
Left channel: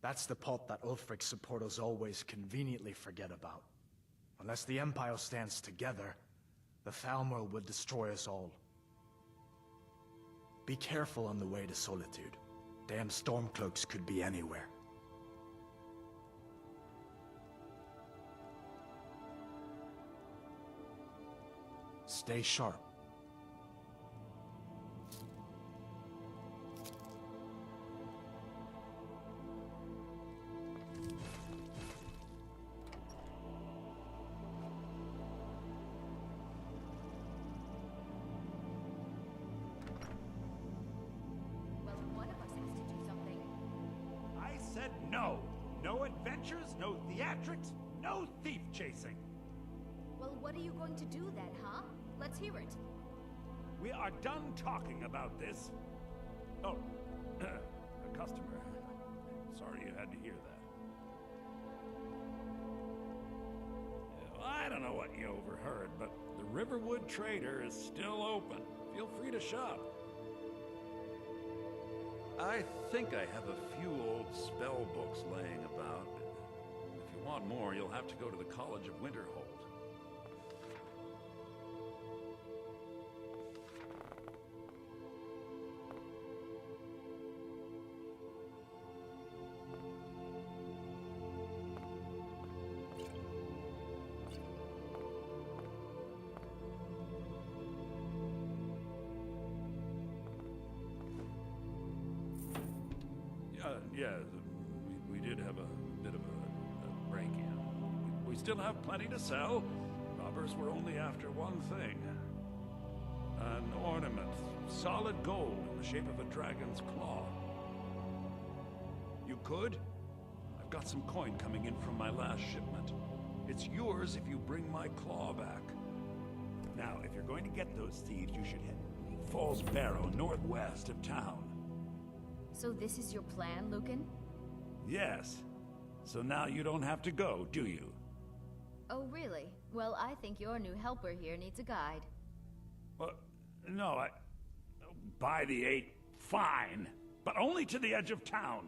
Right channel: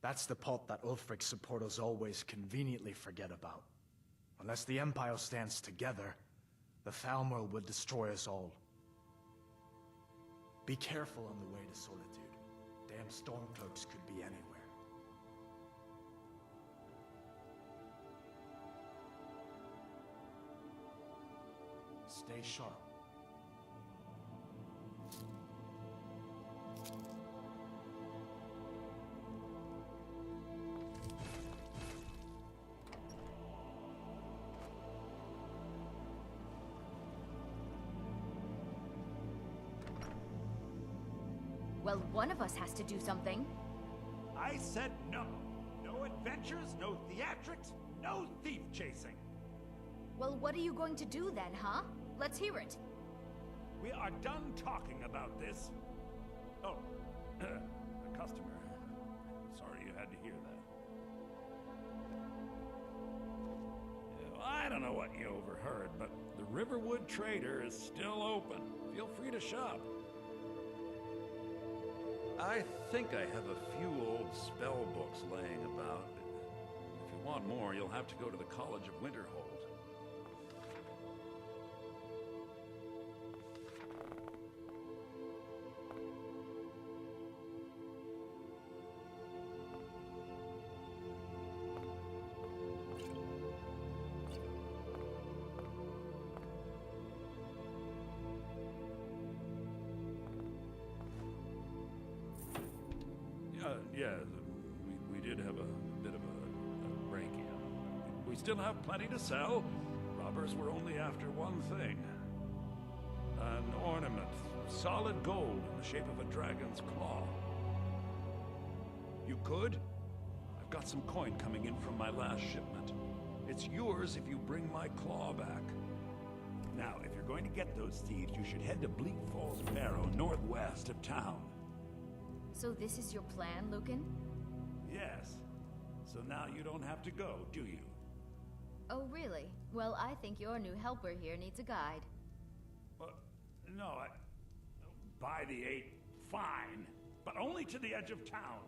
That's the part that Ulfric's supporters always conveniently forget about. Unless the Empire stands together, the Thalmor will destroy us all. Be careful on the way to Solitude. Damn Stormcloaks could be anywhere. Stay sharp. Well, one of us has to do something. I said no. No adventures, no theatrics, no thief chasing. Well, what are you going to do then, huh? Let's hear it. We are done talking about this. Oh, a customer. Sorry you had to hear that. I don't know what you overheard, but the Riverwood Trader is still open. Feel free to shop. I think I have a few old spell books laying about. If you want more, you'll have to go to the College of Winterhold. Yeah, we did have a bit of a break-in. We still have plenty to sell. Robbers were only after one thing. An ornament, solid gold in the shape of a dragon's claw. You could? I've got some coin coming in from my last shipment. It's yours if you bring my claw back. Now, if you're going to get those thieves, you should head to Bleak Falls Barrow, northwest of town. So this is your plan, Lucan? Yes. So now you don't have to go, do you? Oh, really? Well, I think your new helper here needs a guide. Well, no, By the 8, fine. But only to the edge of town.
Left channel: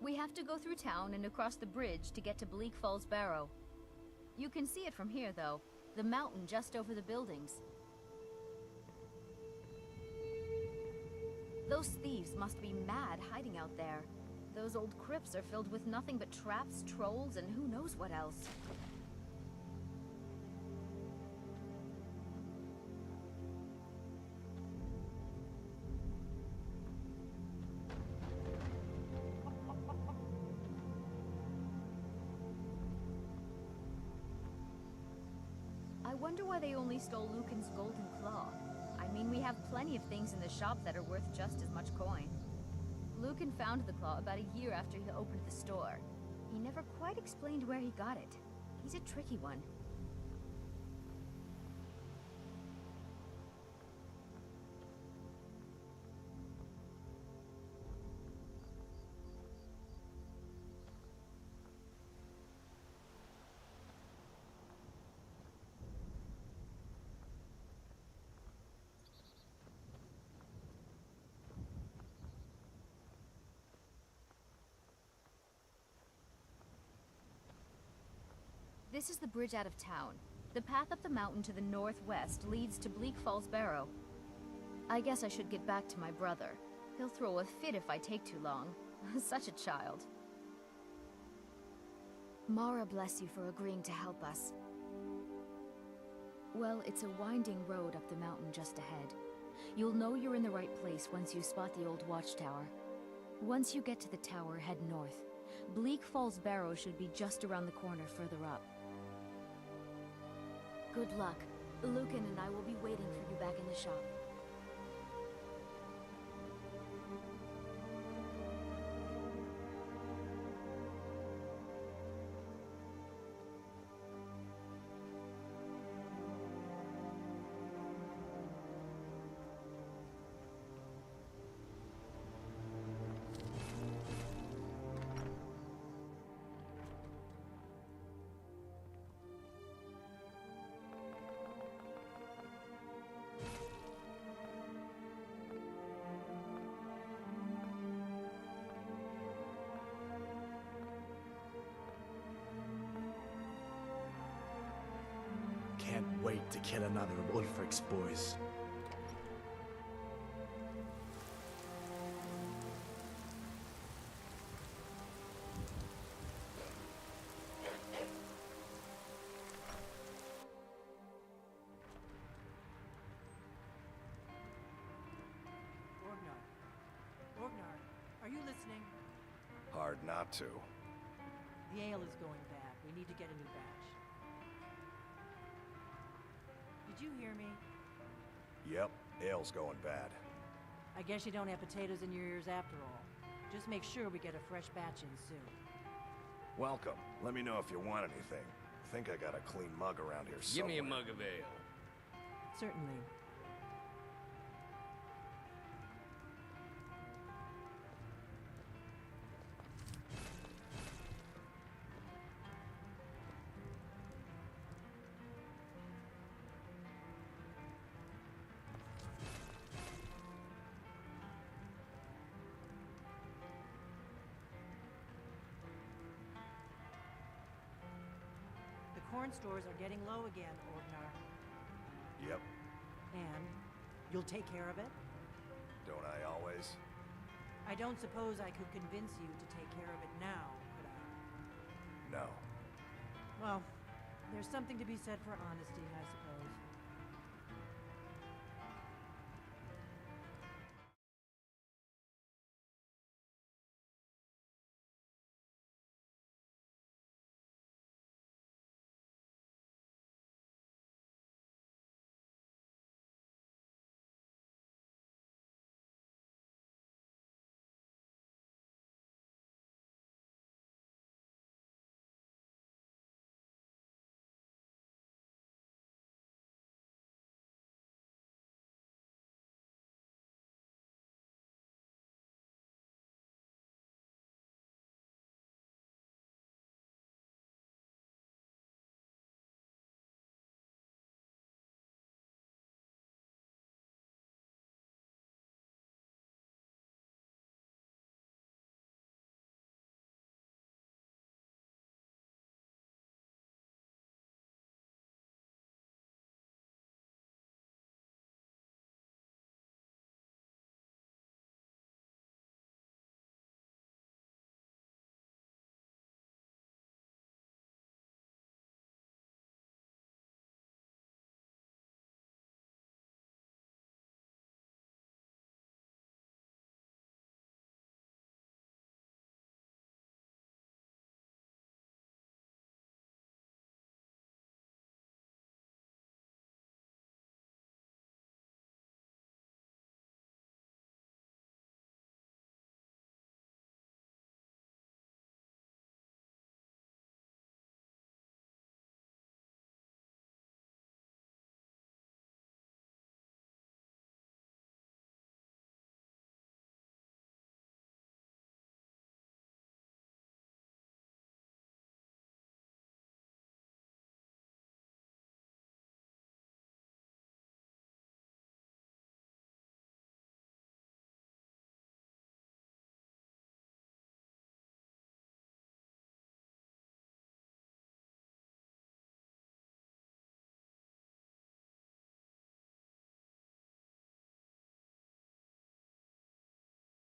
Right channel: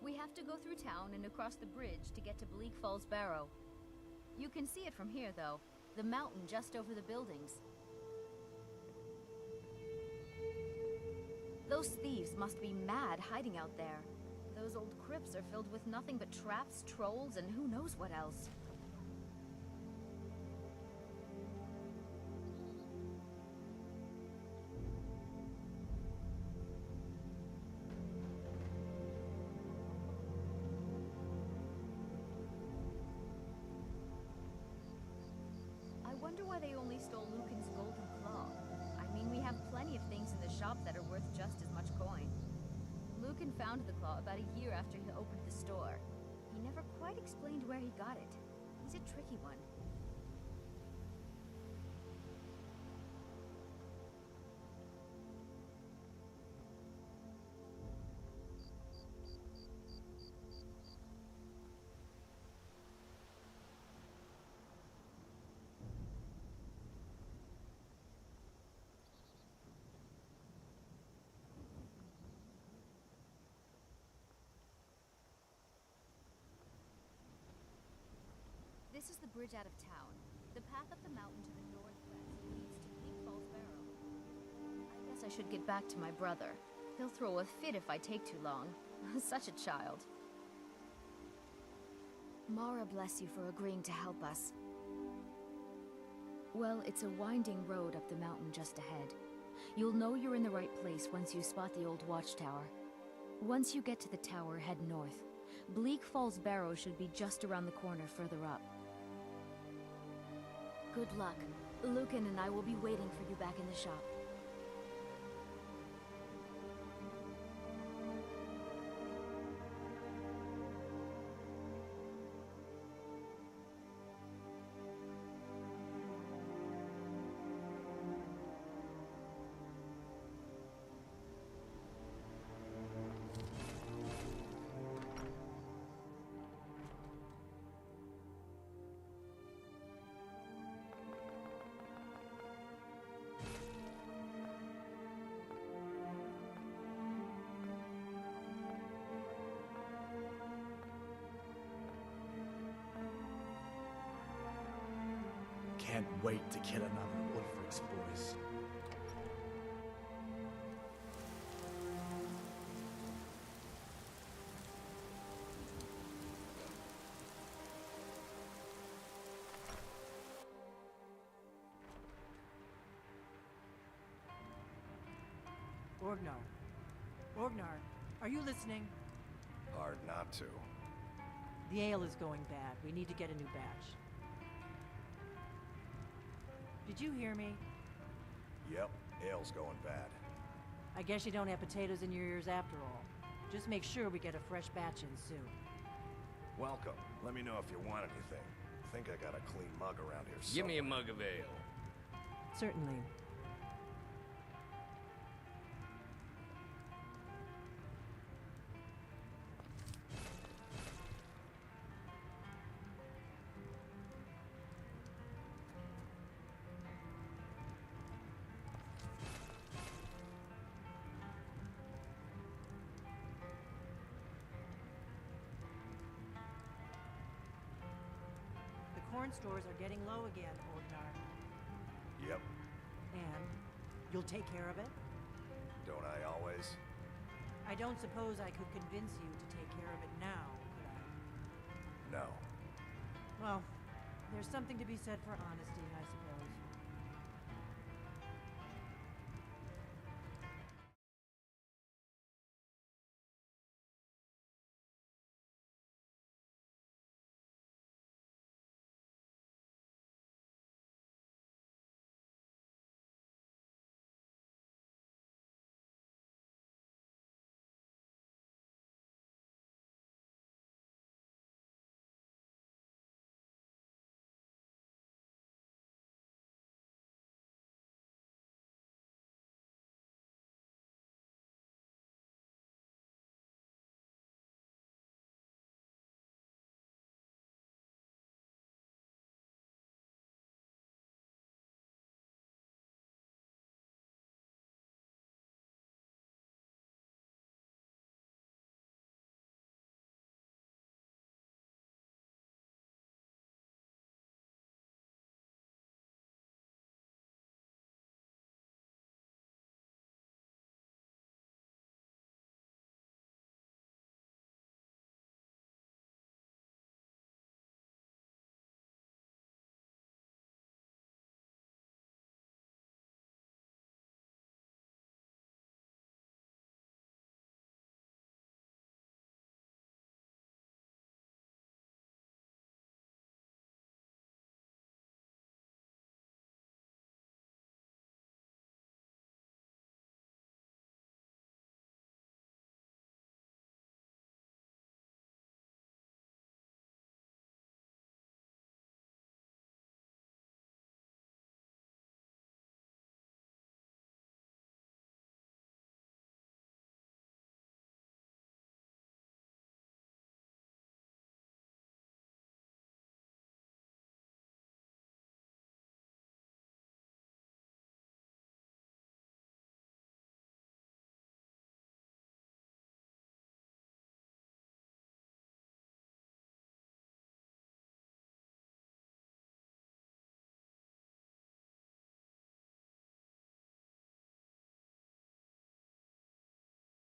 We have to go through town and across the bridge to get to Bleak Falls Barrow. You can see it from here, though. The mountain just over the buildings. Those thieves must be mad hiding out there. Those old crypts are filled with nothing but traps, trolls, and who knows what else. I wonder why they only stole Lucan's golden claw. I mean, we have plenty of things in the shop that are worth just as much coin. Lucan found the claw about a year after he opened the store. He never quite explained where he got it. He's a tricky one. This is the bridge out of town. The path up the mountain to the northwest leads to Bleak Falls Barrow. I guess I should get back to my brother. He'll throw a fit if I take too long. Such a child. Mara bless you for agreeing to help us. Well, it's a winding road up the mountain just ahead. You'll know you're in the right place once you spot the old watchtower. Once you get to the tower, head north. Bleak Falls Barrow should be just around the corner further up. Good luck. Lucan and I will be waiting for you back in the shop. Can't wait to kill another of Ulfric's boys. Orgnar, are you listening? Hard not to. The ale is going bad. We need to get a new batch. Did you hear me? Yep, ale's going bad. I guess you don't have potatoes in your ears after all. Just make sure we get a fresh batch in soon. Welcome. Let me know if you want anything. I think I got a clean mug around here Give me a somewhere. mug of ale. Certainly. The corn stores are getting low again, Orgnar. Yep. And you'll take care of it? Don't I always? I don't suppose I could convince you to take care of it now, could I? No. Well, there's something to be said for honesty, I suppose.